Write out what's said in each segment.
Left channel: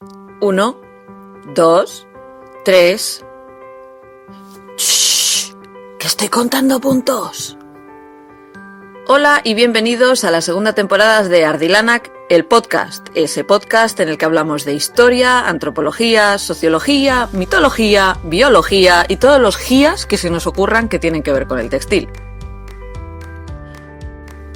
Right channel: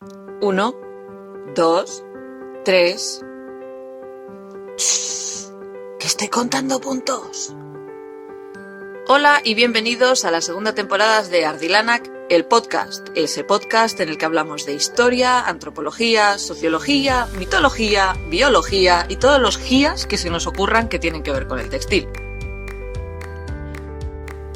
1, 2, 3. ¡Shh! ¡Que estoy contando puntos! Hola y bienvenidos a la segunda temporada de Ardilanak, el podcast. Ese podcast en el que hablamos de historia, antropología, sociología, mitología, biología y todos los GIAs que se nos ocurran que tienen que ver con el textil.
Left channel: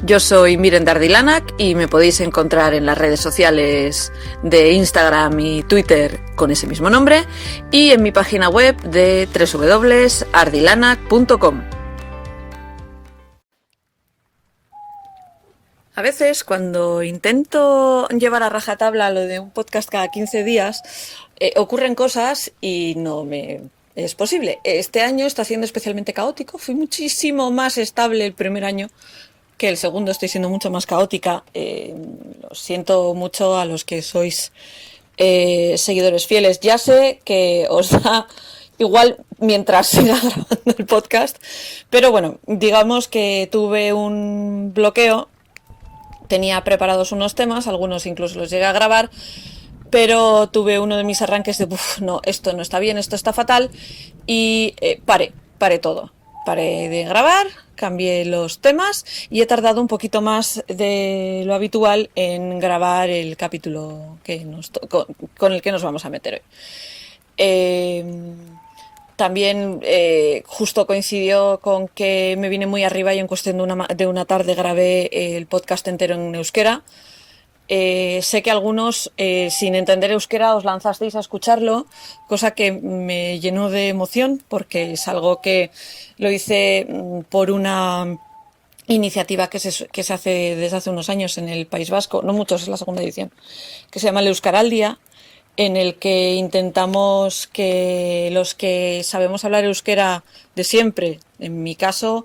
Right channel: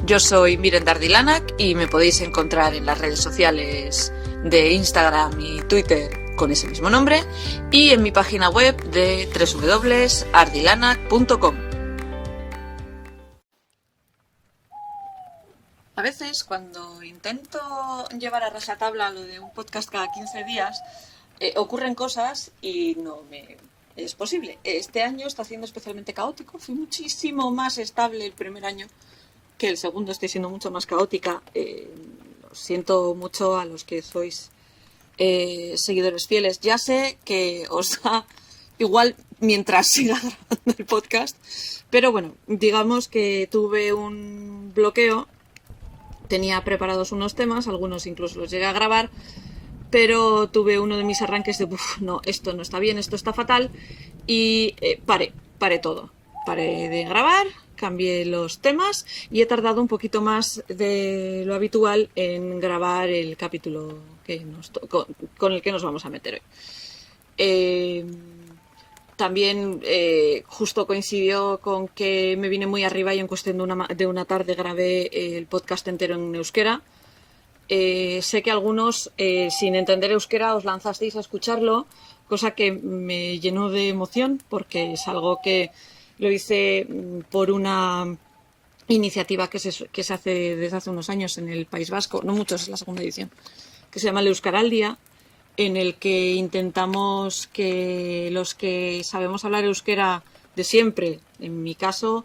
Yo soy Miren de Ardilanak y me podéis encontrar en las redes sociales de Instagram y Twitter con ese mismo nombre y en mi página web de www.ardilanak.com. A veces cuando intento llevar a rajatabla lo de un podcast cada 15 días, ocurren cosas y no me es posible. Este año está siendo especialmente caótico, fui muchísimo más estable el primer año que el segundo, estoy siendo mucho más caótica. Lo siento mucho a los que sois seguidores fieles. Ya sé que os da igual mientras siga grabando el podcast, pero bueno, digamos que tuve un bloqueo. Tenía preparados unos temas, algunos incluso los llegué a grabar, pero tuve uno de mis arranques de no, esto no está bien, esto está fatal, y paré todo. Paré de grabar, cambié los temas y he tardado un poquito más de lo habitual en grabar el capítulo con el que nos vamos a meter hoy. También justo coincidió con que me vine muy arriba y en cuestión de una tarde grabé el podcast entero en euskera. Sé que algunos, sin entender euskera, os lanzasteis a escucharlo, cosa que me llenó de emoción porque es algo que lo hice por una iniciativa que se hace desde hace unos años en el País Vasco, no muchos, es la segunda edición, que se llama el Euskaraldia, en el que intentamos que los que sabemos hablar euskera de siempre, en mi caso,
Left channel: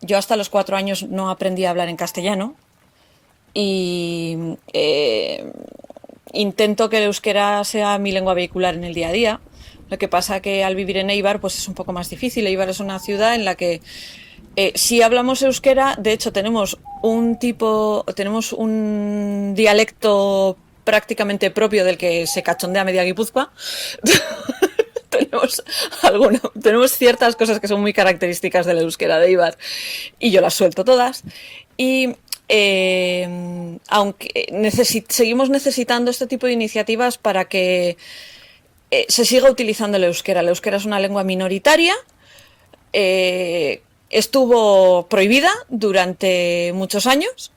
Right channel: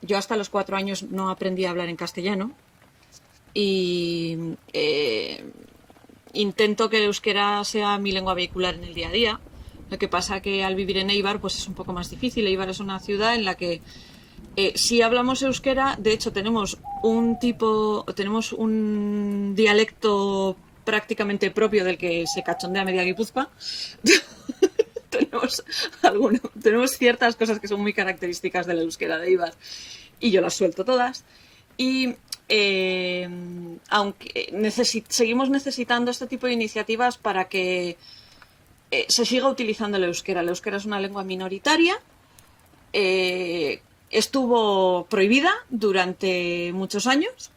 yo hasta los 4 años no aprendí a hablar en castellano y intento que el euskera sea mi lengua vehicular en el día a día. Lo que pasa que al vivir en Eibar pues es un poco más difícil. Eibar es una ciudad en la que si hablamos euskera, de hecho tenemos un dialecto prácticamente propio del que se cachondea media Guipúzcoa. tenemos ciertas cosas que son muy características del euskera de Eibar y yo las suelto todas. Y aunque seguimos necesitando este tipo de iniciativas para que se siga utilizando el euskera. El euskera es una lengua minoritaria. Estuvo prohibida durante muchos años.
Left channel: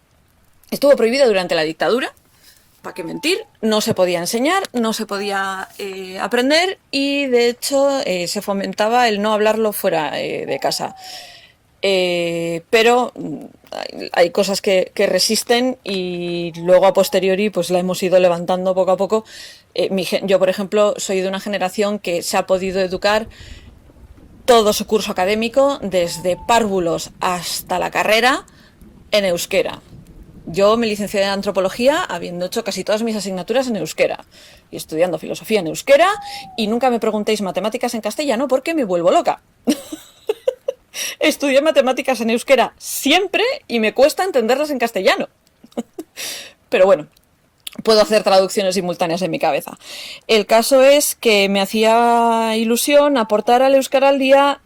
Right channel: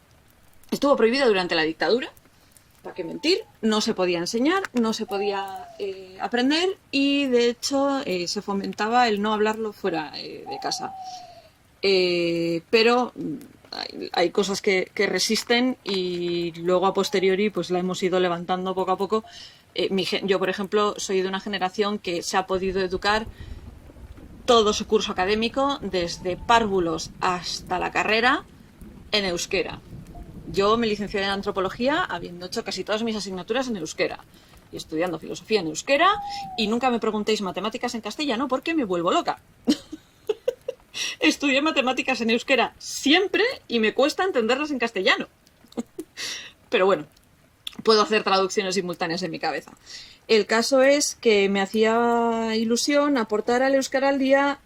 Estuvo prohibida durante la dictadura. ¿Para qué mentir? No se podía enseñar, no se podía aprender y de hecho se fomentaba el no hablarlo fuera de casa. Pero hay cosas que resisten y luego a posteriori pues la hemos ido levantando poco a poco. Yo, por ejemplo, soy de una generación que se ha podido educar todo su curso académico, desde párvulos hasta la carrera, en euskera. Yo me licencié en antropología habiendo hecho casi todas mis asignaturas en euskera y estudiando filosofía en euskera, y nunca me preguntéis matemáticas en castellano porque me vuelvo loca. Estudié matemáticas en euskera siempre y me cuesta entenderlas en castellano. Pero bueno, puedo hacer traducciones simultáneas en mi cabeza. El caso es que me hacía ilusión aportar al Euskaraldia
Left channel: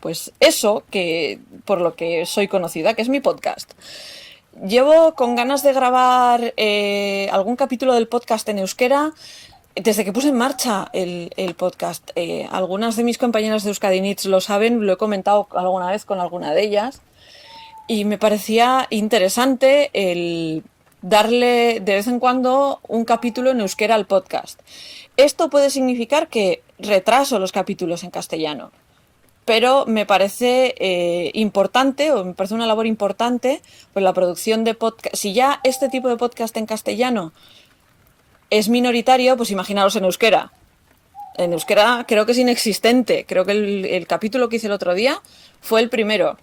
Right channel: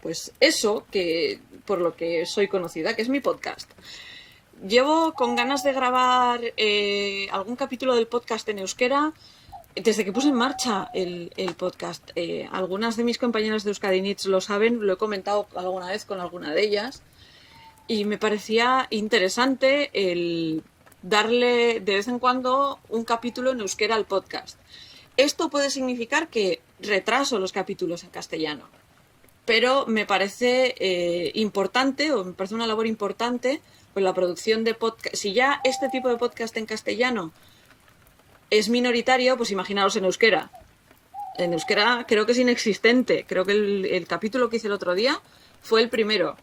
pues eso que por lo que soy conocida, que es mi podcast. Llevo con ganas de grabar algún capítulo del podcast en euskera desde que puse en marcha el podcast. Algunas de mis compañeras de Euskadinits lo saben, lo he comentado alguna vez con alguna de ellas, y me parecía interesante el darle de vez en cuando un capítulo en euskera al podcast. Esto puede significar que retraso los capítulos en castellano, pero me parece importante, o me parece una labor importante, pues la producción de podcast. Si ya este tipo de podcast en castellano es minoritario, pues imaginaros en euskera. En euskera creo que es inexistente. Creo que el capítulo que hice el otro día fue el primero.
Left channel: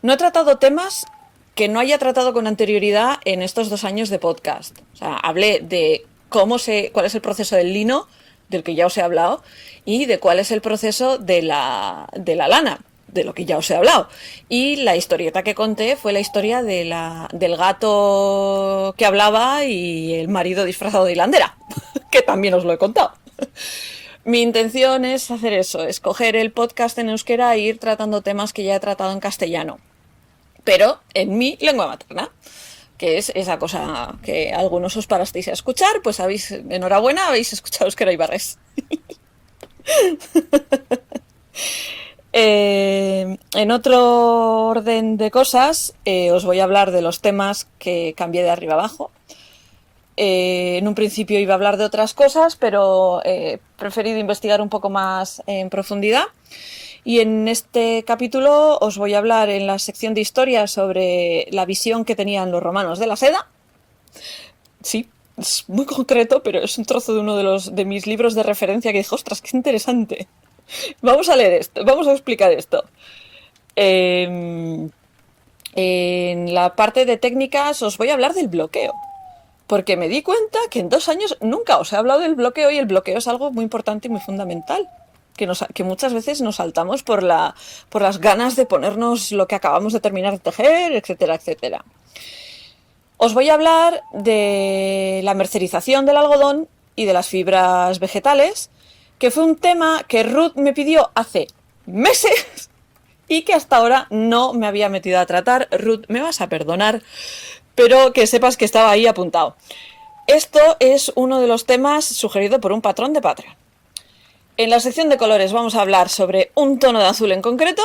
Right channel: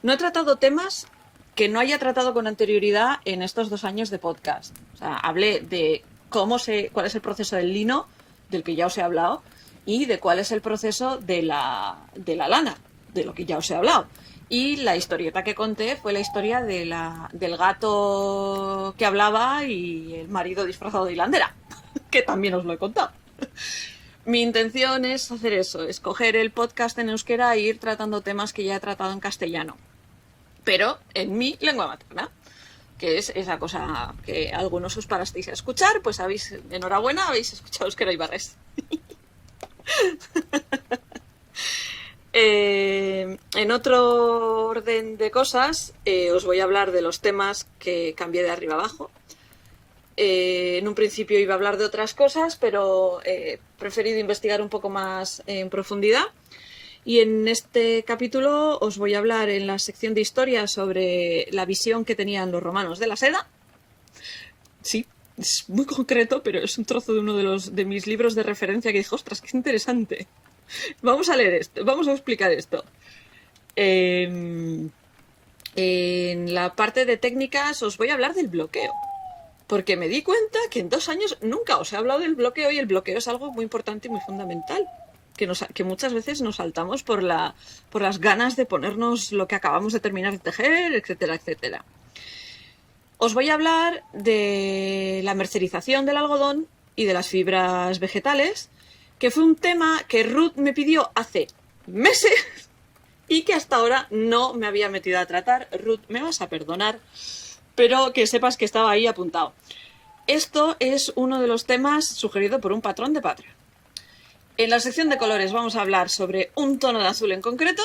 No he tratado temas que no haya tratado con anterioridad en estos 2 años de podcast. O sea, hablé de cuál es el proceso del lino, del que ya os he hablado, y de cuál es el proceso de la lana. de lo que ya os he hablado. Y la historieta que conté fue la historia del gato que hablaba y el marido disfrazado de hilandera, que también os lo he contado. Mi intención es hacer eso, escoger el podcast en euskera e ir tratando temas que ya he tratado en castellano, pero en mi lengua materna, que es esa cosa que algunos os parasteis a escuchar, pues enhorabuena, habéis escuchado euskera y barres. En otro orden de cosas, os voy a hablar de los temas que cambié de arriba abajo. En un principio iba a hablar de otras cosas, pero he preferido investigar un poco más en profundidad. Y en este capítulo os voy a hablar en la sección de historia sobre la visión que tenían los romanos de la seda. Sí, es muy concreto, pero es un trozo de uno de mis libros de referencia que dije, ostras, qué interesante. Vamos a leer esto, vamos a explicar esto. En la parte de técnicas os voy a hablar del bloqueo. Porque me di cuenta que en 2 años nunca os he hablado del bloqueo, y el bloqueo es algo muy importante y muy fundamental. Que muchas veces nos saltamos por las ganas de ponernos lo que acabamos de terminar de tejer, etcétera, etcétera. Os voy a hablar de la mercerización del algodón y de las fibras vegetales, que fue un tema que Ruth me pidió hace meses y que hasta ahora no me había metido a tratar. Ruth, me vas a perdonar, pero que sepas que estaba ahí apuntado. Esto es uno de los temas sugerido por un patrón de Patreon. En la sección de colores vamos a hablar sobre un tono de azul en concreto,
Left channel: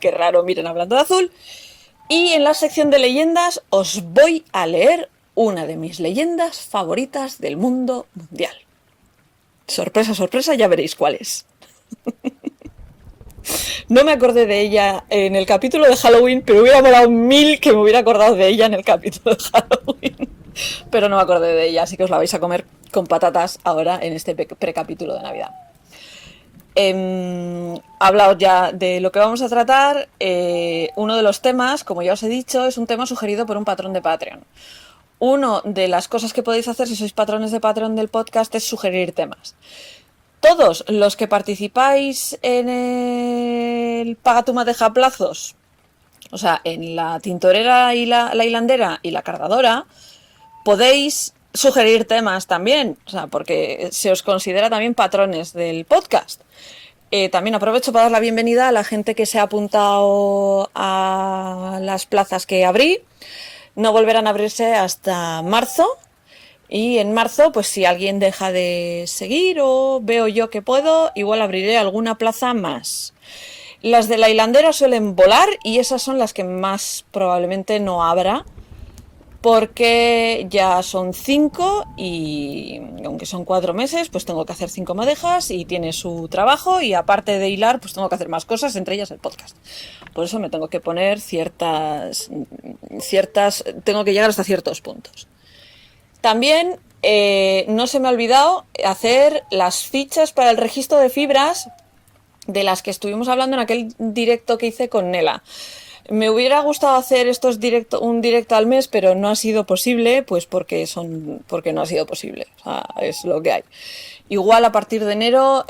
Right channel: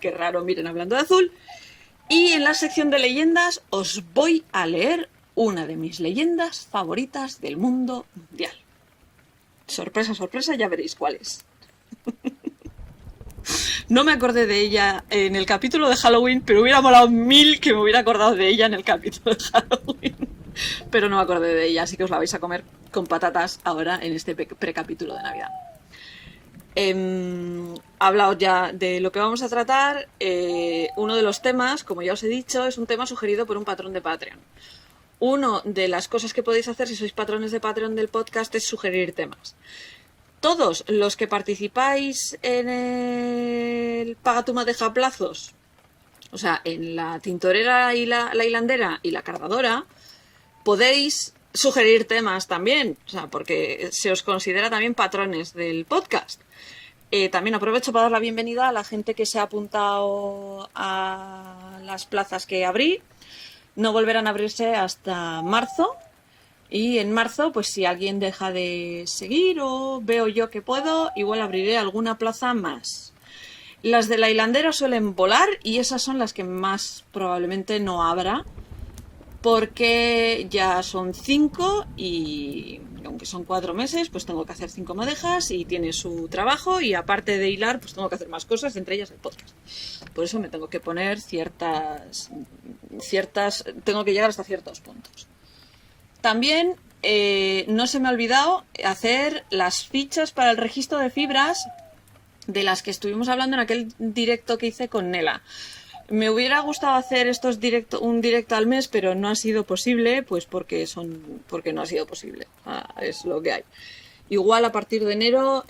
qué raro, miren, hablando de azul. Y en la sección de leyendas os voy a leer una de mis leyendas favoritas del mundo mundial. Sorpresa, sorpresa, ya veréis cuál es. No me acordé de ella en el capítulo de Halloween, pero hubiera molado 1000 que me hubiera acordado de ella en el capítulo de Halloween. Pero no me acordé de ella, así que os la vais a comer con patatas ahora en este precapítulo de Navidad. Hablado ya de lo que vamos a tratar. Uno de los temas, como ya os he dicho, es un tema sugerido por un patrón de Patreon. Una de las cosas que podéis hacer si sois patrones de Patreon del podcast es sugerir temas. Todos los que participáis en el Paga tu Madeja plazos, o sea, en la tintorera y la hilandera y la cardadora, podéis sugerir temas también, o sea, porque se os considera también patrones del podcast. También aprovecho para dar la bienvenida a la gente que se ha apuntado a las plazas que abrí. No volverán a abrirse hasta marzo. Y en marzo, pues si alguien deja de seguir o veo yo que puedo, igual abriré alguna plaza más. Las de la hilandera suelen volar y esas son las que más probablemente no abra, porque ya son 5 y aunque son 4 meses, pues tengo que hacer 5 madejas y tiene su trabajo, y aparte de hilar, pues tengo que hacer más cosas, entre ellas el podcast. Por eso me tengo que poner tengo que llegar hasta ciertos puntos. También no se me ha olvidado hacer las fichas para el registro de fibras de las que estuvimos hablando en aquel directo que hice con Nela. Me hubiera gustado hacer un directo al mes, pero no ha sido posible, pues porque no ha sido posible. O sea, es lo que hay. Igual a partir de enero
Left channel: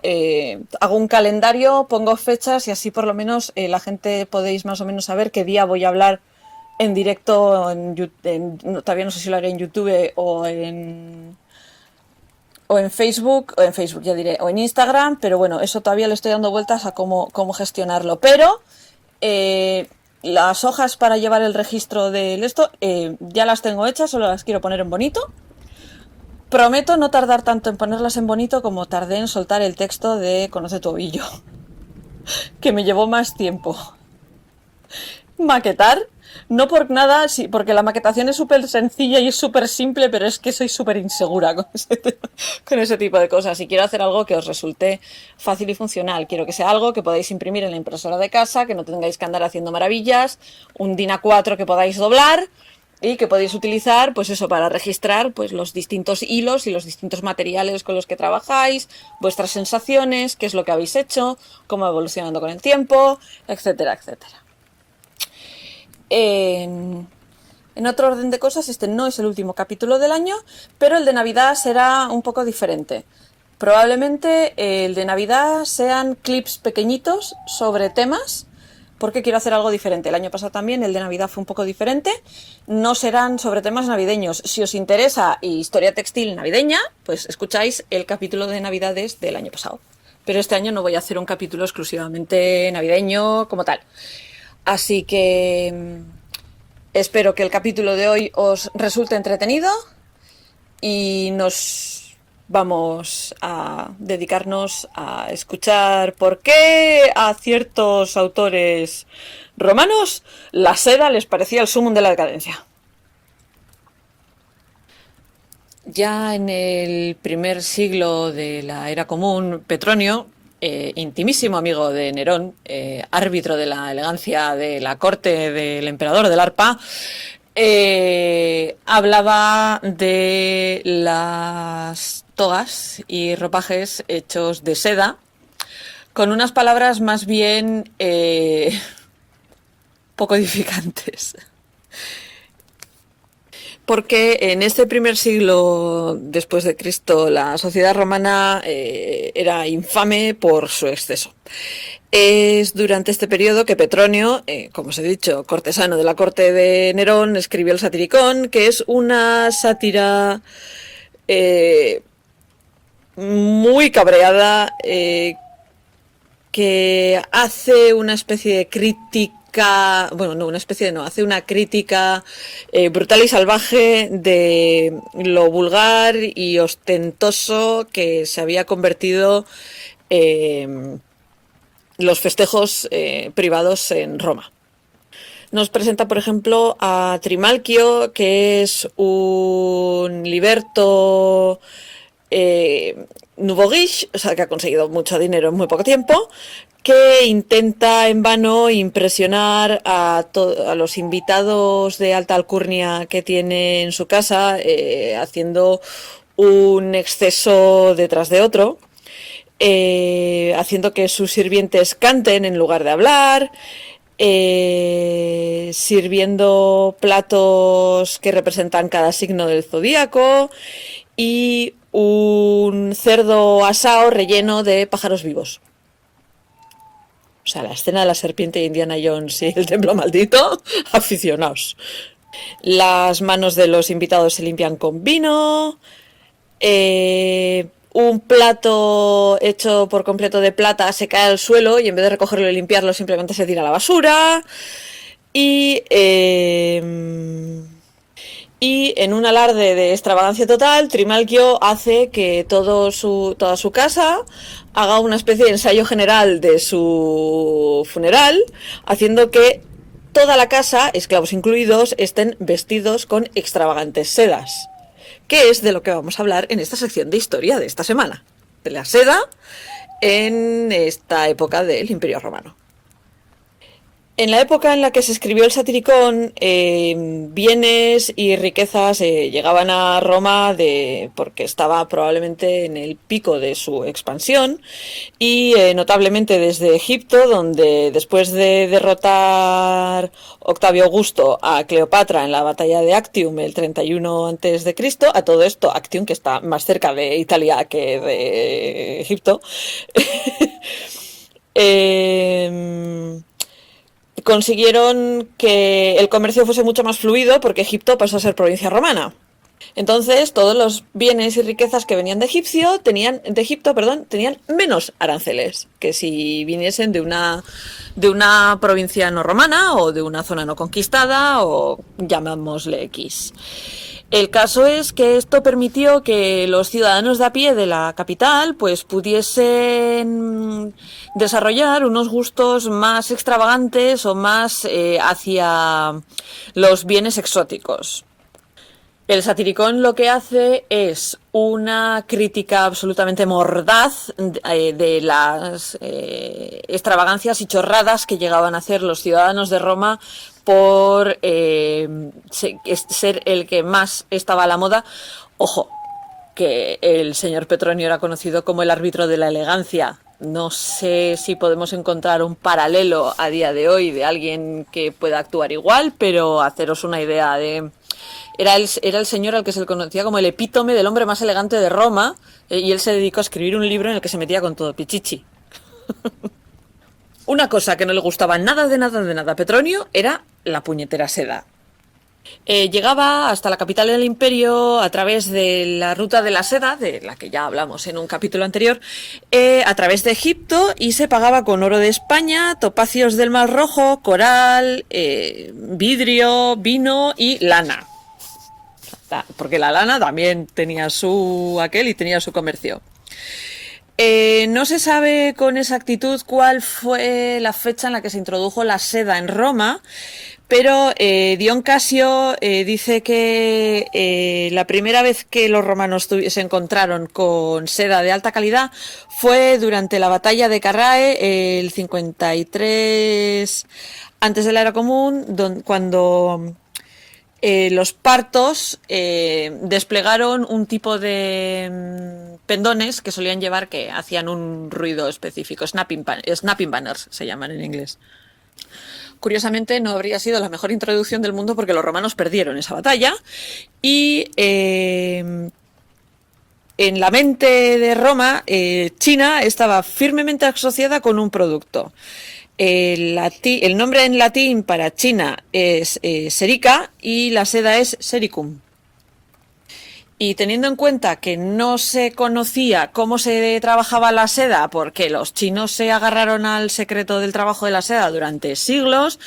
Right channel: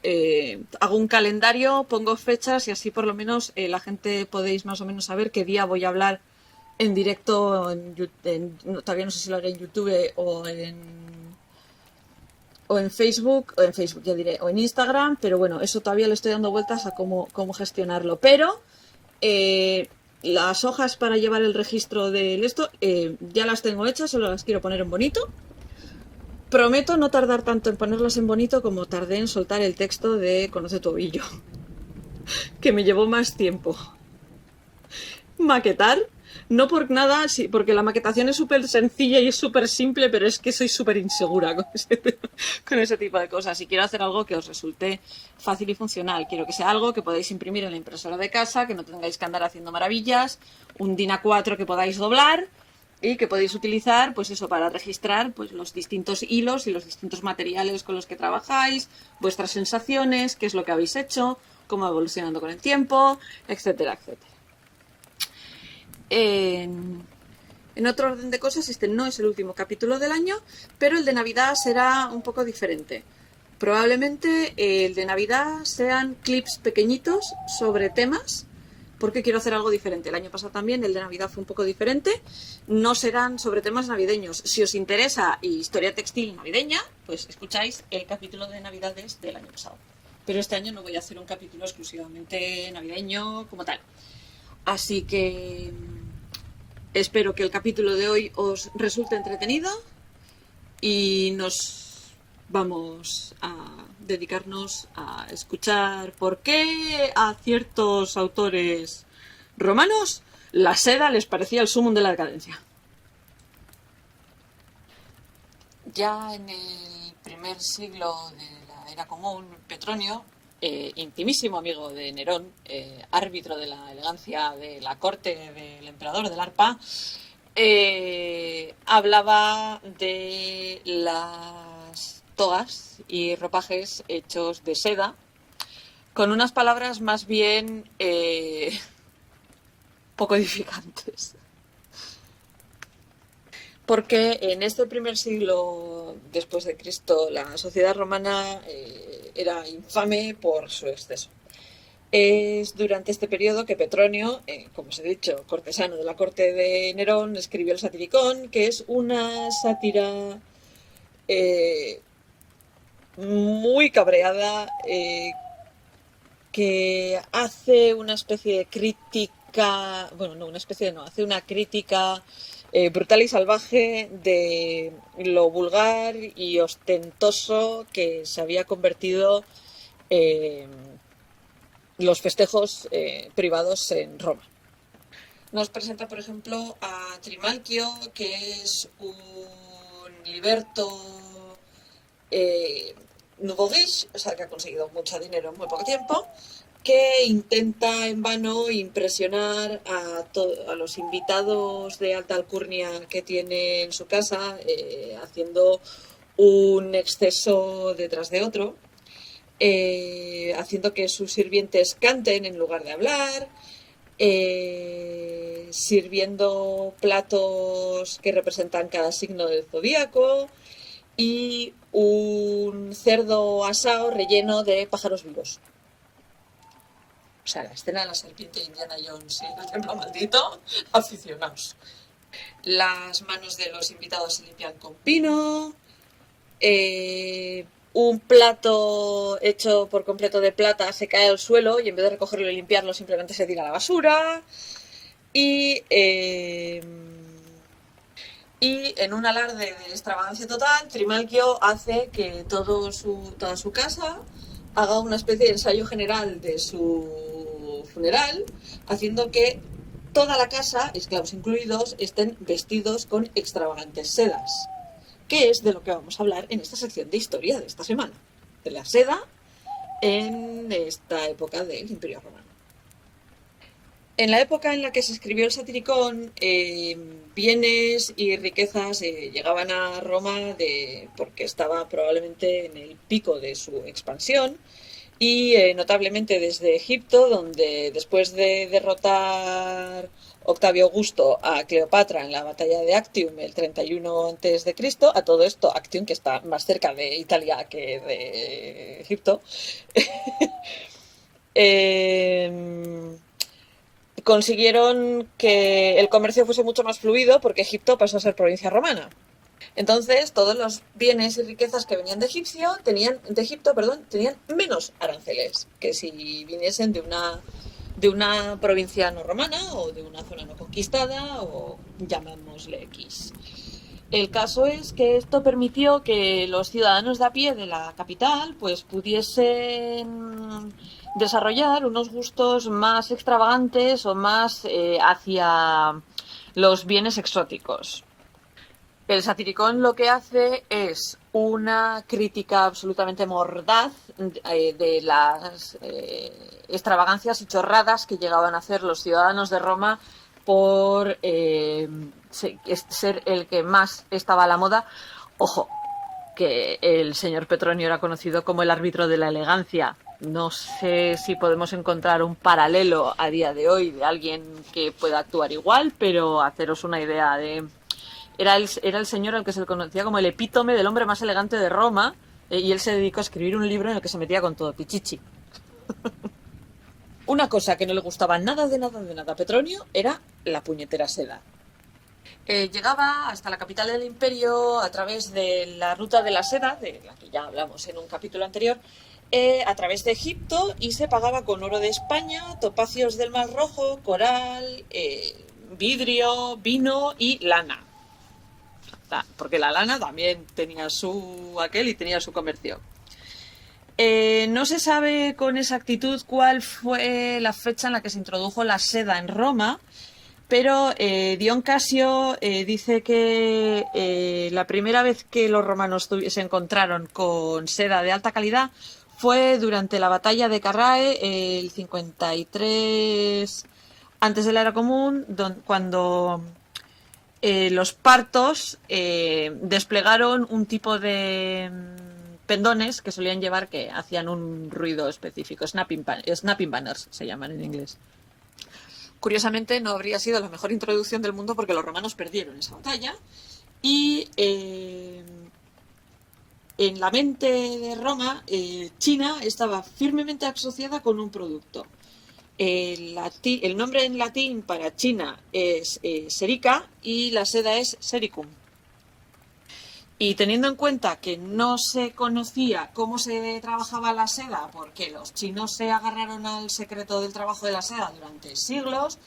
hago un calendario, pongo fechas y así por lo menos la gente podéis más o menos saber qué día voy a hablar en directo, todavía no sé si lo haré en YouTube o en Facebook, ya diré, o en Instagram, pero bueno, eso todavía le estoy dando vueltas a cómo gestionarlo. Pero las hojas para llevar el registro de esto ya las tengo hechas, solo las quiero poner en bonito. Prometo no tardar tanto en ponerlas en bonito como tardé en soltar el texto de Conoce tu ovillo, que me llevó más tiempo. Maquetar, no por nada, sí, porque la maquetación es súper sencilla y es súper simple, pero es que soy súper insegura con ese tipo de cosas, y quiero hacer algo que os resulte fácil y funcional. Quiero que sea algo que podáis imprimir en la impresora de casa, que no tengáis que andar haciendo maravillas, un DIN A4 que podáis doblar y que podéis utilizar, pues eso, para registrar pues los distintos hilos y los distintos materiales con los que trabajáis, vuestras sensaciones, qué es lo que habéis hecho, cómo va evolucionando con el tiempo, etcétera, etcétera. En otro orden de cosas, este no es el último capítulo del año, pero el de Navidad será un poco diferente. Probablemente el de Navidad sean clips pequeñitos sobre temas porque quiero hacer algo diferente. El año pasado también, el de Navidad fue un poco diferente. No serán sobre temas navideños. Si os interesa historia textil navideña, pues escucháis el capítulo de Navidades del año pasado. Pero este año no voy a hacer un capítulo exclusivamente navideño como tal. Así que espero que el capítulo de hoy os resulte entretenido y nos vamos a dedicarnos a escuchar por qué a ciertos autores romanos la seda les parecía el sumum de la decadencia. Ya en el primer siglo de la era común, Petronio, intimísimo amigo de Nerón, árbitro de la elegancia de la corte del emperador del arpa, hablaba de las togas y ropajes hechos de seda, con unas palabras más bien poco edificantes. Porque en este primer siglo después de Cristo la sociedad romana era infame por su exceso. Es durante este periodo que Petronio, como os he dicho, cortesano de la corte de Nerón, escribió el Satiricón, que es una sátira muy cabreada, que hace una especie de crítica, bueno, no, una especie de no, hace una crítica brutal y salvaje de lo vulgar y ostentoso que se había convertido los festejos privados en Roma. Nos presenta, por ejemplo, a Trimalquio, que es un liberto nouveau riche, o sea, que ha conseguido mucho dinero en muy poco tiempo, que intenta en vano impresionar a los invitados de alta alcurnia que tiene en su casa, haciendo un exceso detrás de otro, haciendo que sus sirvientes canten en lugar de hablar, sirviendo platos que representan cada signo del zodíaco y un cerdo asado relleno de pájaros vivos. O sea, la escena de la serpiente de Indiana Jones y el templo maldito, aficionados. Las manos de los invitados se limpian con vino. Un plato hecho por completo de plata se cae al suelo y en vez de recogerlo y limpiarlo simplemente se tira a la basura. Y en un alarde de extravagancia total, Trimalquio hace que toda su casa haga una especie de ensayo general de su funeral, haciendo que toda la casa, esclavos incluidos, estén vestidos con extravagantes sedas, que es de lo que vamos a hablar en esta sección de historia de esta semana, de la seda en esta época del Imperio Romano. En la época en la que se escribió el Satiricón, bienes y riquezas llegaban a Roma porque estaba probablemente en el pico de su expansión y notablemente desde Egipto, donde después de derrotar Octavio Augusto a Cleopatra en la batalla de Actium el 31 a.C., a todo esto Actium, que está más cerca de Italia que de Egipto, consiguieron que el comercio fuese mucho más fluido porque Egipto pasó a ser provincia romana. Entonces, todos los bienes y riquezas que venían de Egipto tenían menos aranceles que si viniesen de una provincia no romana o de una zona no conquistada o llamémosle X. El caso es que esto permitió que los ciudadanos de a pie de la capital pues pudiesen desarrollar unos gustos más extravagantes o más hacia los bienes exóticos. El Satiricón lo que hace es una crítica absolutamente mordaz de las extravagancias y chorradas que llegaban a hacer los ciudadanos de Roma por ser el que más estaba a la moda. Ojo, que el señor Petronio era conocido como el árbitro de la elegancia. No sé si podemos encontrar un paralelo a día de hoy de alguien que pueda actuar igual, pero haceros una idea de... Era el señor al que se le conocía como el epítome del hombre más elegante de Roma, y él se dedicó a escribir un libro en el que se metía con todo pichichi. Una cosa que no le gustaba nada de nada de nada a Petronio era la puñetera seda. Llegaba hasta la capital del imperio a través de la ruta de la seda, de la que ya hablamos en un capítulo anterior, a través de Egipto, y se pagaba con oro de España, topacios del Mar Rojo, coral, vidrio, vino y lana. Porque la lana también tenía su aquel y tenía su comercio. No se sabe con exactitud cuál fue la fecha en la que se introdujo la seda en Roma, pero Dion Casio dice que la primera vez que los romanos se encontraron con seda de alta calidad fue durante la batalla de Carrae, el 53 antes de la era común, cuando los partos desplegaron un tipo de pendones que solían llevar, que hacían un ruido específico, snapping banners se llaman en inglés. Curiosamente no habría sido la mejor introducción del mundo porque los romanos perdieron esa batalla y en la mente de Roma, China estaba firmemente asociada con un producto. El nombre en latín para China es serica y la seda es sericum. Y teniendo en cuenta que no se conocía cómo se trabajaba la seda, porque los chinos se agarraron al secreto del trabajo de la seda durante siglos,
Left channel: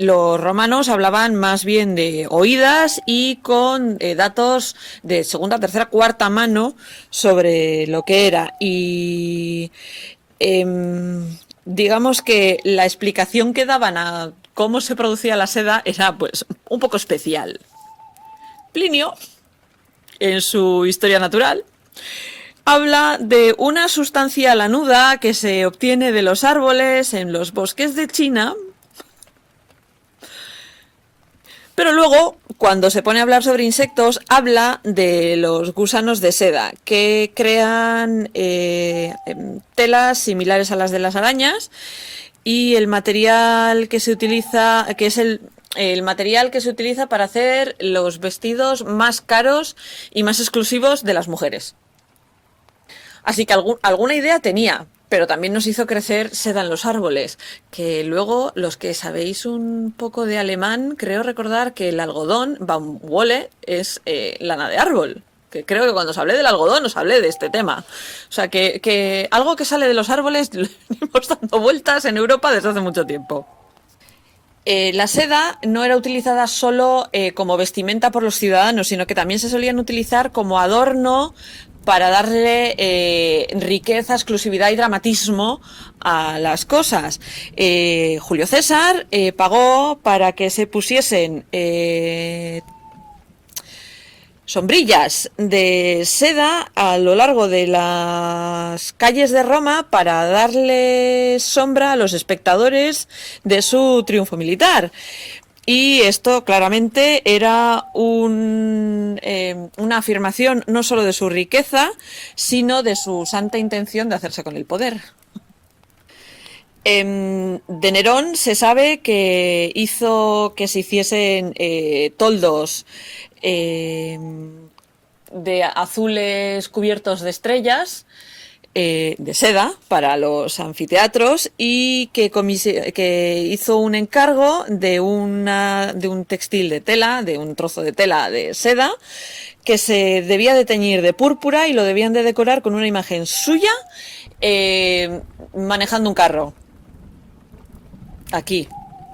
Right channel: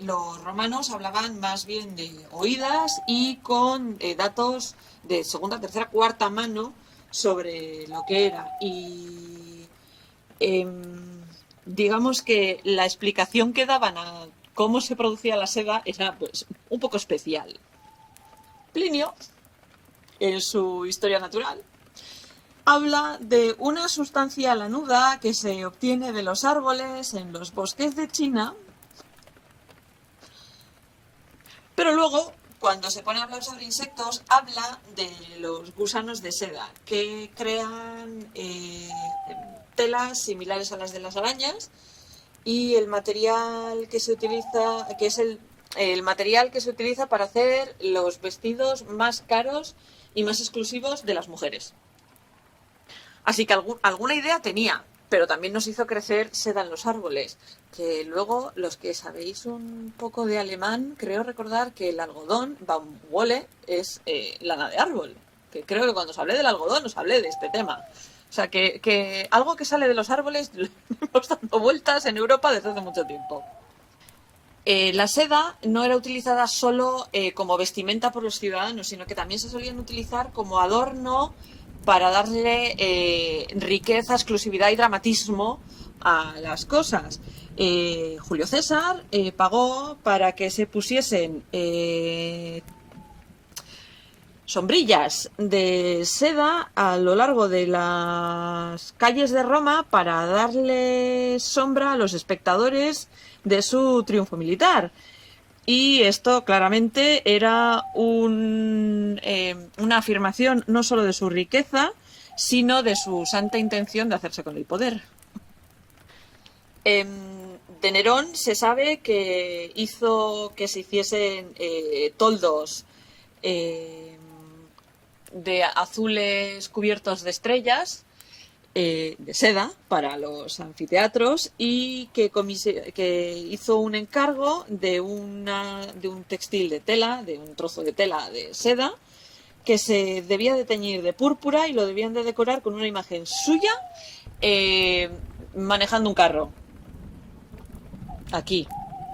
los romanos hablaban más bien de oídas y con datos de segunda, tercera, cuarta mano sobre lo que era. Y digamos que la explicación que daban a cómo se producía la seda era pues un poco especial. Plinio, en su Historia Natural, habla de una sustancia lanuda que se obtiene de los árboles en los bosques de China, pero luego, cuando se pone a hablar sobre insectos, habla de los gusanos de seda, que crean telas similares a las de las arañas, y el material que se utiliza, que es el material que se utiliza para hacer los vestidos más caros y más exclusivos de las mujeres. Así que alguna idea tenía, pero también nos hizo crecer seda en los árboles, que luego los que sabéis un poco de alemán, creo recordar que el algodón, Baumwolle, es lana de árbol. Que creo que cuando os hablé del algodón os hablé de este tema. O sea, que algo que sale de los árboles lo hemos dando vueltas en Europa desde hace mucho tiempo. La seda no era utilizada solo como vestimenta por los ciudadanos, sino que también se solían utilizar como adorno para darle riqueza, exclusividad y dramatismo a las cosas. Julio César pagó para que se pusiesen sombrillas de seda a lo largo de las calles de Roma para darle sombra a los espectadores de su triunfo militar. Y esto claramente era una afirmación no solo de su riqueza, sino de su santa intención de hacerse con el poder. De Nerón se sabe que hizo que se hiciesen toldos de azules cubiertos de estrellas, de seda, para los anfiteatros, y que hizo un encargo de un textil de tela, de un trozo de tela de seda, que se debía de teñir de púrpura y lo debían de decorar con una imagen suya manejando un carro. Aquí,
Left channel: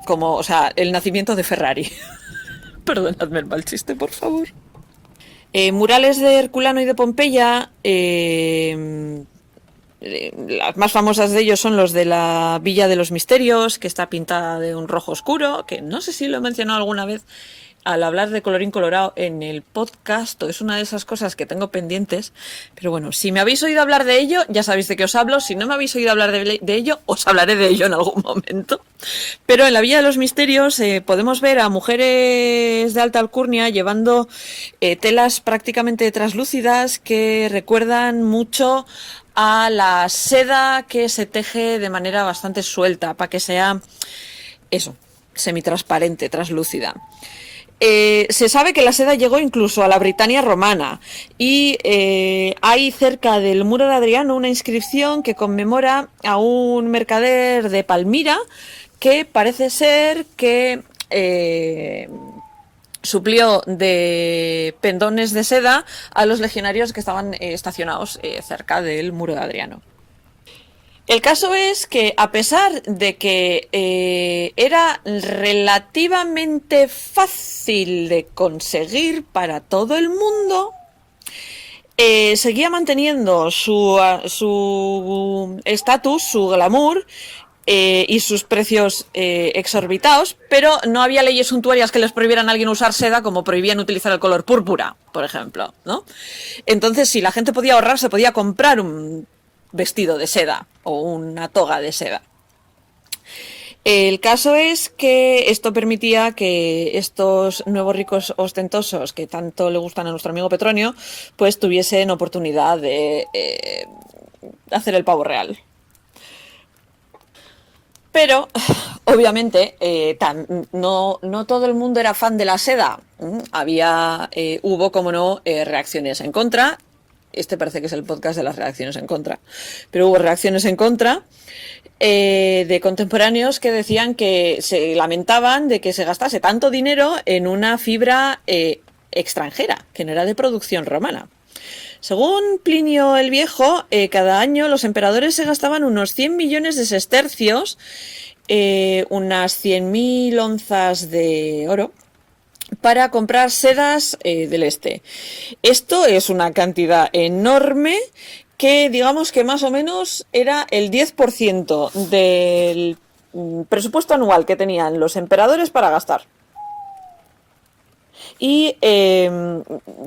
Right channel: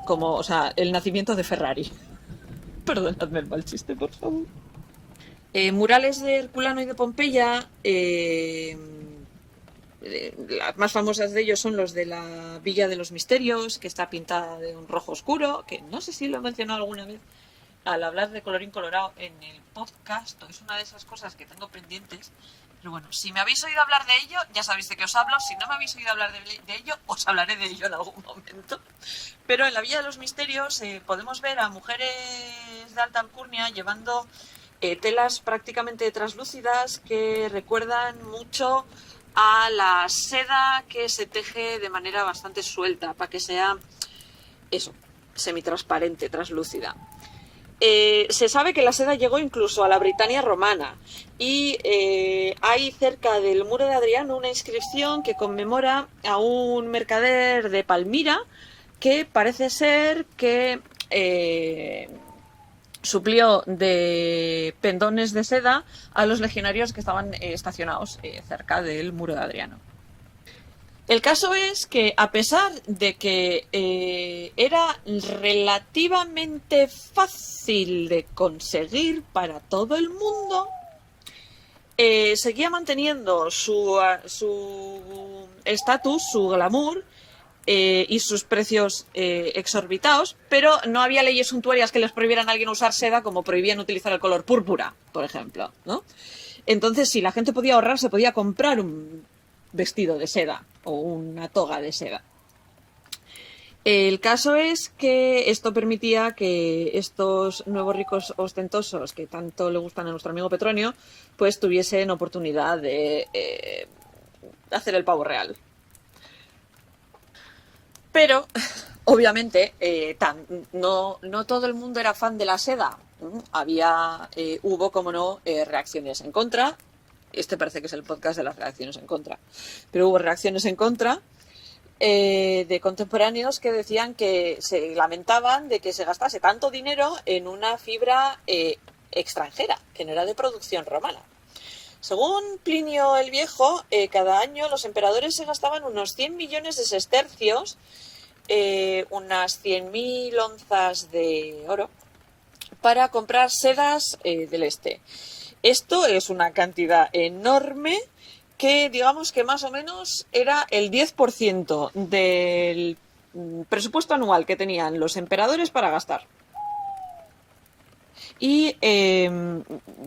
como, o sea, el nacimiento de Ferrari. Perdonadme el mal chiste, por favor. Murales de Herculano y de Pompeya, las más famosas de ellos son los de la Villa de los Misterios, que está pintada de un rojo oscuro, que no sé si lo he mencionado alguna vez al hablar de colorín colorado en el podcast, o es una de esas cosas que tengo pendientes, pero bueno, si me habéis oído hablar de ello, ya sabéis de qué os hablo. Si no me habéis oído hablar de ello, os hablaré de ello en algún momento. Pero en la Villa de los Misterios podemos ver a mujeres de alta alcurnia llevando telas prácticamente translúcidas que recuerdan mucho a la seda que se teje de manera bastante suelta, para que sea eso, semitransparente, translúcida. Se sabe que la seda llegó incluso a la Britania romana y hay cerca del muro de Adriano una inscripción que conmemora a un mercader de Palmira que parece ser que suplió de pendones de seda a los legionarios que estaban estacionados cerca del muro de Adriano. El caso es que, a pesar de que era relativamente fácil de conseguir para todo el mundo, seguía manteniendo su estatus, su glamour y sus precios exorbitados, pero no había leyes suntuarias que les prohibieran a alguien usar seda, como prohibían utilizar el color púrpura, por ejemplo, ¿no? Entonces, si la gente podía ahorrar, se podía comprar un vestido de seda o una toga de seda. El caso es que esto permitía que estos nuevos ricos ostentosos que tanto le gustan a nuestro amigo Petronio, pues tuviesen oportunidad de hacer el pavo real. Pero, obviamente, no todo el mundo era fan de la seda. Hubo, como no, reacciones en contra. Este parece que es el podcast de las reacciones en contra. Pero hubo reacciones en contra de contemporáneos que decían que se lamentaban de que se gastase tanto dinero en una fibra extranjera, que no era de producción romana. Según Plinio el Viejo, cada año los emperadores se gastaban unos 100 millones de sestercios, unas 100.000 onzas de oro, para comprar sedas del este. Esto es una cantidad enorme que, digamos que más o menos era el 10% del presupuesto anual que tenían los emperadores para gastar. Y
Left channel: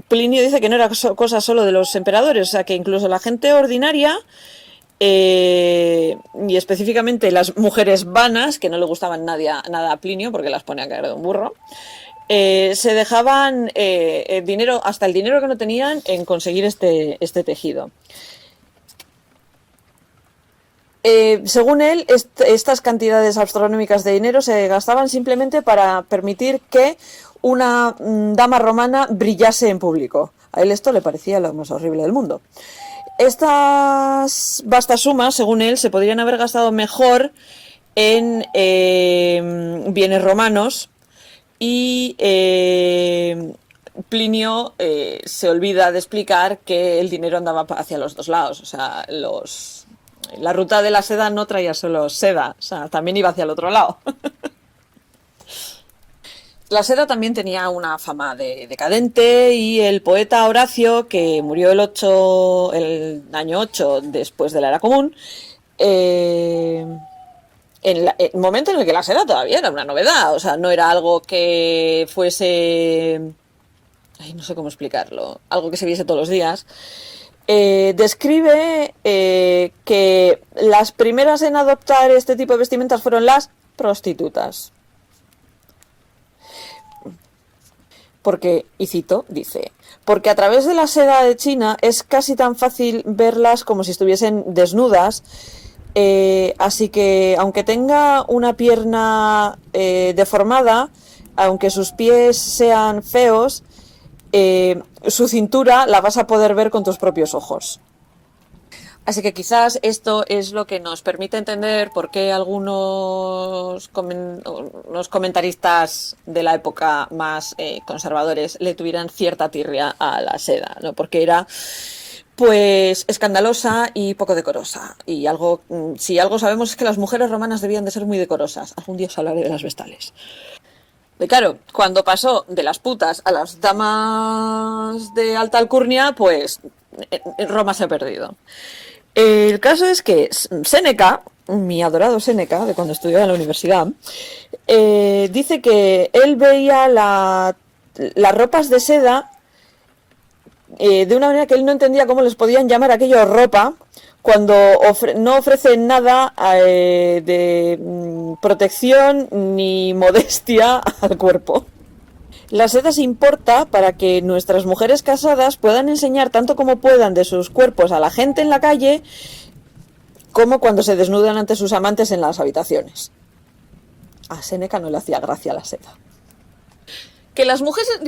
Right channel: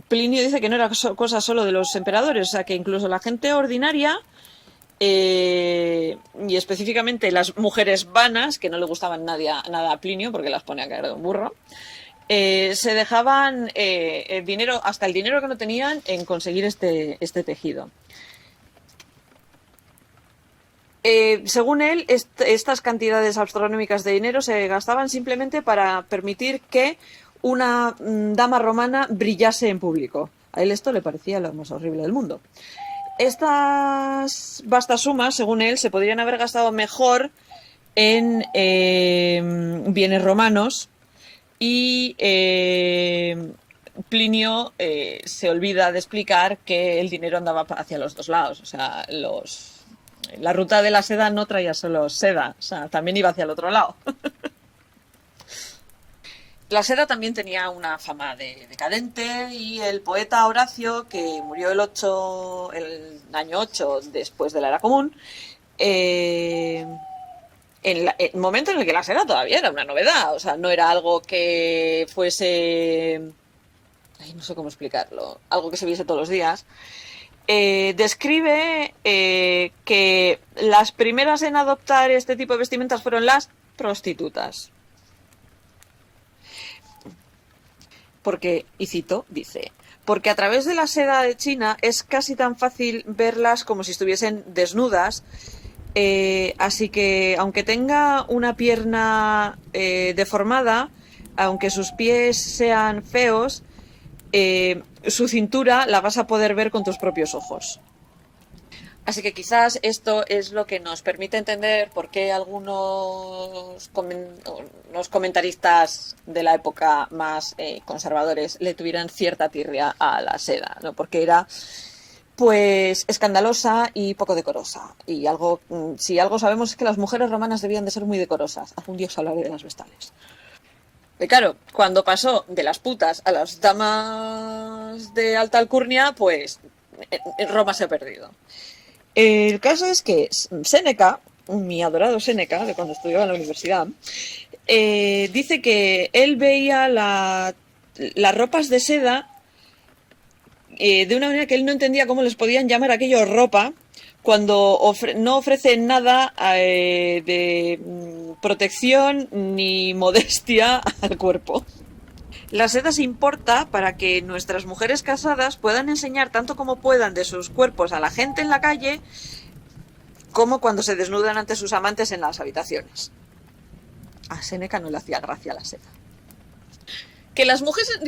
Plinio dice que no era cosa solo de los emperadores, o sea, que incluso la gente ordinaria, y específicamente las mujeres vanas, que no le gustaban nada a Plinio porque las ponía a caer de un burro, se dejaban el dinero, hasta el dinero que no tenían, en conseguir este tejido. Según él, estas cantidades astronómicas de dinero se gastaban simplemente para permitir que una dama romana brillase en público. A él esto le parecía lo más horrible del mundo. Estas vastas sumas, según él, se podrían haber gastado mejor en bienes romanos, y Plinio se olvida de explicar que el dinero andaba hacia los dos lados. O sea, la ruta de la seda no traía solo seda, o sea, también iba hacia el otro lado. La seda también tenía una fama decadente, y el poeta Horacio, que murió el año 8 después de la era común, en el momento en el que la seda todavía era una novedad, o sea, no era algo que fuese... no sé cómo explicarlo, algo que se viese todos los días. Describe que las primeras en adoptar este tipo de vestimentas fueron las prostitutas. Porque, y cito, dice: porque a través de la seda de China es casi tan fácil verlas como si estuviesen desnudas, así que aunque tenga una pierna deformada, aunque sus pies sean feos, su cintura la vas a poder ver con tus propios ojos. Así que quizás esto es lo que nos permite entender por qué algunos los comentaristas de la época más conservadores le tuvieran cierta tirria a la seda, ¿no? Porque era, pues, escandalosa y poco decorosa. Y si algo sabemos es que las mujeres romanas debían de ser muy decorosas. Algún día os hablaré de las vestales. Y claro, cuando pasó de las putas a las damas de alta alcurnia, pues Roma se ha perdido. El caso es que Séneca, mi adorado Séneca, de cuando estudiaba en la universidad, dice que él veía las ropas de seda de una manera que él no entendía cómo les podían llamar aquello ropa, cuando no ofrecen nada de protección ni modestia al cuerpo. La seda se importa para que nuestras mujeres casadas puedan enseñar tanto como puedan de sus cuerpos a la gente en la calle, como cuando se desnudan ante sus amantes en las habitaciones. A Séneca no le hacía gracia la seda. Que las mujeres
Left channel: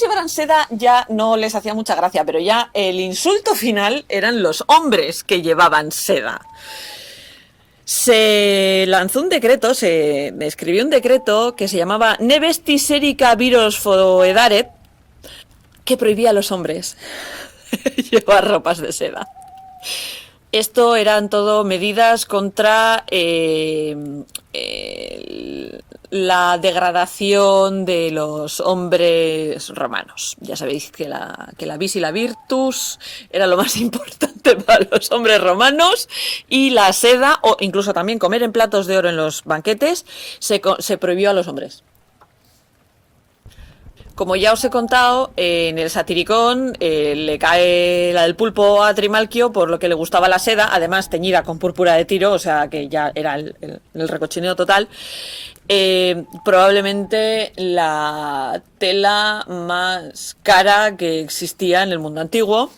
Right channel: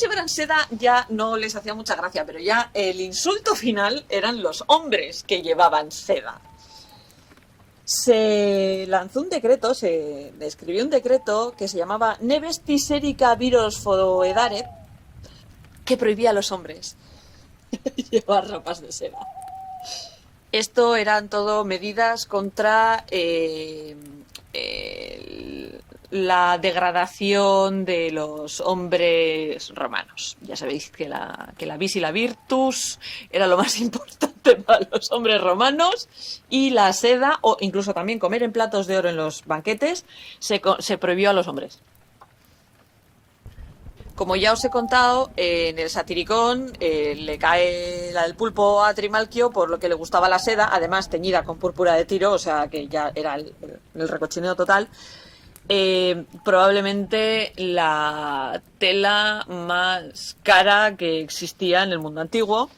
llevaran seda ya no les hacía mucha gracia, pero ya el insulto final eran los hombres que llevaban seda. Se lanzó un decreto, se escribió un decreto que se llamaba Ne vestis erica viros foedaret, que prohibía a los hombres llevar ropas de seda. Esto eran todo medidas contra la degradación de los hombres romanos. Ya sabéis que la vis y la virtus era lo más importante para los hombres romanos, y la seda, o incluso también comer en platos de oro en los banquetes, se prohibió a los hombres. Como ya os he contado, en el Satiricón le cae la del pulpo a Trimalquio por lo que le gustaba la seda, además teñida con púrpura de Tiro, o sea que ya era el recochineo total. Probablemente la tela más cara que existía en el mundo antiguo.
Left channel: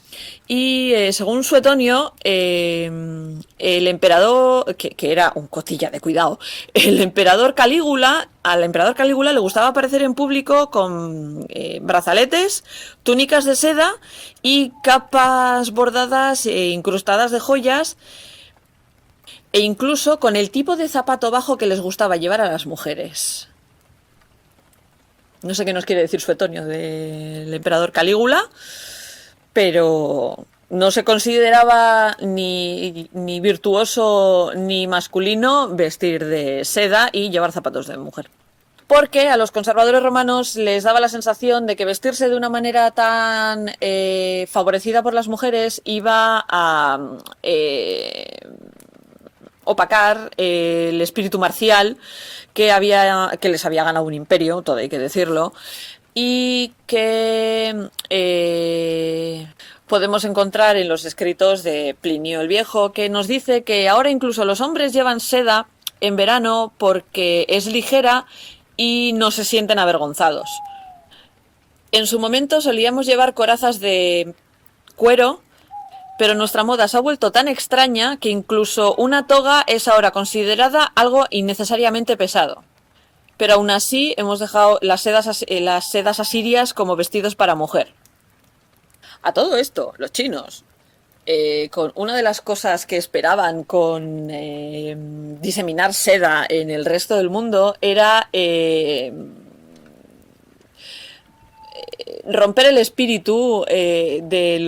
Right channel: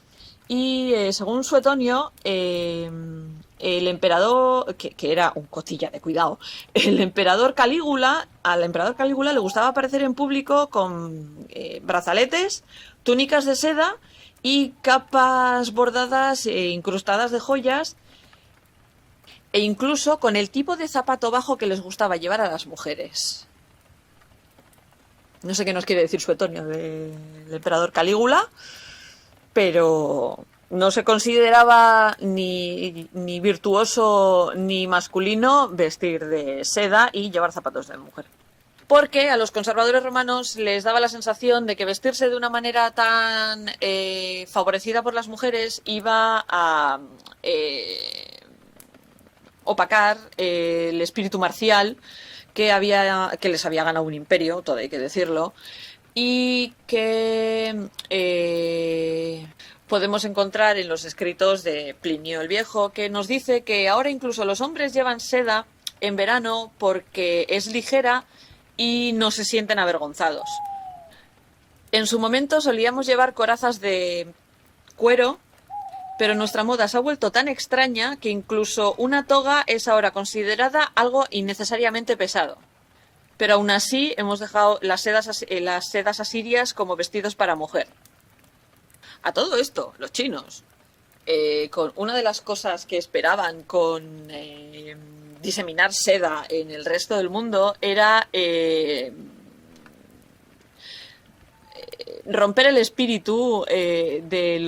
Y según Suetonio, el emperador, que era un cotilla de cuidado, al emperador Calígula le gustaba aparecer en público con brazaletes, túnicas de seda y capas bordadas e incrustadas de joyas, e incluso con el tipo de zapato bajo que les gustaba llevar a las mujeres. No sé qué nos quiere decir Suetonio del emperador Calígula, pero no se consideraba ni virtuoso ni masculino vestir de seda y llevar zapatos de mujer. Porque a los conservadores romanos les daba la sensación de que vestirse de una manera tan favorecida por las mujeres iba a opacar el espíritu marcial que les había ganado un imperio, todo hay que decirlo, y que podemos encontrar en los escritos de Plinio el Viejo, que nos dice que ahora incluso los hombres llevan seda en verano porque es ligera y no se sienten avergonzados. En su momento solíamos llevar corazas de cuero, pero nuestra moda se ha vuelto tan extraña que incluso una toga es ahora considerada algo innecesariamente pesado. Pero aún así hemos dejado las sedas asirias como vestidos para mujer. A todo esto, los chinos, con una de las cosas que esperaban con diseminar seda en el resto del mundo era romper el espíritu de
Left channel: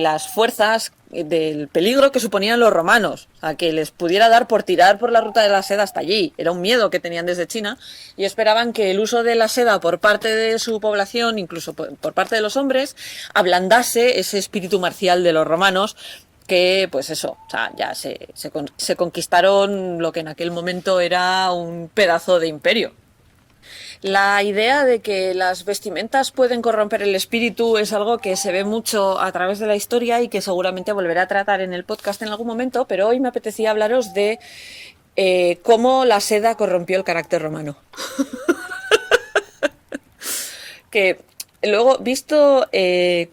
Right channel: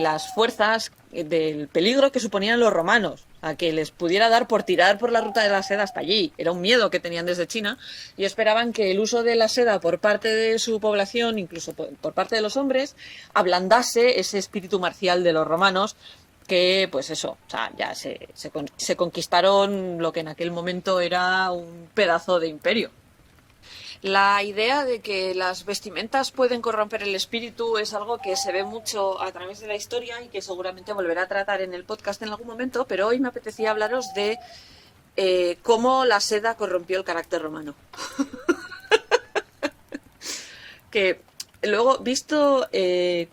las fuerzas, del peligro que suponían los romanos, a que les pudiera dar por tirar por la ruta de la seda hasta allí. Era un miedo que tenían desde China, y esperaban que el uso de la seda por parte de su población, incluso por parte de los hombres, ablandase ese espíritu marcial de los romanos, que pues eso, o sea, ya se conquistaron lo que en aquel momento era un pedazo de imperio. La idea de que las vestimentas pueden corromper el espíritu es algo que se ve mucho a través de la historia y que seguramente volveré a tratar en el podcast en algún momento, pero hoy me apetecía hablaros de cómo la seda corrompió el carácter romano. Que luego, visto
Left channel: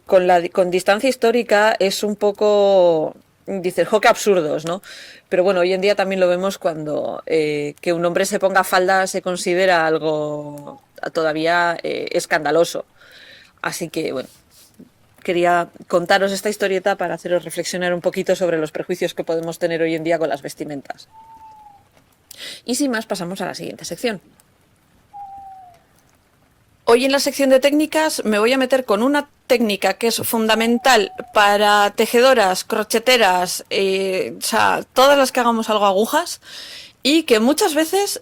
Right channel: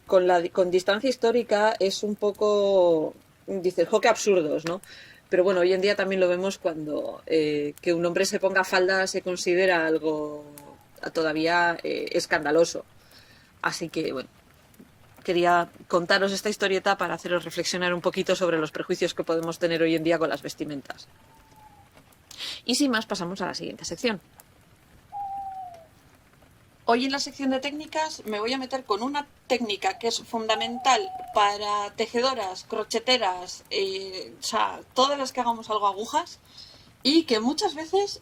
con distancia histórica, es un poco, dices, jo, qué absurdos, ¿no? Pero bueno, hoy en día también lo vemos cuando que un hombre se ponga falda se considera algo todavía escandaloso. Así que bueno, quería contaros esta historieta para haceros reflexionar un poquito sobre los prejuicios que podemos tener hoy en día con las vestimentas. Y sin más, pasamos a la siguiente sección. Hoy en la sección de técnicas me voy a meter con una técnica que es fundamental para tejedoras, crocheteras, o sea, todas las que hagamos algo agujas, y que muchas veces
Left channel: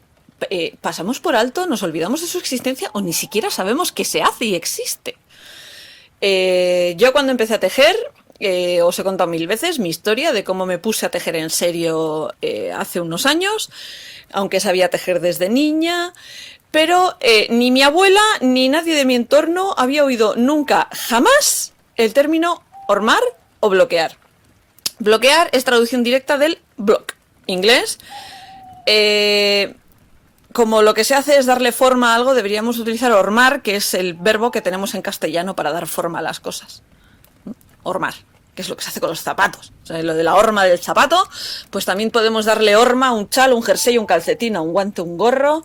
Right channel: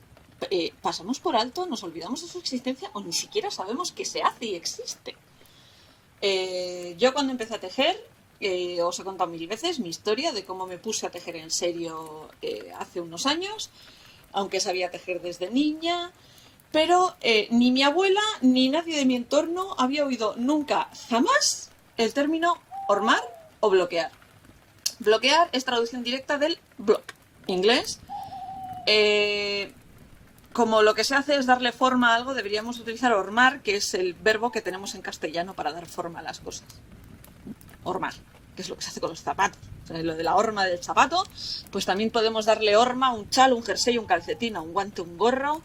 pasamos por alto, nos olvidamos de su existencia o ni siquiera sabemos que se hace y existe. Yo cuando empecé a tejer, os he contado 1000 veces mi historia de cómo me puse a tejer en serio hace unos años, aunque sabía tejer desde niña. Pero ni mi abuela ni nadie de mi entorno había oído nunca, jamás, el término hormar o bloquear. Bloquear es traducción directa del block, inglés. Como lo que se hace es darle forma a algo, deberíamos utilizar hormar, que es el verbo que tenemos en castellano para dar forma a las cosas. Hormar, que es lo que se hace con los zapatos. O sea, lo de la horma del zapato, pues también podemos darle horma a un chal, un jersey, un calcetín, a un guante, un gorro,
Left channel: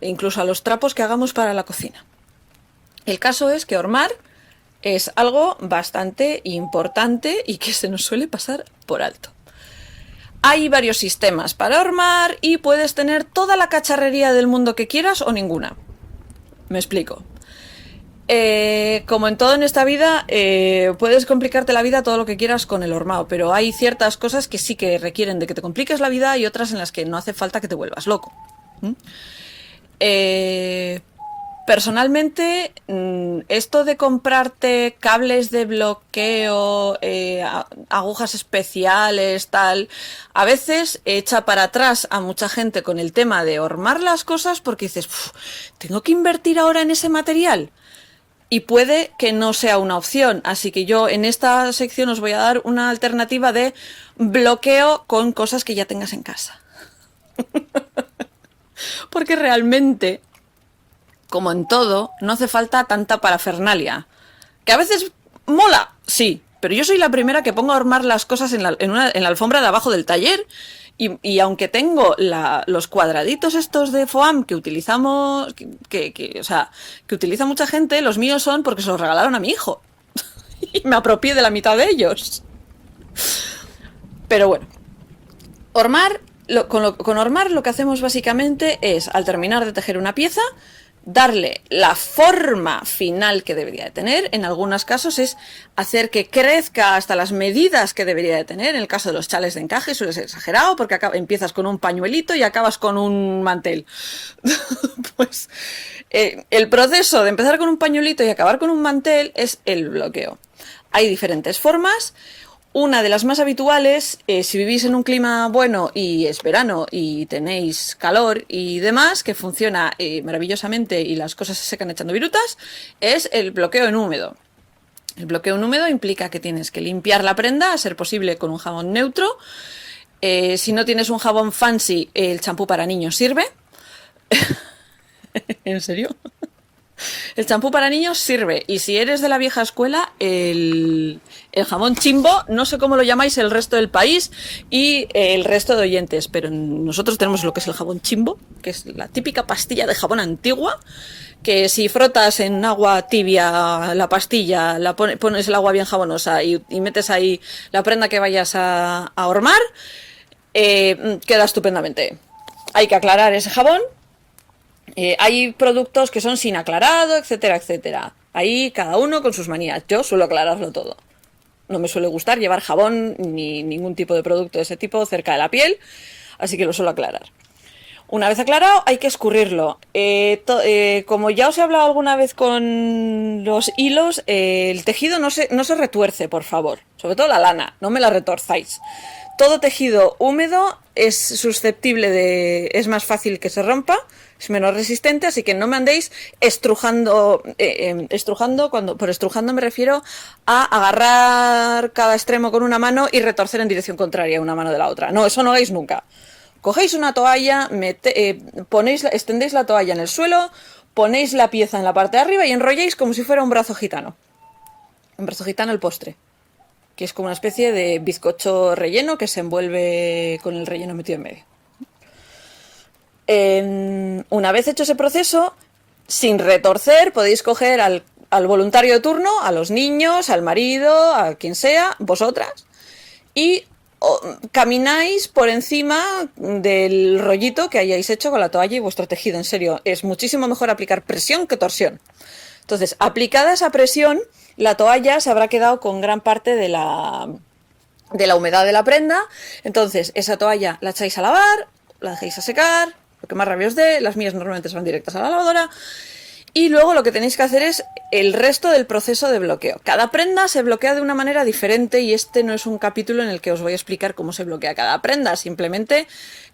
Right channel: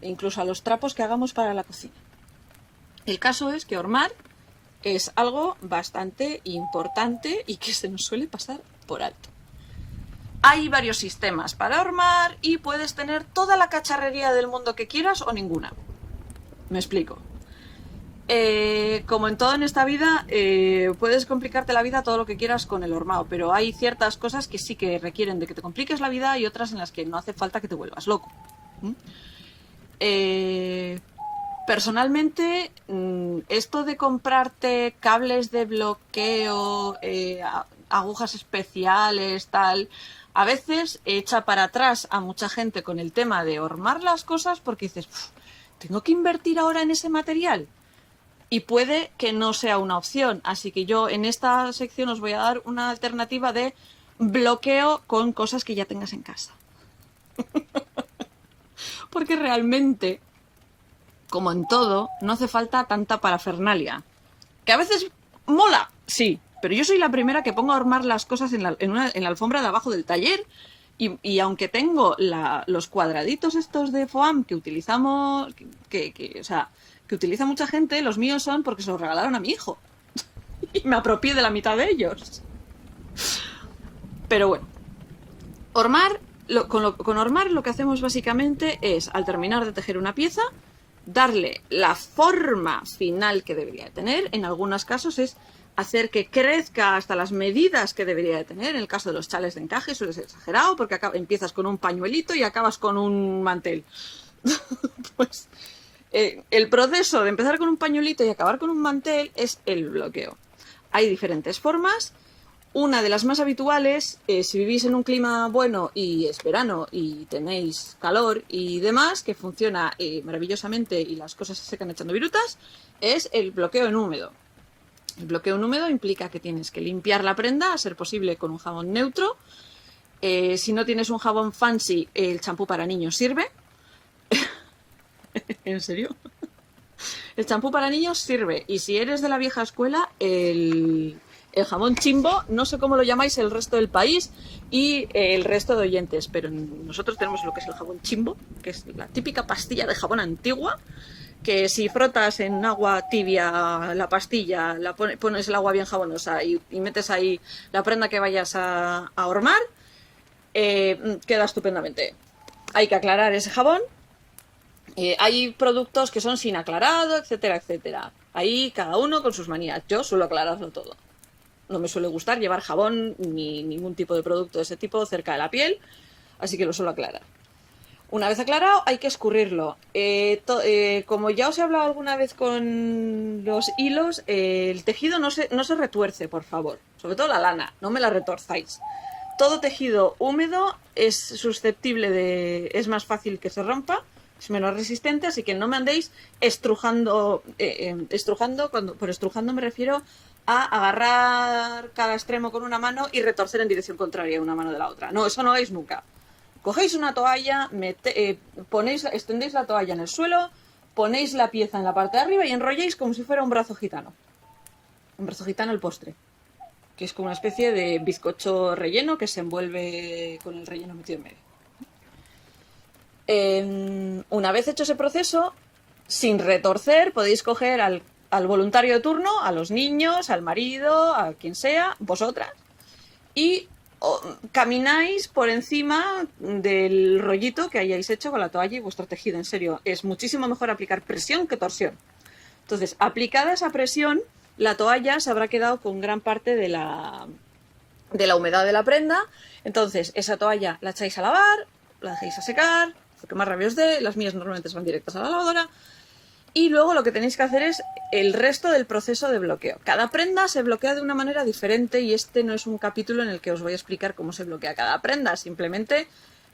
incluso a los trapos que hagamos para la cocina. El caso es que hormar es algo bastante importante y que se nos suele pasar por alto. Hay varios sistemas para hormar y puedes tener toda la cacharrería del mundo que quieras o ninguna. Me explico. Como en todo en esta vida, puedes complicarte la vida todo lo que quieras con el hormado, pero hay ciertas cosas que sí que requieren de que te compliques la vida y otras en las que no hace falta que te vuelvas loco. Personalmente, esto de comprarte cables de bloqueo, agujas especiales, tal, a veces echa para atrás a mucha gente con el tema de hormar las cosas porque dices, ¿tengo que invertir ahora en ese material? Y puede que no sea una opción, así que yo en esta sección os voy a dar una alternativa de bloqueo con cosas que ya tengas en casa. Porque realmente, como en todo, no hace falta tanta parafernalia. ¿Que a veces mola? Sí, pero yo soy la primera que pongo a hormar las cosas en la alfombra de abajo del taller y aunque tengo los cuadraditos estos de foam que utilizamos, que utiliza mucha gente, los míos son porque se los regalaron a mi hijo. Y me apropié de la mitad de ellos. Pero bueno, hormar, con hormar lo que hacemos básicamente es, al terminar de tejer una pieza, darle la forma final que debería de tener. En algunos casos es hacer que crezca hasta las medidas que debería de tener. En el caso de los chales de encaje suele ser exagerado porque empiezas con un pañuelito y acabas con un mantel. Pues el proceso de empezar con un pañuelito y acabar con un mantel es el bloqueo. Hay diferentes formas. Una de las más habituales, si vivís en un clima bueno y es verano y tenéis calor y demás, que funciona maravillosamente y las cosas se secan echando virutas, es el bloqueo en húmedo. El bloqueo en húmedo implica que tienes que limpiar la prenda, a ser posible con un jabón neutro. Si no tienes un jabón fancy, el champú para niños sirve. ¿En serio? El champú para niños sirve. Y si eres de la vieja escuela, el jabón Chimbo, no sé cómo lo llamáis el resto del país y el resto de oyentes, pero nosotros tenemos lo que es el jabón Chimbo, que es la típica pastilla de jabón antigua, que si frotas en agua tibia la pastilla, pones el agua bien jabonosa y metes ahí la prenda que vayas a hormar, queda estupendamente. Hay que aclarar ese jabón. Hay productos que son sin aclarado, etcétera, etcétera. Ahí cada uno con sus manías. Yo suelo aclararlo todo. No me suele gustar llevar jabón ni ningún tipo de producto de ese tipo cerca de la piel, así que lo suelo aclarar. Una vez aclarado, hay que escurrirlo. Como ya os he hablado alguna vez con los hilos, el tejido no se retuerce, por favor. Sobre todo la lana, no me la retorzáis. Todo tejido húmedo es susceptible es más fácil que se rompa, es menos resistente, así que no me andéis estrujando. Por estrujando me refiero a agarrar cada extremo con una mano y retorcer en dirección contraria una mano de la otra. No, eso no hagáis nunca. Cogéis una toalla, extendéis la toalla en el suelo, ponéis la pieza en la parte de arriba y enrolláis como si fuera un brazo gitano. Un brazo gitano el postre, que es como una especie de bizcocho relleno que se envuelve con el relleno metido en medio. Una vez hecho ese proceso, sin retorcer, podéis coger al voluntario de turno, a los niños, al marido, a quien sea, vosotras, y camináis por encima del rollito que hayáis hecho con la toalla y vuestro tejido. En serio, es muchísimo mejor aplicar presión que torsión. Entonces, aplicada esa presión, la toalla se habrá quedado con gran parte de la humedad de la prenda. Entonces, esa toalla la echáis a lavar, la dejéis a secar, lo que más rabia os dé. Las mías normalmente se van directas a la lavadora. Y luego lo que tenéis que hacer es el resto del proceso de bloqueo. Cada prenda se bloquea de una manera diferente y este no es un capítulo en el que os voy a explicar cómo se bloquea cada prenda, simplemente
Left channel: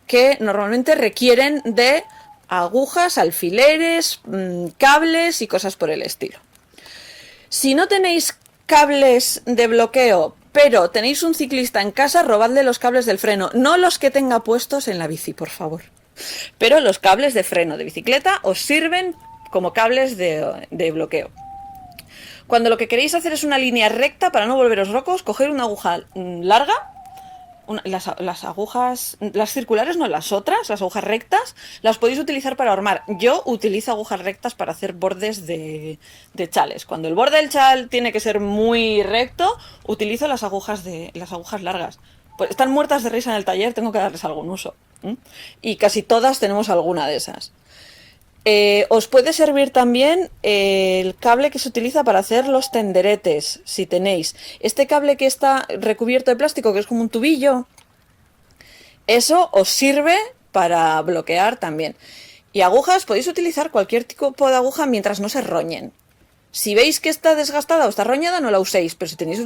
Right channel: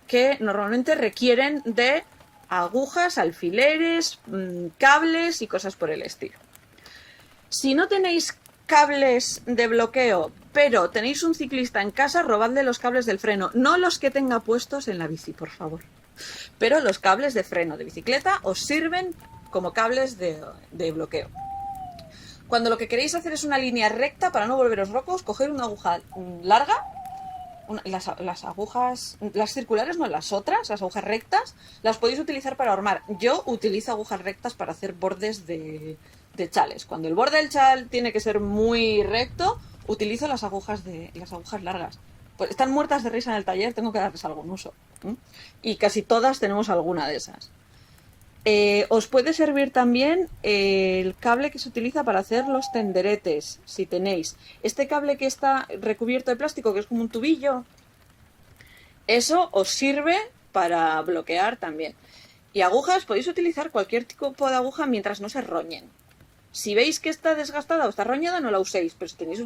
que normalmente requieren de agujas, alfileres, cables y cosas por el estilo. Si no tenéis cables de bloqueo, pero tenéis un ciclista en casa, robadle los cables del freno, no los que tenga puestos en la bici, por favor. Pero los cables de freno de bicicleta os sirven como cables de bloqueo. Cuando lo que queréis hacer es una línea recta para no volveros locos, coged una aguja larga, las agujas, las circulares no, las otras, las agujas rectas, las podéis utilizar para hormar. Yo utilizo agujas rectas para hacer bordes de chales. Cuando el borde del chal tiene que ser muy recto, utilizo las agujas largas. Pues están muertas de risa en el taller, tengo que darles algún uso. ¿M? Y casi todas tenemos alguna de esas. Os puede servir también el cable que se utiliza para hacer los tenderetes, si tenéis. Este cable que está recubierto de plástico, que es como un tubillo, eso os sirve para bloquear también. Y agujas, podéis utilizar cualquier tipo de aguja mientras no se roñen. Si veis que está desgastada o está roñada, no la uséis. Pero si tenéis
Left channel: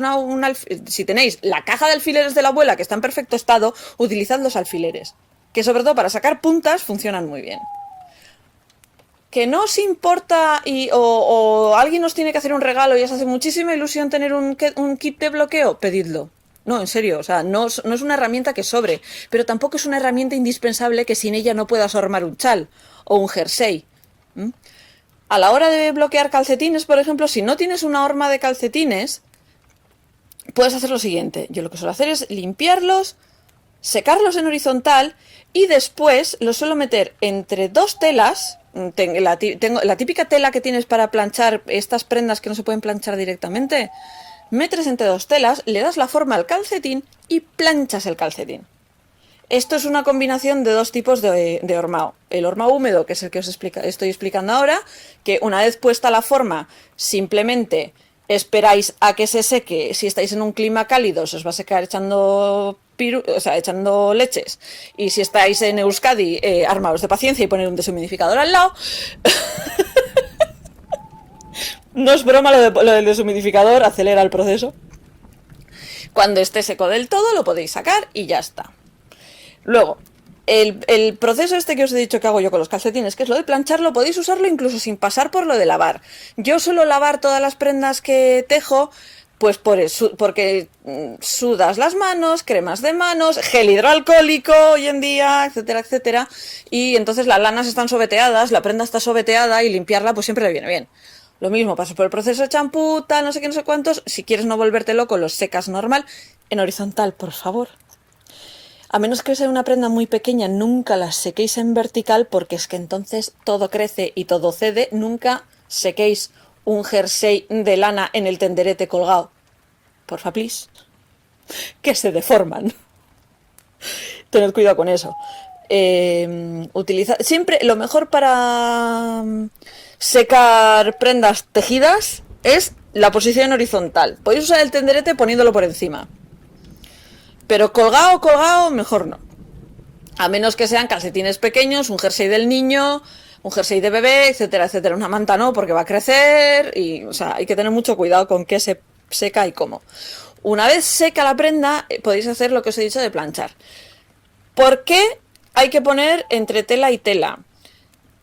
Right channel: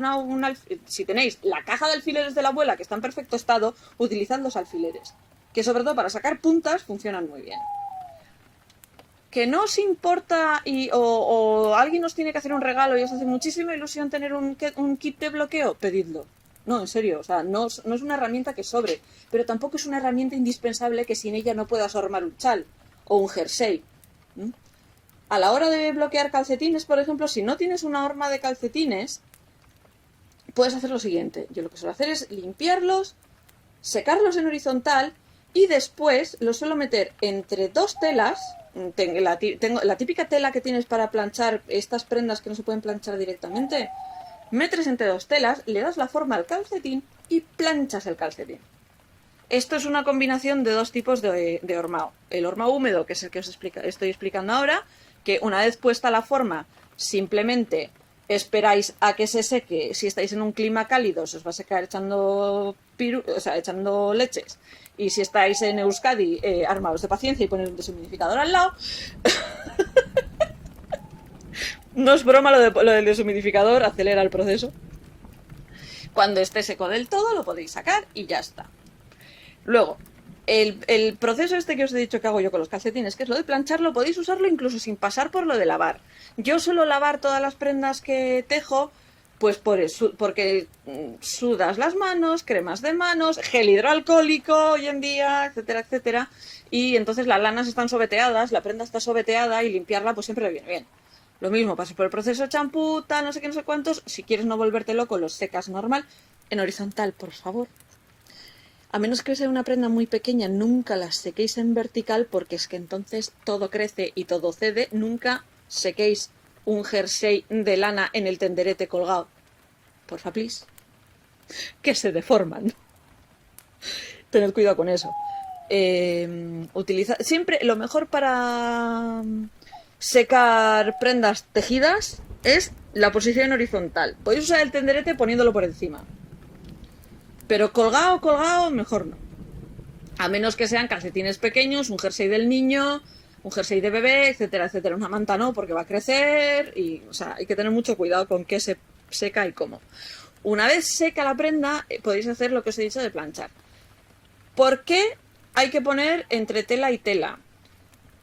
si tenéis la caja de alfileres de la abuela que está en perfecto estado, utilizad los alfileres. Que sobre todo para sacar puntas funcionan muy bien. Que no os importa o alguien os tiene que hacer un regalo y os hace muchísima ilusión tener un kit de bloqueo, pedidlo. No, en serio, o sea, no es una herramienta que sobre, pero tampoco es una herramienta indispensable que sin ella no puedas armar un chal o un jersey. ¿Mm? A la hora de bloquear calcetines, por ejemplo, si no tienes una horma de calcetines, puedes hacer lo siguiente. Yo lo que suelo hacer es limpiarlos, secarlos en horizontal y después los suelo meter entre dos telas. Tengo la típica tela que tienes para planchar estas prendas que no se pueden planchar directamente. Metes entre dos telas, le das la forma al calcetín y planchas el calcetín. Esto es una combinación de dos tipos de hormao. El hormao húmedo, que es el que estoy explicando ahora, que una vez puesta la forma, simplemente esperáis a que se seque. Si estáis en un clima cálido, se os va a secar echando echando leches. Y si estáis en Euskadi, armaos de paciencia y poner un deshumidificador al lado. No es broma lo del deshumidificador, acelera el proceso. Cuando esté seco del todo, lo podéis sacar y ya está. Luego, el proceso este que os he dicho que hago yo con los calcetines, que es lo de plancharlo, podéis usarlo incluso sin pasar por lo de lavar. Yo suelo lavar todas las prendas que tejo, pues porque sudas las manos, cremas de manos, gel hidroalcohólico hoy en día, etcétera, etcétera. Y entonces las lanas están sobeteadas, la prenda está sobeteada y limpiarla pues siempre le viene bien. Lo mismo, paso por el proceso de champú, tal, no sé qué, no sé cuántos. Si quieres no volverte loco, los secas normal, en horizontal, por favor. A menos que sea una prenda muy pequeña, nunca las sequéis en vertical porque es que entonces todo crece y todo cede. Nunca sequéis un jersey de lana en el tenderete colgado. Porfa, please. Que se deforman. Tened cuidado con eso. Siempre lo mejor para secar prendas tejidas es la posición horizontal. Podéis usar el tenderete poniéndolo por encima. Pero colgado, mejor no. A menos que sean calcetines pequeños, un jersey del niño, un jersey de bebé, etcétera, etcétera. Una manta no, porque va a crecer y, o sea, hay que tener mucho cuidado con qué se seca y cómo. Una vez seca la prenda, podéis hacer lo que os he dicho de planchar. ¿Por qué hay que poner entre tela y tela?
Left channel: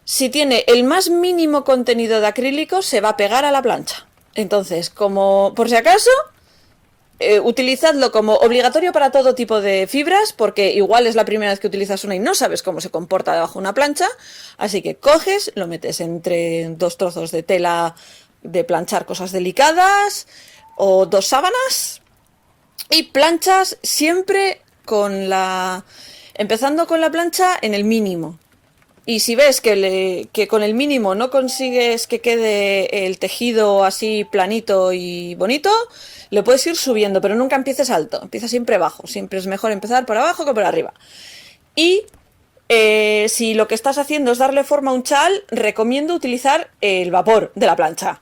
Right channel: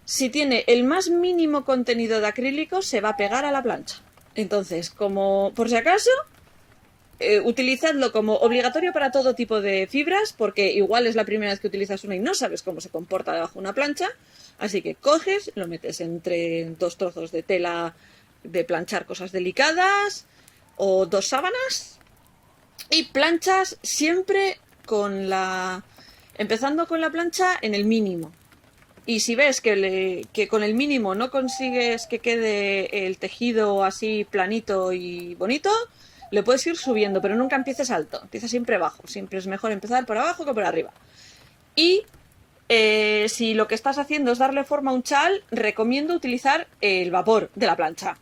Si tiene el más mínimo contenido de acrílico, se va a pegar a la plancha. Entonces, como por si acaso, utilizadlo como obligatorio para todo tipo de fibras, porque igual es la primera vez que utilizas una y no sabes cómo se comporta debajo de una plancha. Así que coges, lo metes entre dos trozos de tela de planchar cosas delicadas o dos sábanas y planchas siempre empezando con la plancha en el mínimo. Y si ves que con el mínimo no consigues que quede el tejido así planito y bonito, le puedes ir subiendo, pero nunca empieces alto, empieza siempre bajo. Siempre es mejor empezar por abajo que por arriba. Y si lo que estás haciendo es darle forma a un chal, recomiendo utilizar el vapor de la plancha.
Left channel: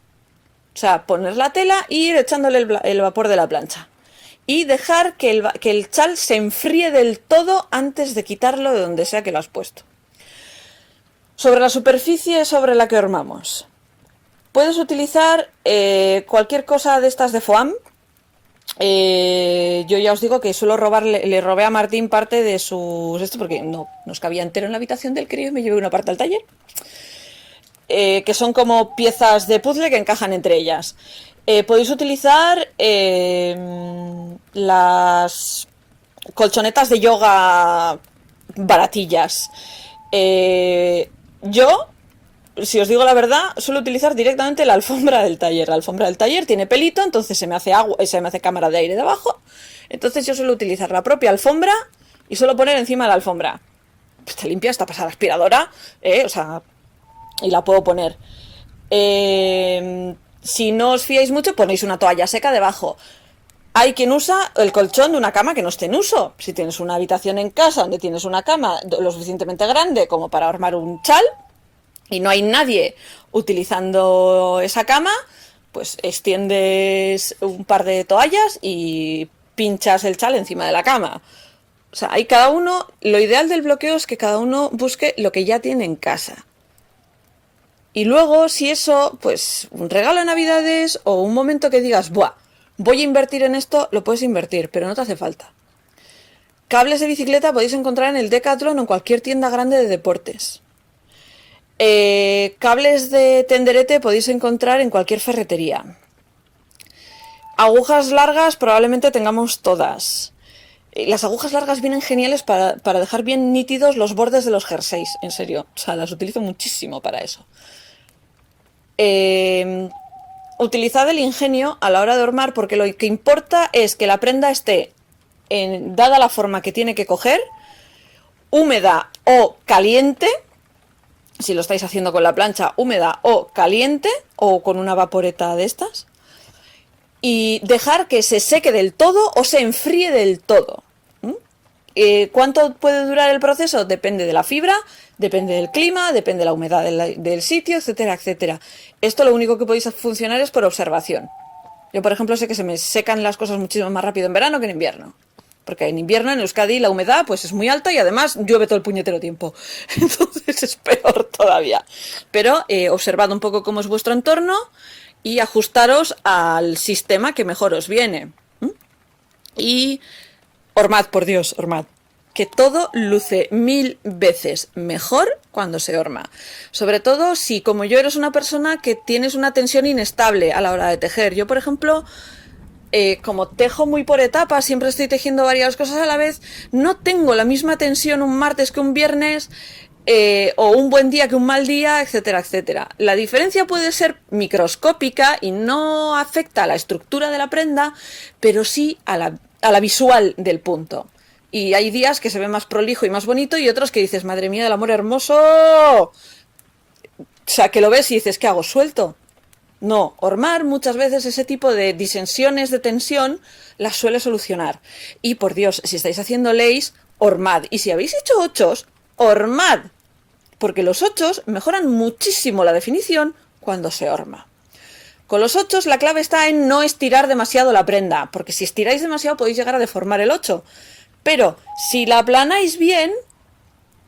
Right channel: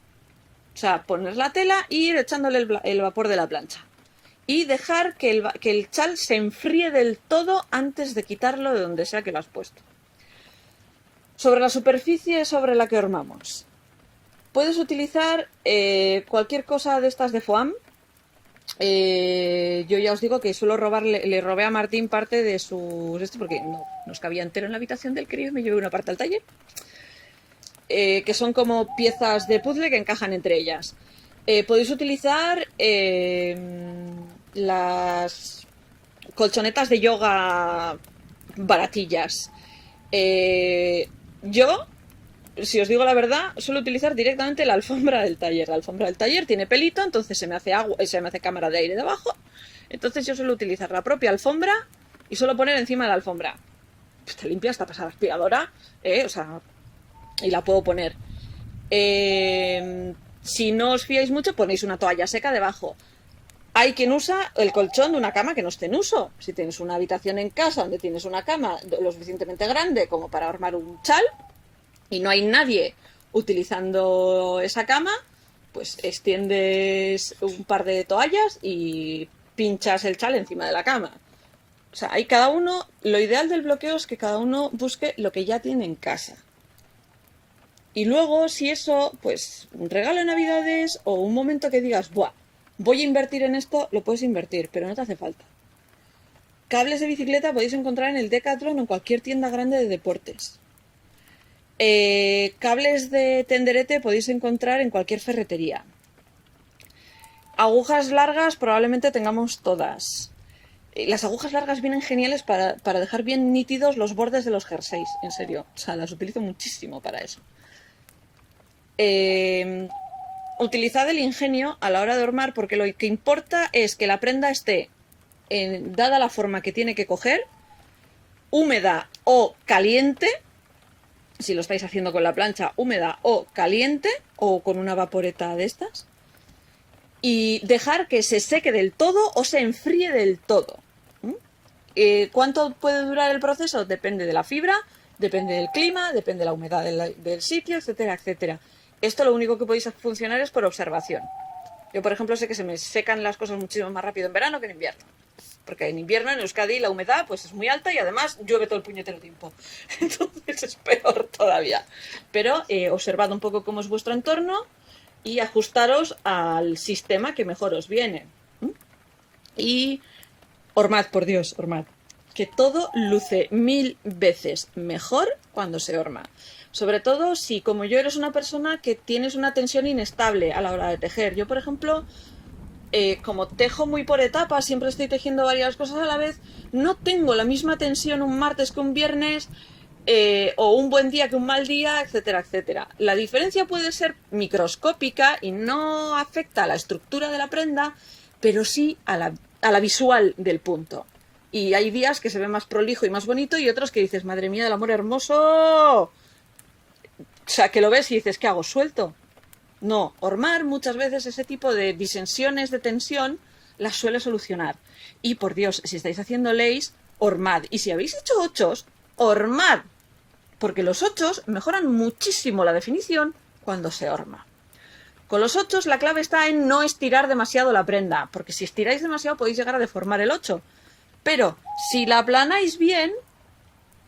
O sea, poner la tela e ir echándole el vapor de la plancha. Y dejar que el chal se enfríe del todo antes de quitarlo de donde sea que lo has puesto. Sobre la superficie sobre la que hormamos. Puedes utilizar cualquier cosa de estas de foam. Yo ya os digo que suelo le robé a Martín parte de sus... porque no nos cabía entero en la habitación del crío y me llevé una parte al taller. Que son como piezas de puzzle que encajan entre ellas. Podéis utilizar las colchonetas de yoga baratillas. Yo si os digo la verdad, suelo utilizar directamente la alfombra del taller. La alfombra del taller tiene pelito, entonces se me hace agua, se me hace cámara de aire debajo. Entonces yo suelo utilizar la propia alfombra y suelo poner encima de la alfombra. Pues te limpia hasta pasar aspiradora, o sea, y la puedo poner. Si no os fiáis mucho, ponéis una toalla seca debajo. Hay quien usa el colchón de una cama que no esté en uso. Si tienes una habitación en casa donde tienes una cama lo suficientemente grande como para armar un chal y no hay nadie utilizando esa cama, pues extiendes un par de toallas y pinchas el chal encima de la cama. O sea, hay cada uno, lo ideal del bloqueo es que cada uno busque lo que ya tiene en casa. Y luego, si eso, pues un regalo de Navidades o un momento que digas, buah, voy a invertir en esto, lo puedes invertir, pero no te hace falta. Cables de bicicleta podéis encontrar en el Decathlon o en cualquier tienda grande de deportes. Cables de tenderete podéis encontrar en cualquier ferretería. Agujas largas probablemente tengamos todas. Las agujas largas vienen geniales para dejar bien nítidos los bordes de los jerseys, en serio. O sea, las utilizo muchísimo para eso. Utilizad el ingenio a la hora de hormar porque lo que importa es que la prenda esté, dada la forma que tiene que coger, húmeda o caliente, si lo estáis haciendo con la plancha, húmeda o caliente, o con una vaporeta de estas, y dejar que se seque del todo o se enfríe del todo. ¿Cuánto puede durar el proceso? Depende de la fibra, depende del clima, depende de la humedad del sitio, etcétera, etcétera. Esto lo único que podéis funcionar es por observación. Yo, por ejemplo, sé que se me secan las cosas muchísimo más rápido en verano que en invierno. Porque en invierno en Euskadi la humedad pues es muy alta y además llueve todo el puñetero tiempo. Entonces es peor todavía. Pero observad un poco cómo es vuestro entorno y ajustaros al sistema que mejor os viene. Y hormad, por Dios, hormad. Que todo luce 1000 veces mejor cuando se horma. Sobre todo si, como yo, eres una persona que tienes una tensión inestable a la hora de tejer. Yo, por ejemplo, como tejo muy por etapas, siempre estoy tejiendo varias cosas a la vez, no tengo la misma tensión un martes que un viernes, o un buen día que un mal día, etcétera, etcétera. La diferencia puede ser microscópica y no afecta a la estructura de la prenda, pero sí a la visual del punto. Y hay días que se ve más prolijo y más bonito y otros que dices, madre mía del amor hermoso. O sea, que lo ves y dices, ¿qué hago? ¿Suelto? No, hormar muchas veces ese tipo de disensiones de tensión las suele solucionar. Y por Dios, si estáis haciendo lace, hormad. Y si habéis hecho ochos, hormad. Porque los ochos mejoran muchísimo la definición cuando se horma. Con los ochos la clave está en no estirar demasiado la prenda, porque si estiráis demasiado podéis llegar a deformar el ocho. Pero si la aplanáis bien,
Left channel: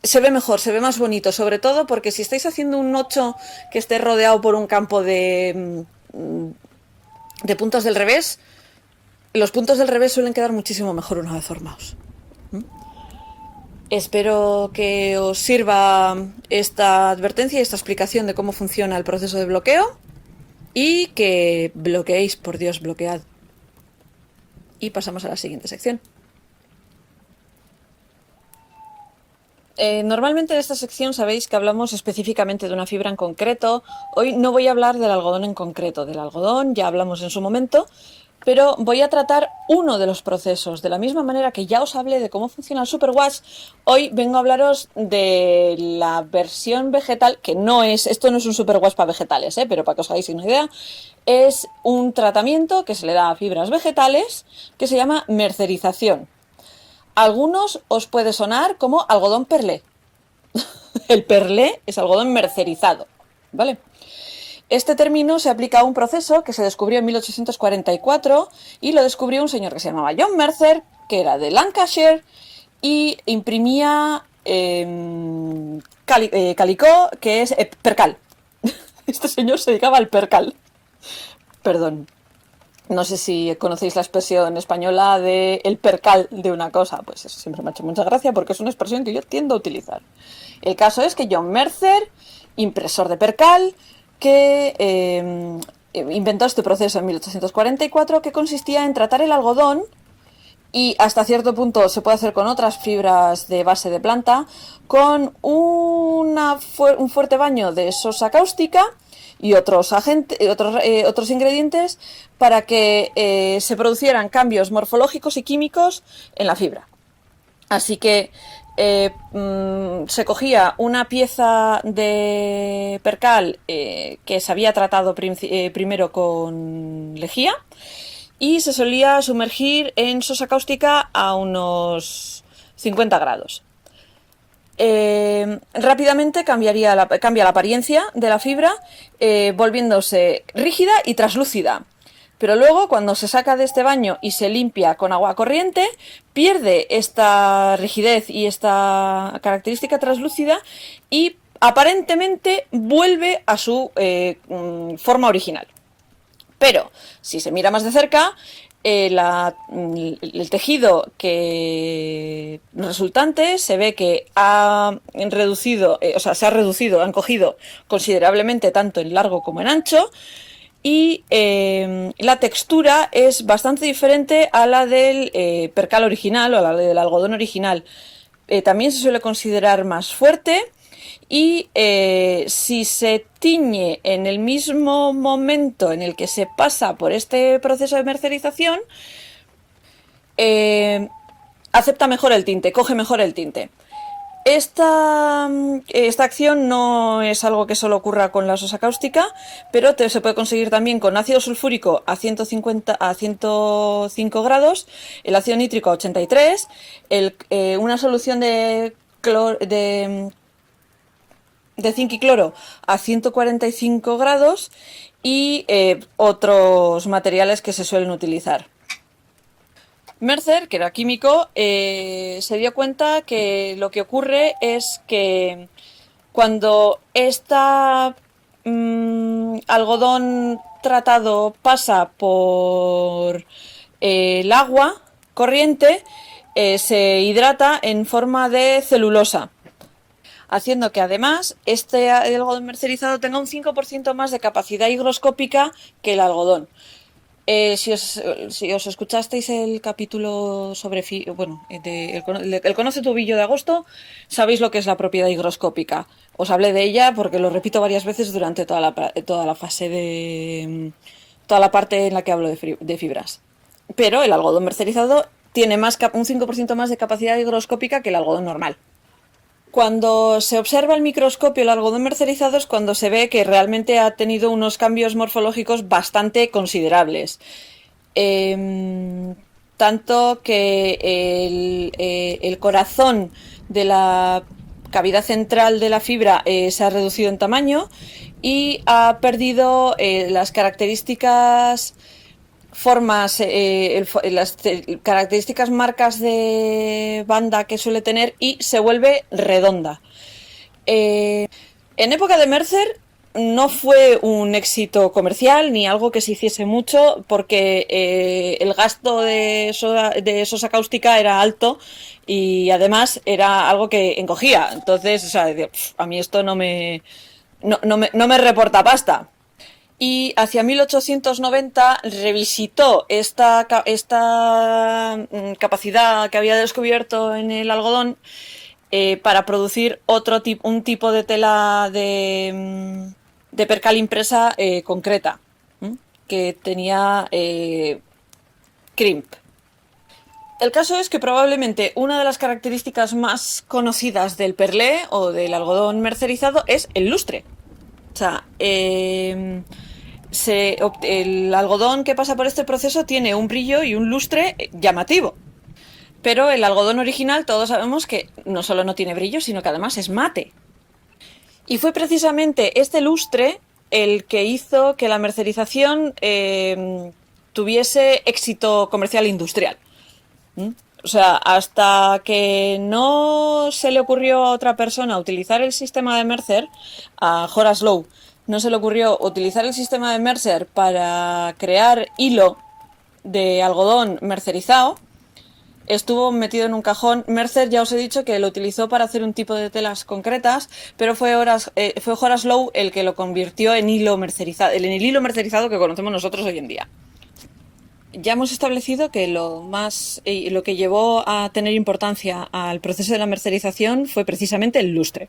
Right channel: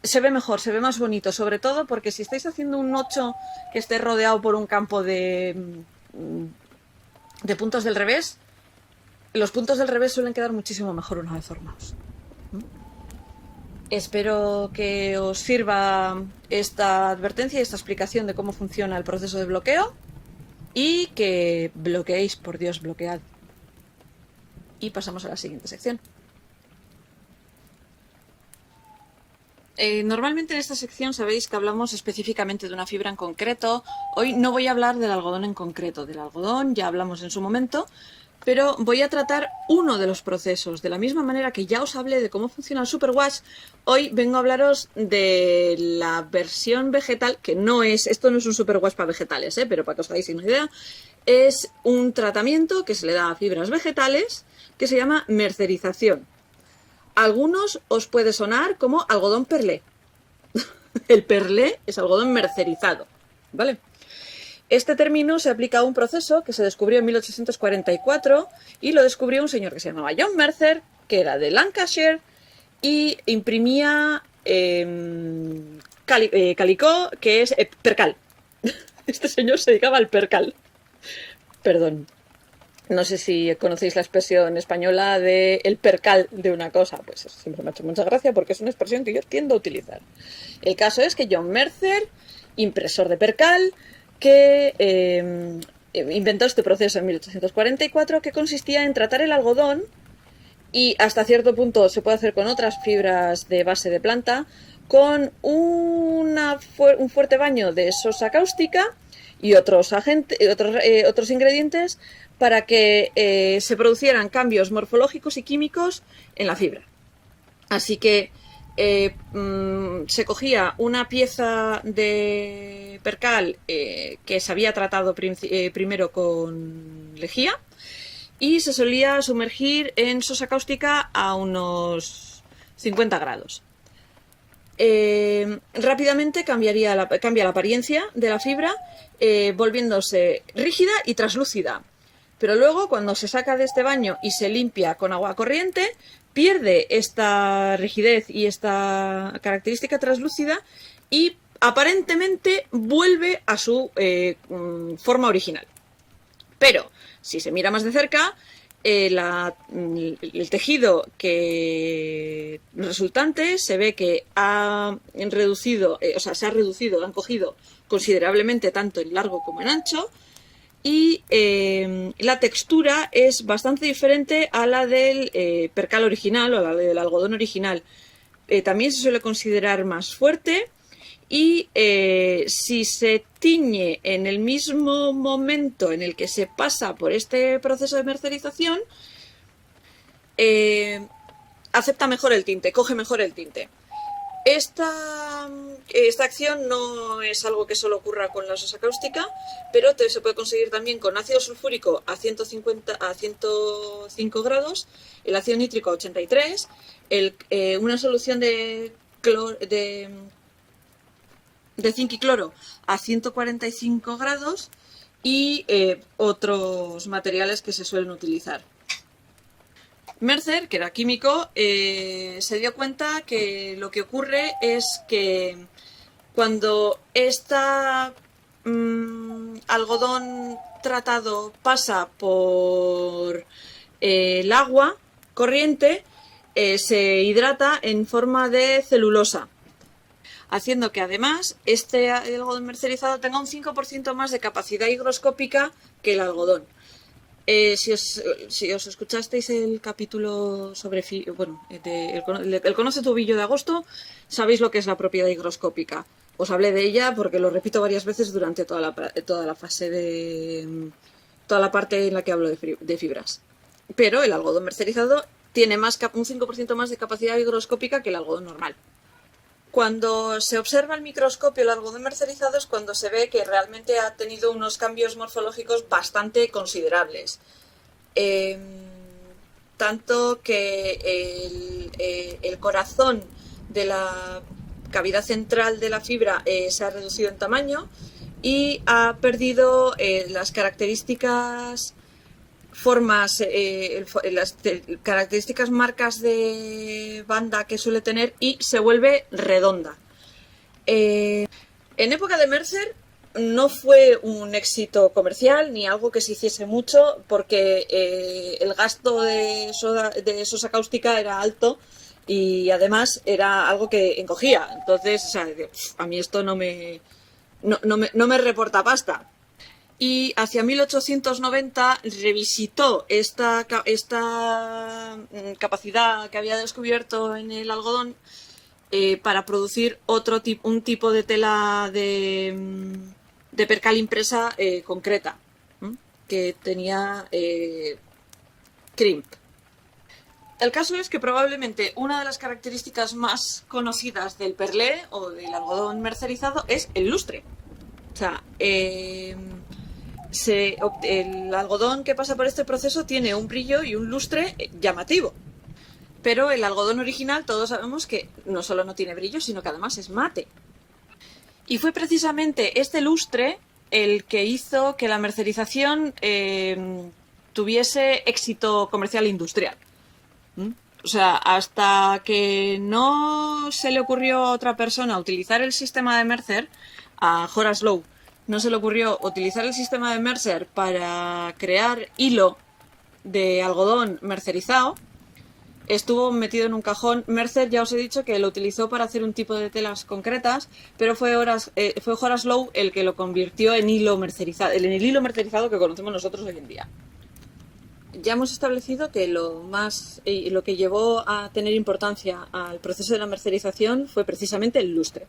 se ve mejor, se ve más bonito, sobre todo porque si estáis haciendo un 8 que esté rodeado por un campo de puntos del revés, los puntos del revés suelen quedar muchísimo mejor una vez formados. Espero que os sirva esta advertencia y esta explicación de cómo funciona el proceso de bloqueo y que bloqueéis, por Dios, bloquead. Y pasamos a la siguiente sección. Normalmente en esta sección sabéis que hablamos específicamente de una fibra en concreto. Hoy no voy a hablar del algodón en concreto. Del algodón ya hablamos en su momento, pero voy a tratar uno de los procesos. De la misma manera que ya os hablé de cómo funciona el superwash, hoy vengo a hablaros de la versión vegetal, que no es, esto no es un superwash para vegetales, pero para que os hagáis una idea, es un tratamiento que se le da a fibras vegetales que se llama mercerización. Algunos os puede sonar como algodón perlé. El perlé es algodón mercerizado, ¿vale? Este término se aplica a un proceso que se descubrió en 1844 y lo descubrió un señor que se llamaba John Mercer, que era de Lancashire y imprimía calicó, que es percal. Este señor se dedicaba al percal. Perdón. No sé si conocéis la expresión española de el percal de una cosa. Pues eso siempre me ha hecho mucha gracia porque es una expresión que yo tiendo a utilizar. El caso es que John Mercer, impresor de percal, que inventó este proceso en 1844 que consistía en tratar el algodón y hasta cierto punto se puede hacer con otras fibras de base de planta, con un fuerte baño de sosa cáustica y otros ingredientes para que se producieran cambios morfológicos y químicos en la fibra. Así que se cogía una pieza de percal que se había tratado primero con lejía y se solía sumergir en sosa cáustica a unos 50 grados. Rápidamente cambia la apariencia de la fibra, volviéndose rígida y traslúcida. Pero luego, cuando se saca de este baño y se limpia con agua corriente, pierde esta rigidez y esta característica translúcida y aparentemente vuelve a su forma original. Pero, si se mira más de cerca, el tejido resultante se ve que ha reducido, se ha reducido, han cogido considerablemente tanto en largo como en ancho, y la textura es bastante diferente a la del percal original o a la del algodón original. También se suele considerar más fuerte. Y si se tiñe en el mismo momento en el que se pasa por este proceso de mercerización, acepta mejor el tinte, coge mejor el tinte. Esta acción no es algo que solo ocurra con la sosa cáustica, pero se puede conseguir también con ácido sulfúrico a 105 grados, el ácido nítrico a 83, una solución de zinc y cloro a 145 grados y otros materiales que se suelen utilizar. Mercer, que era químico, se dio cuenta que lo que ocurre es que cuando algodón tratado pasa por el agua corriente, se hidrata en forma de celulosa, haciendo que además este algodón mercerizado tenga un 5% más de capacidad higroscópica que el algodón. Si os escuchasteis el capítulo sobre el Conoce tu Billo de agosto, sabéis lo que es la propiedad higroscópica. Os hablé de ella porque lo repito varias veces durante toda la fase toda la parte en la que hablo de fibras. Pero el algodón mercerizado tiene un 5% más de capacidad higroscópica que el algodón normal. Cuando se observa al microscopio el algodón mercerizado es cuando se ve que realmente ha tenido unos cambios morfológicos bastante considerables. Tanto que el corazón de la cavidad central de la fibra se ha reducido en tamaño y ha perdido las características las características marcas de banda que suele tener y se vuelve redonda. En época de Mercer no fue un éxito comercial ni algo que se hiciese mucho porque el gasto de sosa cáustica era alto y además era algo que encogía. Entonces, a mí esto no me reporta pasta. Y hacia 1890 revisitó esta capacidad que había descubierto en el algodón para producir un tipo de tela de percal impresa concreta, que tenía crimp. El caso es que probablemente una de las características más conocidas del perlé o del algodón mercerizado es el lustre. O sea, el algodón que pasa por este proceso tiene un brillo y un lustre llamativo. Pero el algodón original todos sabemos que no solo no tiene brillo, sino que además es mate. Y fue precisamente este lustre el que hizo que la mercerización tuviese éxito comercial e industrial. O sea, hasta que no se le ocurrió a otra persona utilizar el sistema de Mercer, a Horace Lowe, no se le ocurrió utilizar el sistema de Mercer para crear hilo de algodón mercerizado, estuvo metido en un cajón. Mercer, ya os he dicho que lo utilizó para hacer un tipo de telas concretas, pero fue Horace Lowe el que lo convirtió en hilo mercerizado, en el hilo mercerizado que conocemos nosotros hoy en día. ya hemos establecido que lo que llevó a tener importancia al proceso de la mercerización fue precisamente el lustre.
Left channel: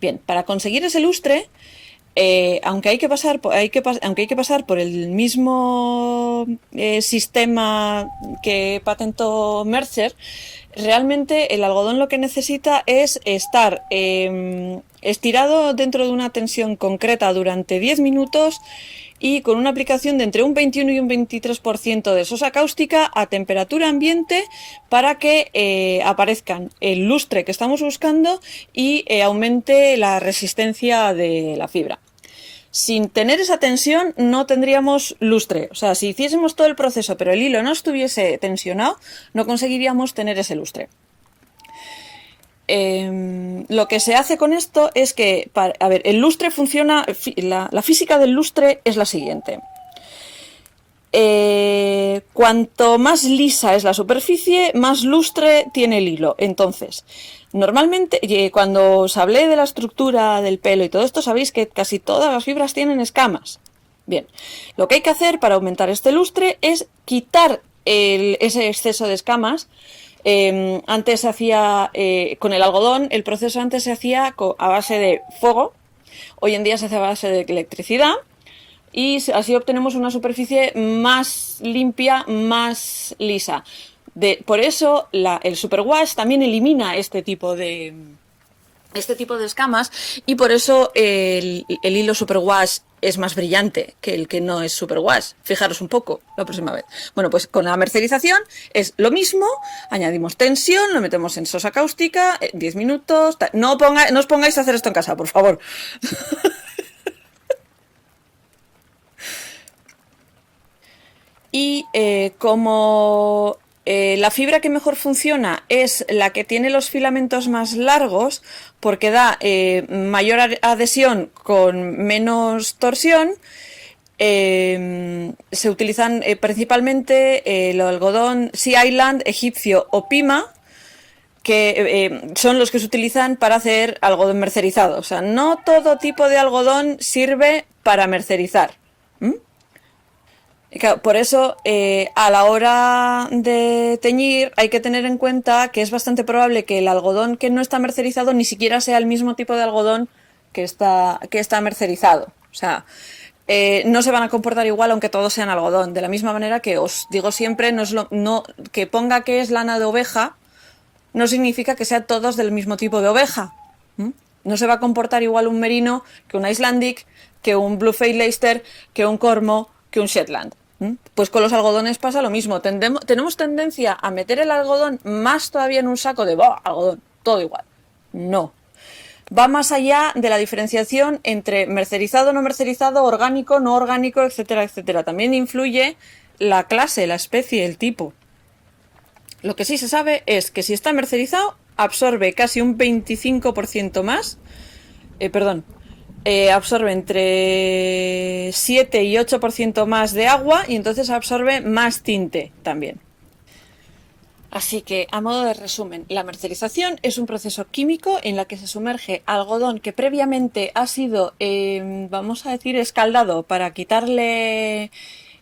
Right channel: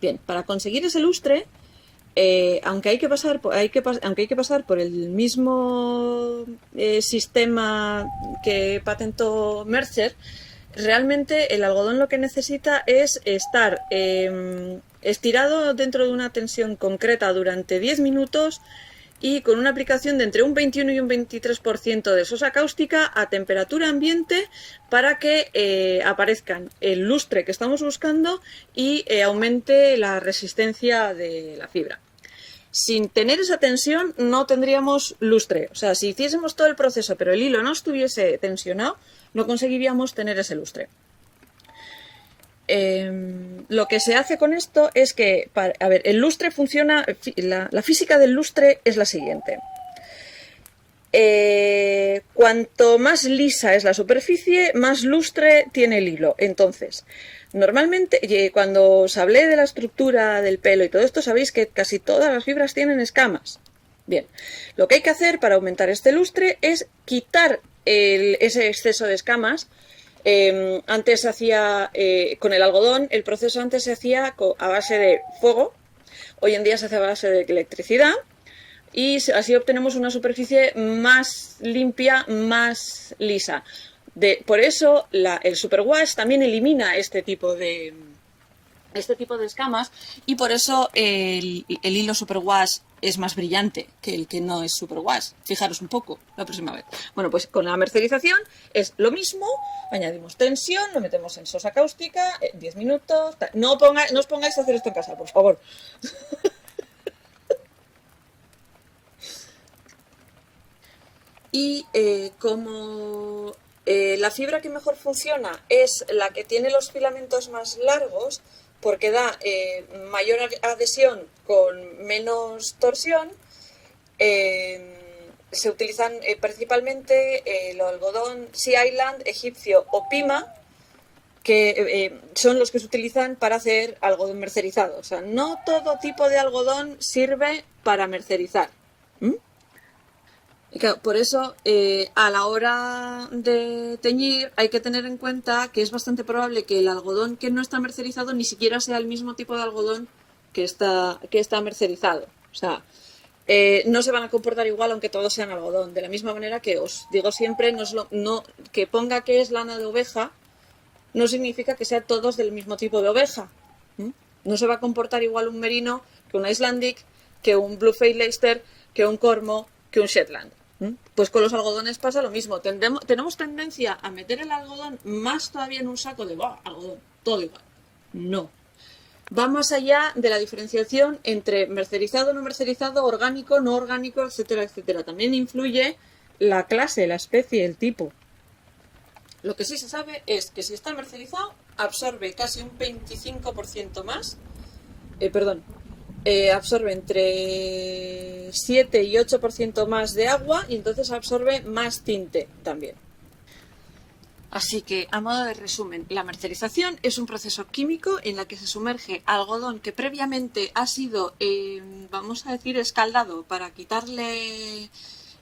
Bien, para conseguir ese lustre, aunque hay que pasar por el mismo sistema que patentó Mercer, realmente el algodón lo que necesita es estar estirado dentro de una tensión concreta durante 10 minutos y con una aplicación de entre un 21 y un 23% de sosa cáustica a temperatura ambiente para que aparezcan el lustre que estamos buscando y aumente la resistencia de la fibra. Sin tener esa tensión no tendríamos lustre. O sea, si hiciésemos todo el proceso pero el hilo no estuviese tensionado, no conseguiríamos tener ese lustre. Lo que se hace con esto es que, a ver, el lustre funciona, la física del lustre es la siguiente. Cuanto más lisa es la superficie, más lustre tiene el hilo. Entonces, normalmente, cuando os hablé de la estructura del pelo y todo esto, sabéis que casi todas las fibras tienen escamas. Bien, lo que hay que hacer para aumentar este lustre es quitar ese exceso de escamas. Antes se hacía con el algodón, el proceso antes se hacía a base de fuego, hoy en día se hace a base de electricidad y así obtenemos una superficie más limpia, más lisa. Por eso el superwash también elimina este tipo de escamas y por eso el hilo superwash es más brillante que el que no es superwash. Fijaros un poco la próxima vez. Bueno, pues con la mercerización es lo mismo, añadimos tensión, lo metemos en sosa cáustica, 10 minutos. No os pongáis a hacer esto en casa, por favor. Y como la fibra que mejor funciona es la que tiene los filamentos más largos, porque da mayor adhesión con menos torsión, se utilizan principalmente el algodón Sea Island, egipcio o Pima, que son los que se utilizan para hacer algodón mercerizado. O sea, no todo tipo de algodón sirve para mercerizar. Y claro, por eso, a la hora de teñir hay que tener en cuenta que es bastante probable que el algodón que no está mercerizado ni siquiera sea el mismo tipo de algodón que está mercerizado. O sea, no se van a comportar igual aunque todos sean algodón. De la misma manera que os digo siempre, que ponga que es lana de oveja no significa que sean todos del mismo tipo de oveja. No se va a comportar igual un merino que un Icelandic, que un Blue-Faced Leicester, que un Cormo, que un Shetland. Pues con los algodones pasa lo mismo. Tenemos tendencia a meter el algodón más todavía en un saco de algodón, todo igual. No. Va más allá de la diferenciación entre mercerizado, no mercerizado, orgánico, no orgánico, etcétera, etcétera. También influye la clase, la especie, el tipo. Lo que sí se sabe es que si está mercerizado, absorbe casi un 25% más. Absorbe entre 7 y 8% más de agua y entonces absorbe más tinte también. Así que, a modo de resumen, la mercerización es un proceso químico en la que se sumerge algodón que previamente ha sido, vamos a decir, escaldado para quitarle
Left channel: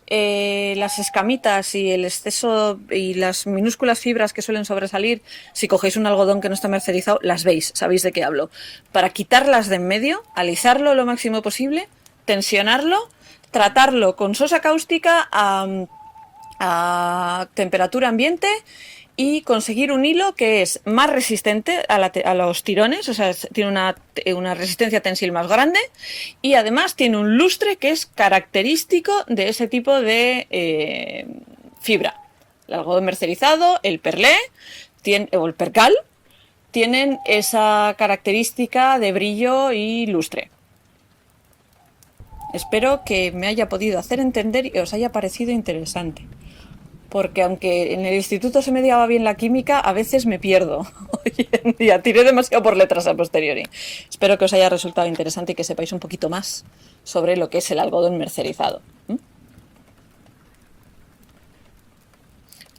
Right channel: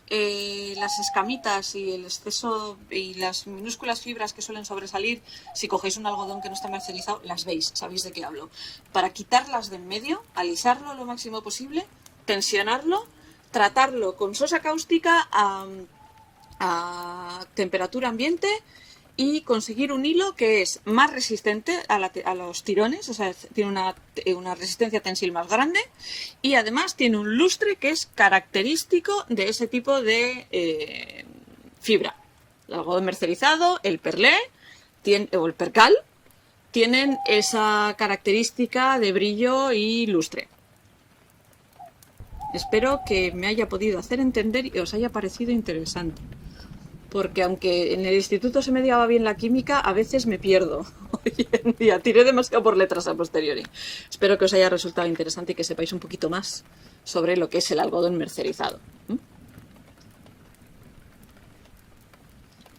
las escamitas y el exceso y las minúsculas fibras que suelen sobresalir. Si cogéis un algodón que no está mercerizado, las veis, sabéis de qué hablo. Para quitarlas de en medio, alisarlo lo máximo posible, tensionarlo, tratarlo con sosa cáustica a temperatura ambiente y conseguir un hilo que es más resistente a los tirones, o sea, tiene una resistencia tensil más grande y además tiene un lustre que es característico de ese tipo de fibra. El algodón mercerizado, el perlé o el percal tienen esa característica de brillo y lustre. Espero que me haya podido hacer entender y os haya parecido interesante. Porque aunque en el instituto se me daba bien la química, a veces me pierdo. Hoy en día tiré demasiado por letras a posteriori. Espero que os haya resultado interesante y que sepáis un poquito más sobre lo que es el algodón mercerizado.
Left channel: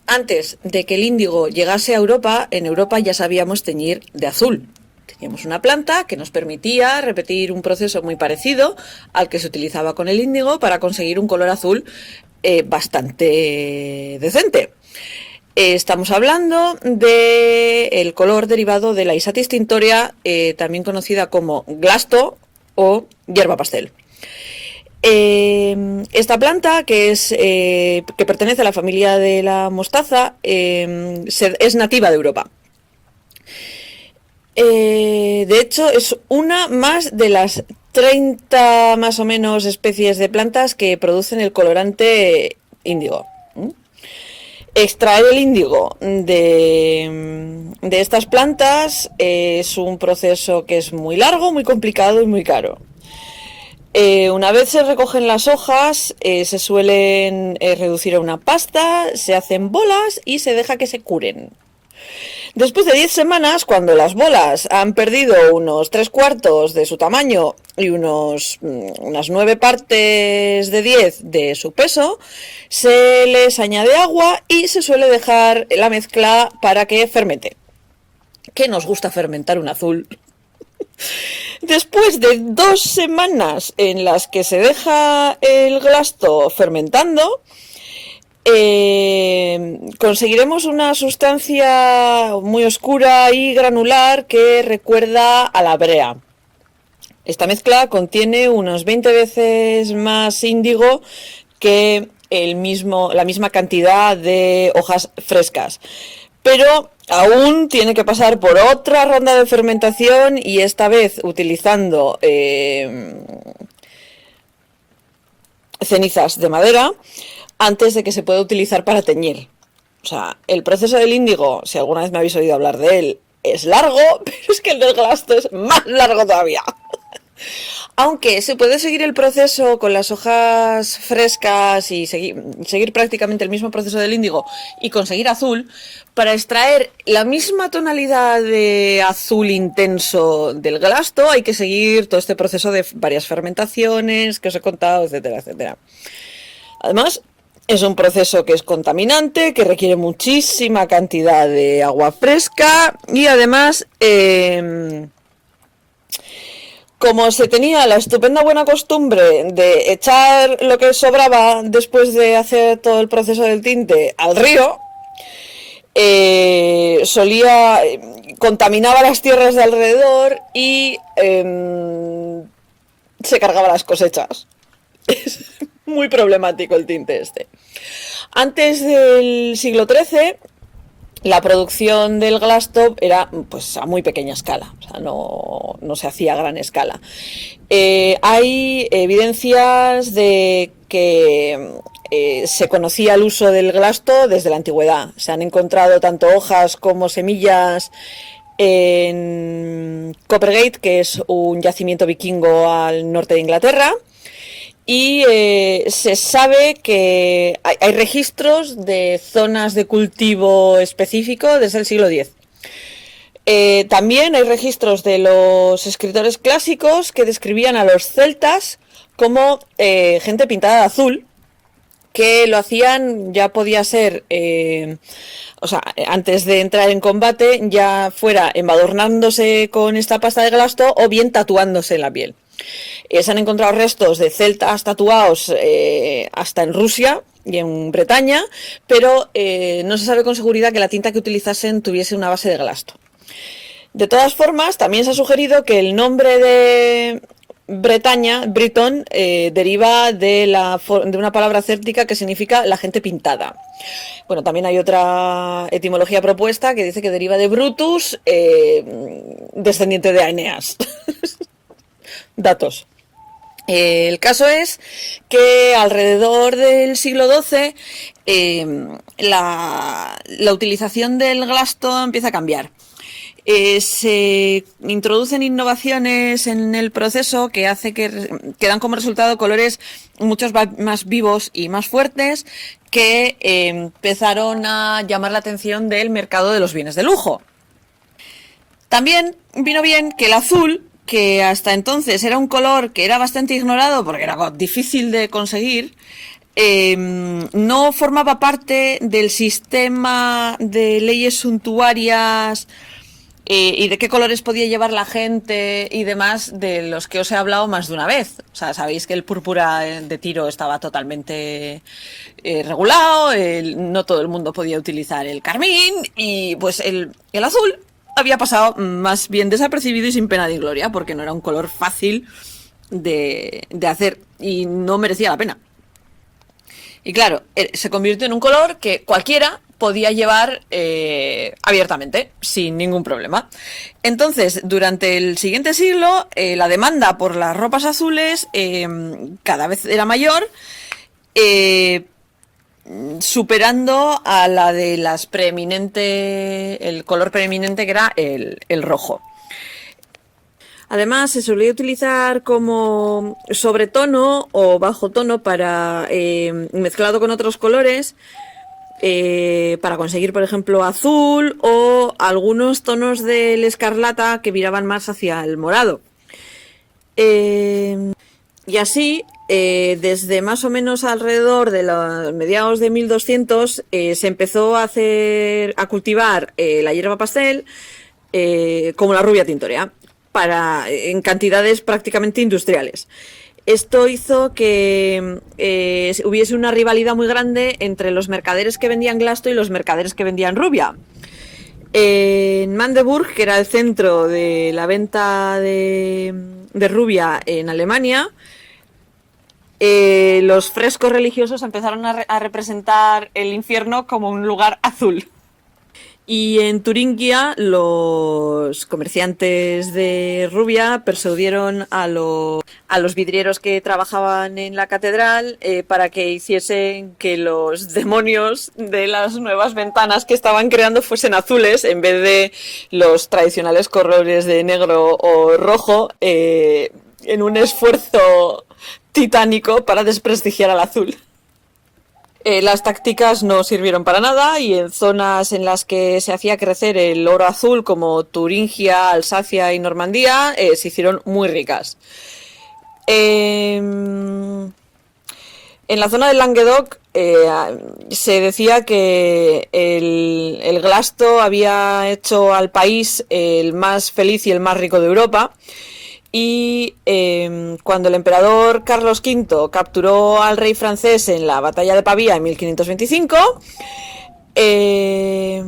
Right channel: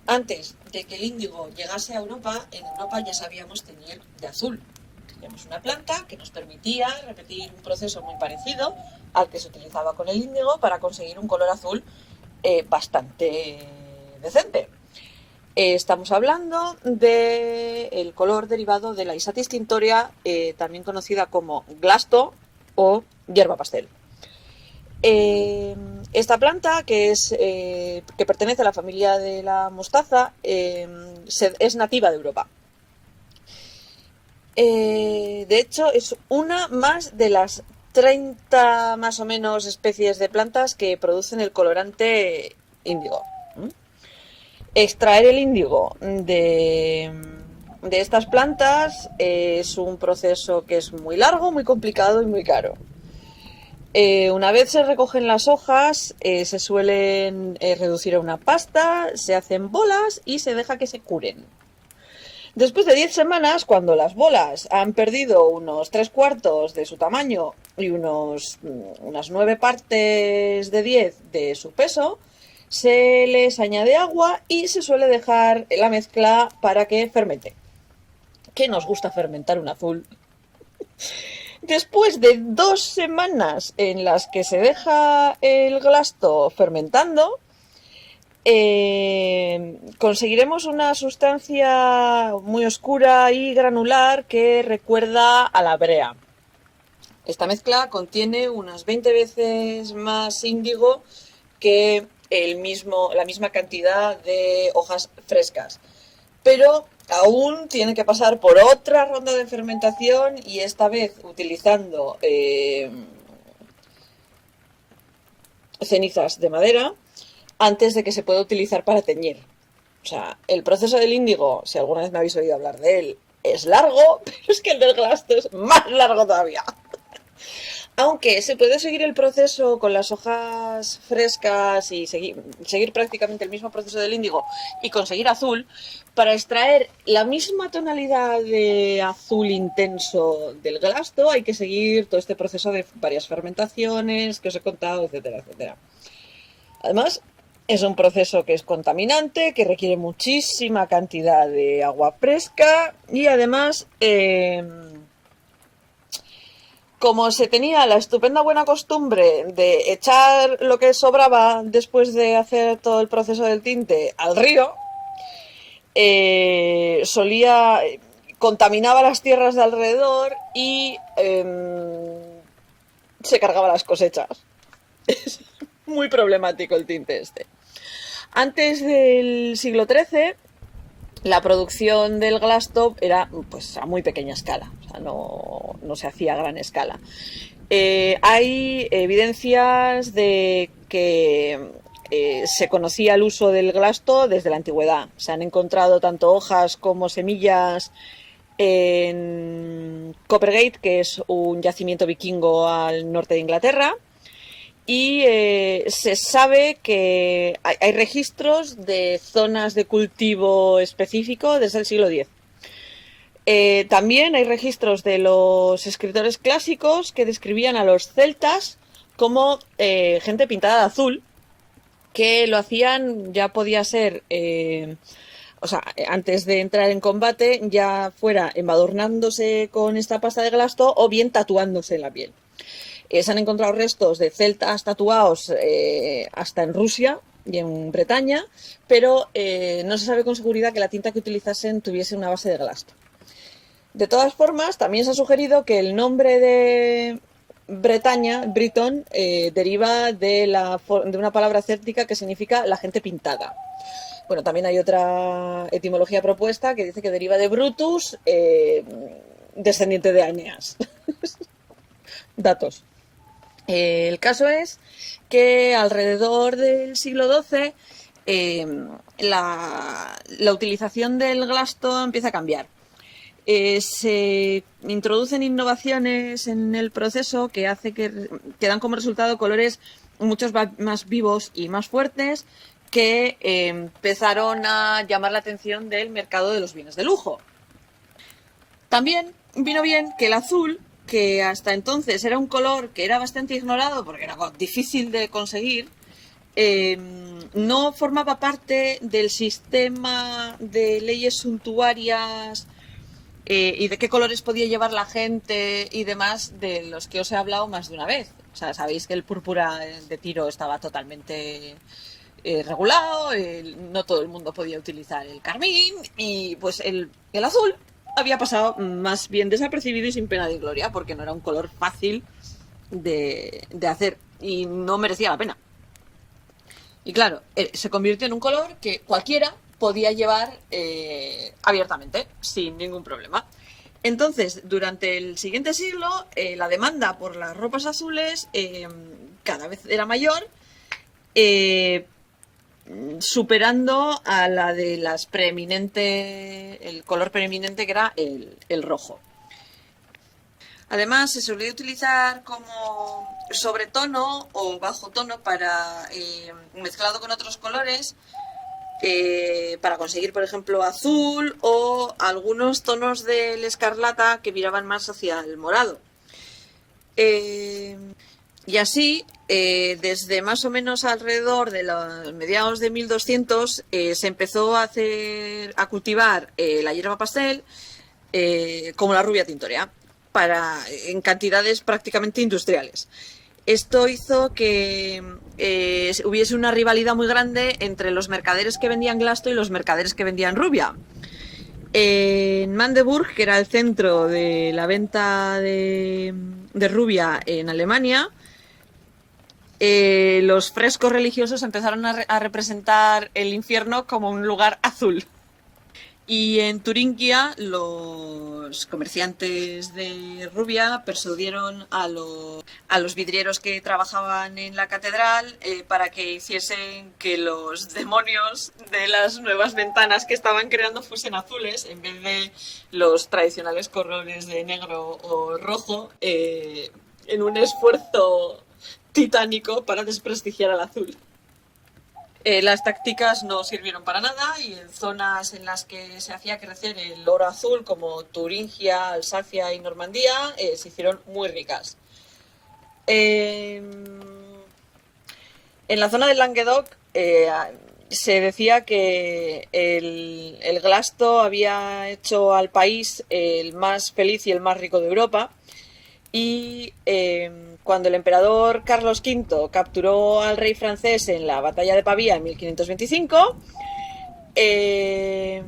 Antes de que el índigo llegase a Europa, en Europa ya sabíamos teñir de azul. Teníamos una planta que nos permitía repetir un proceso muy parecido al que se utilizaba con el índigo para conseguir un color azul bastante decente. Estamos hablando del color derivado de la Isatis tintorea, también conocida como glasto o hierba pastel. Esta planta, que pertenece a la familia de la mostaza, es nativa de Europa. De hecho, es una más de las 30 más o menos especies de plantas que producen el colorante índigo. Extraer el índigo de estas plantas es un proceso que es muy largo, muy complicado y muy caro. Una vez se recogen las hojas, se suelen reducir a una pasta, se hacen bolas y se deja que se curen. Después de 10 semanas, cuando las bolas han perdido unos 3/4 de su tamaño y unas 9 partes de 10 de su peso, se les añade agua y se suele dejar la mezcla para que fermente. ¿Qué nos gusta fermentar un azul? Después de 2 semanas en las que se deja el glasto fermentando, conseguiremos una sustancia muy oscura y granular que recuerda a la brea. Esta mezcla contiene unas 20 veces más índigo que la misma cantidad de hojas frescas. Pero aún tiene que pasar por otra ronda de fermentación y esta vez utilizando cenizas de madera antes de que se pueda utilizar para teñir. O sea, el proceso del índigo, si alguna vez me habéis oído hablar de él, es largo, pero es que el del glasto es más largo todavía. Aunque se puede seguir el proceso con las hojas frescas y seguir prácticamente el mismo proceso del índigo y conseguir azul, para extraer la misma tonalidad de azul intenso del glasto hay que seguir todo este proceso de varias fermentaciones que os he contado, etcétera, etcétera. Además, es un proceso que es contaminante, que requiere muchísima cantidad de agua fresca y además, como se tenía la estupenda buena costumbre de echar lo que sobraba después de hacer todo el proceso del tinte al río, contaminaba las tierras de alrededor y se cargaba las cosechas. Es muy problemático el tinte este. Antes del siglo XIII, la producción del glasto era pues a muy pequeña escala, o sea, no se hacía a gran escala. Hay evidencias de que se conocía el uso del glasto desde la antigüedad. Se han encontrado tanto hojas como semillas en Coppergate, que es un yacimiento vikingo al norte de Inglaterra. Y se sabe que hay registros de zonas de cultivo específico desde el siglo X. También hay registros de los escritores clásicos que describían a los celtas como gente pintada de azul, que lo hacían, ya podía ser, o sea, antes de entrar en combate, ya fuera embadurnándose con esta pasta de glasto o bien tatuándose en la piel. Se han encontrado restos de celtas tatuados hasta en Rusia y en Bretaña, pero no se sabe con seguridad que la tinta que utilizasen tuviese una base de glasto. De todas formas, también se ha sugerido que el nombre de Bretaña, Briton, deriva de una palabra céltica que significa la gente pintada. Bueno, también hay otra etimología propuesta que dice que deriva de Brutus, descendiente de Aeneas. Datos. El caso es que alrededor del siglo XII la utilización del glasto empieza a cambiar. Se introducen innovaciones en el proceso que hace que dan como resultado colores mucho más vivos y más fuertes que empezaron a llamar la atención del mercado de los bienes de lujo. También vino bien que el azul, que hasta entonces era un color que era bastante ignorado porque era difícil de conseguir, no formaba parte del sistema de leyes suntuarias y de qué colores podía llevar la gente y demás, de los que os he hablado más de una vez. O sea, sabéis que el púrpura de tiro estaba totalmente regulado, no todo el mundo podía utilizar el carmín y pues el azul había pasado más bien desapercibido y sin pena ni gloria, porque no era un color fácil de hacer y no merecía la pena. Y claro, se convirtió en un color que cualquiera podía llevar abiertamente, sin ningún problema. Entonces, durante el siguiente siglo, la demanda por las ropas azules cada vez era mayor, superando a la de las el color preeminente, que era el rojo. Además, se solía utilizar como sobretono o bajo tono para mezclado con otros colores para conseguir, por ejemplo, azul o algunos tonos del escarlata que viraban más hacia el morado. Y así, desde más o menos alrededor de los mediados de 1200, se empezó a cultivar la hierba pastel como la rubia tintorea, en cantidades prácticamente industriales. Esto hizo que hubiese una rivalidad muy grande entre los mercaderes que vendían glasto y los mercaderes que vendían rubia. En Magdeburg, que era el centro de la venta de rubia en Alemania, los frescos religiosos empezaron a representar el infierno como un lugar azul. Y en Turingia los comerciantes de rubia persuadieron a los vidrieros que trabajaban en la catedral para que hiciesen que los demonios de las nuevas ventanas que estaban creando fuesen azules en vez de los tradicionales colores de negro o rojo, en un esfuerzo titánico para desprestigiar al azul. Las tácticas no sirvieron para nada y en zonas en las que se hacía crecer el oro azul, como Turingia, Alsacia y Normandía, se hicieron muy ricas. En la zona del Languedoc se decía que el glasto había hecho al país el más feliz y el más rico de Europa. Y cuando el emperador Carlos V capturó al rey francés en la batalla de Pavía en 1525, el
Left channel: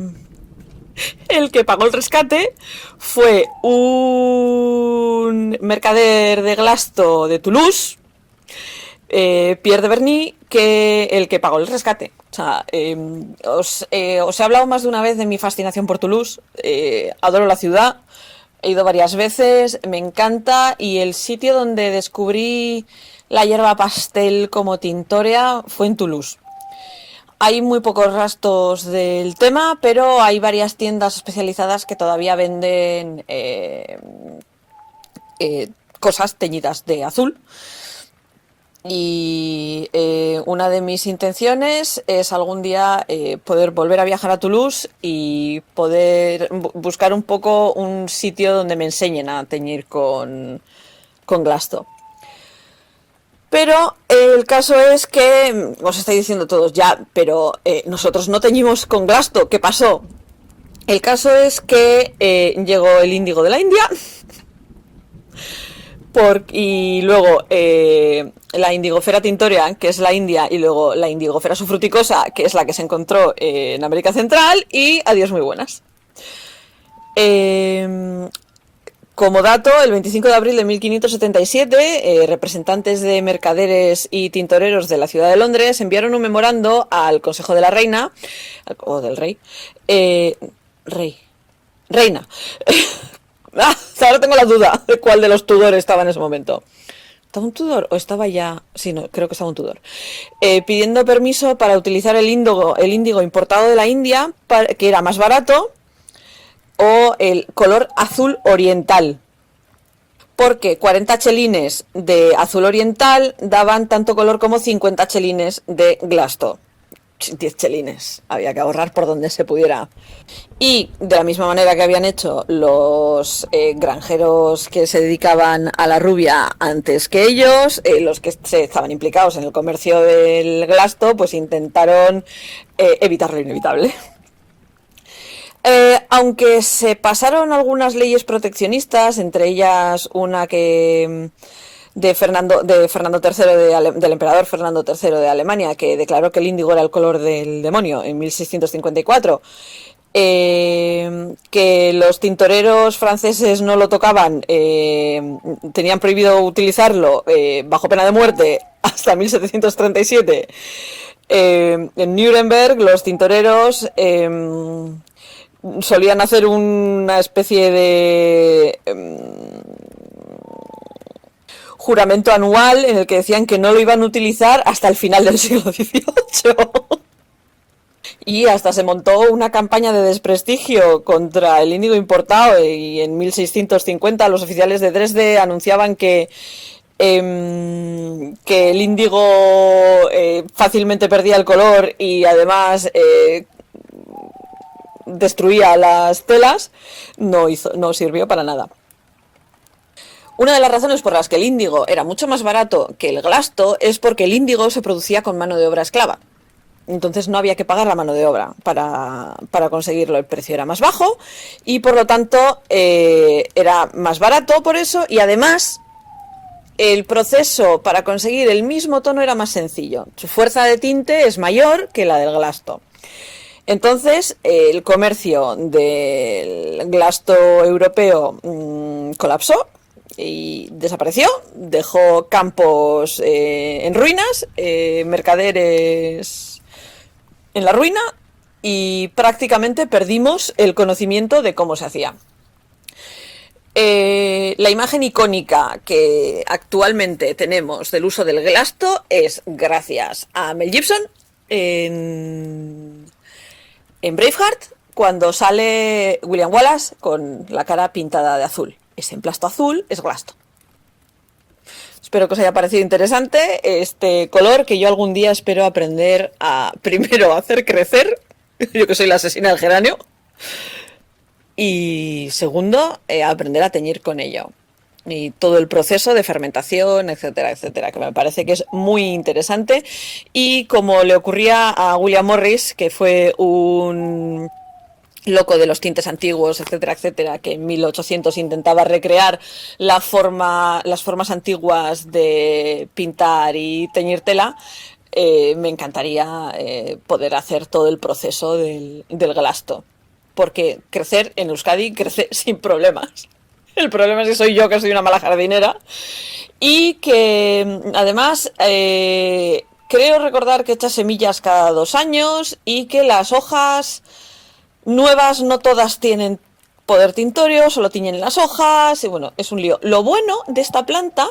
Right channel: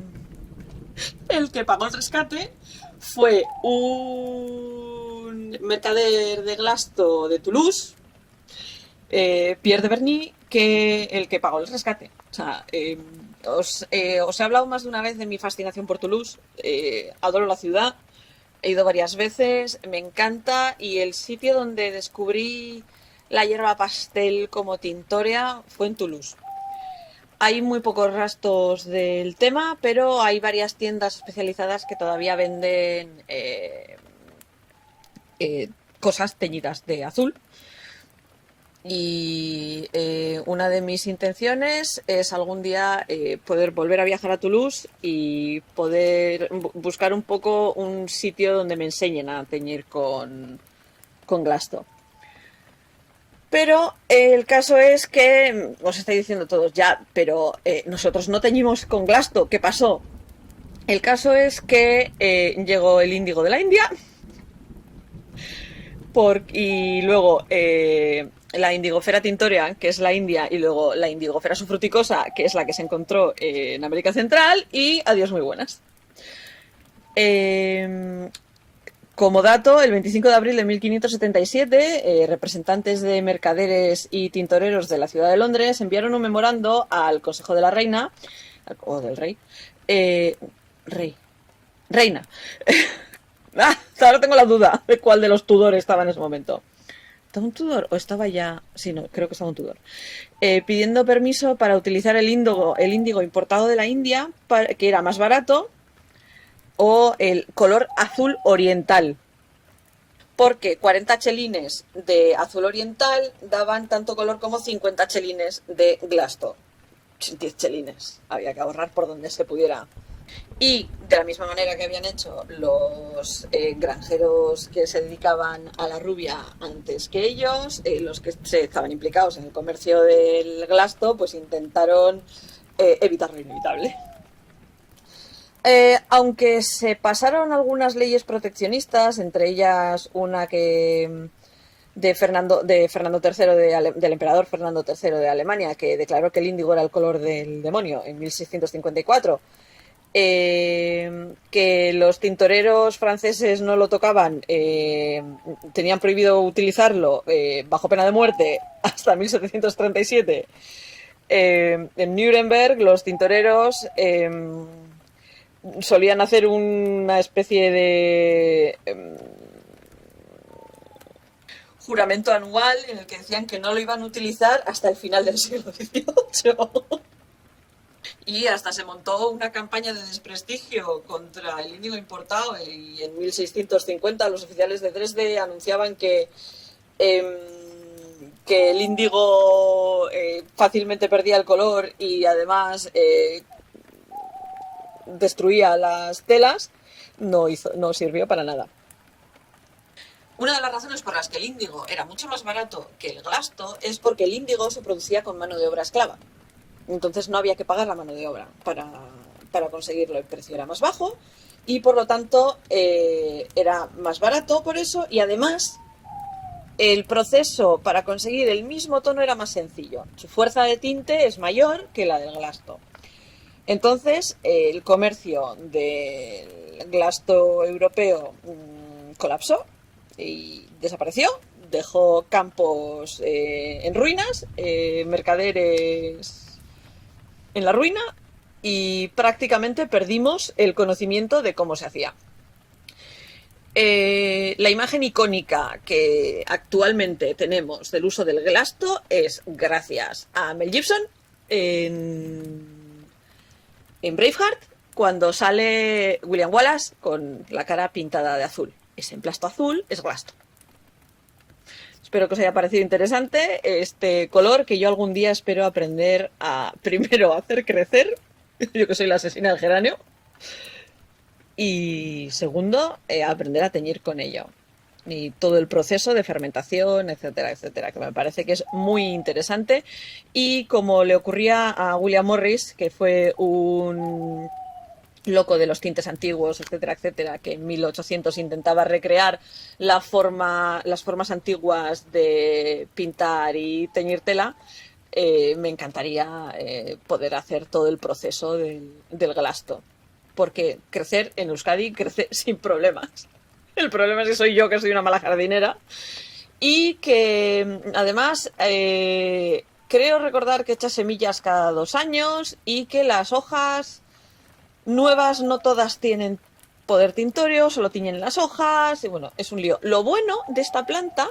que pagó el rescate fue un mercader de glasto de Toulouse, Pierre de Berny, que el que pagó el rescate. O sea, os he hablado más de una vez de mi fascinación por Toulouse. Adoro la ciudad. He ido varias veces, me encanta, y el sitio donde descubrí la hierba pastel como tintorea fue en Toulouse. Hay muy pocos rastros del tema, pero hay varias tiendas especializadas que todavía venden cosas teñidas de azul. Y una de mis intenciones es algún día poder volver a viajar a Toulouse y poder buscar un poco un sitio donde me enseñen a teñir con glasto. Pero el caso es que, os estáis diciendo todos ya, pero nosotros no teñimos con glasto. ¿Qué pasó? El caso es que llegó el índigo de la India y luego la Indigofera tintorea, que es la India, y luego la Indigofera sufruticosa, que es la que se encontró en América Central, y adiós muy buenas. Como dato, el 25 de abril de 1577, representantes de mercaderes y tintoreros de la ciudad de Londres enviaron un memorando al Consejo de la Reina, o del Rey, Reina. Ahora tengo la duda de cuál de los Tudor estaba en ese momento. ¿Estaba un Tudor o estaba ya...? Sí, no, creo que estaba un Tudor. Pidiendo permiso para utilizar el índigo importado de la India, que era más barato, o el color azul oriental. Porque 40 chelines de azul oriental daban tanto color como 50 chelines de glasto. 10 chelines, había que ahorrar por donde se pudiera. Y de la misma manera que habían hecho los granjeros que se dedicaban a la rubia antes que ellos, los que estaban implicados en el comercio del glasto, pues intentaron evitar lo inevitable. aunque se pasaron algunas leyes proteccionistas, entre ellas una que de Fernando III del emperador Fernando III de Alemania, que declaró que el índigo era el color del demonio en 1654. Que los tintoreros franceses no lo tocaban, tenían prohibido utilizarlo bajo pena de muerte hasta 1737. En Nuremberg los tintoreros solían hacer una especie de juramento anual en el que decían que no lo iban a utilizar hasta el final del siglo XVIII. Y hasta se montó una campaña de desprestigio contra el índigo importado, y en 1650 los oficiales de Dresde anunciaban que el índigo fácilmente perdía el color y además destruía las telas. No sirvió para nada. Una de las razones por las que el índigo era mucho más barato que el glasto es porque el índigo se producía con mano de obra esclava. Entonces no había que pagar la mano de obra para conseguirlo. El precio era más bajo y por lo tanto era más barato por eso, y además el proceso para conseguir el mismo tono era más sencillo. Su fuerza de tinte es mayor que la del glasto. Entonces el comercio del glasto europeo colapsó y desapareció, dejó campos en ruinas, mercaderes en la ruina, y prácticamente perdimos el conocimiento de cómo se hacía. La imagen icónica que actualmente tenemos del uso del glasto es gracias a Mel Gibson en Braveheart, cuando sale William Wallace con la cara pintada de azul. Ese emplasto azul es glasto. Espero que os haya parecido interesante este color que yo algún día espero aprender a, primero, hacer crecer, yo que soy la asesina del geranio, y segundo, aprender a teñir con ello. Y todo el proceso de fermentación, etcétera, etcétera, que me parece que es muy interesante. Y como le ocurría a William Morris, que fue un loco de los tintes antiguos, etcétera, etcétera, que en 1800 intentaba recrear las formas antiguas de pintar y teñir tela, me encantaría poder hacer todo el proceso del glasto, porque crecer en Euskadi crece sin problemas. El problema es que soy yo, que soy una mala jardinera, y que además creo recordar que echa semillas cada 2 años y que las hojas nuevas no todas tienen poder tintorio, solo tiñen las hojas, y bueno, es un lío. Lo bueno de esta planta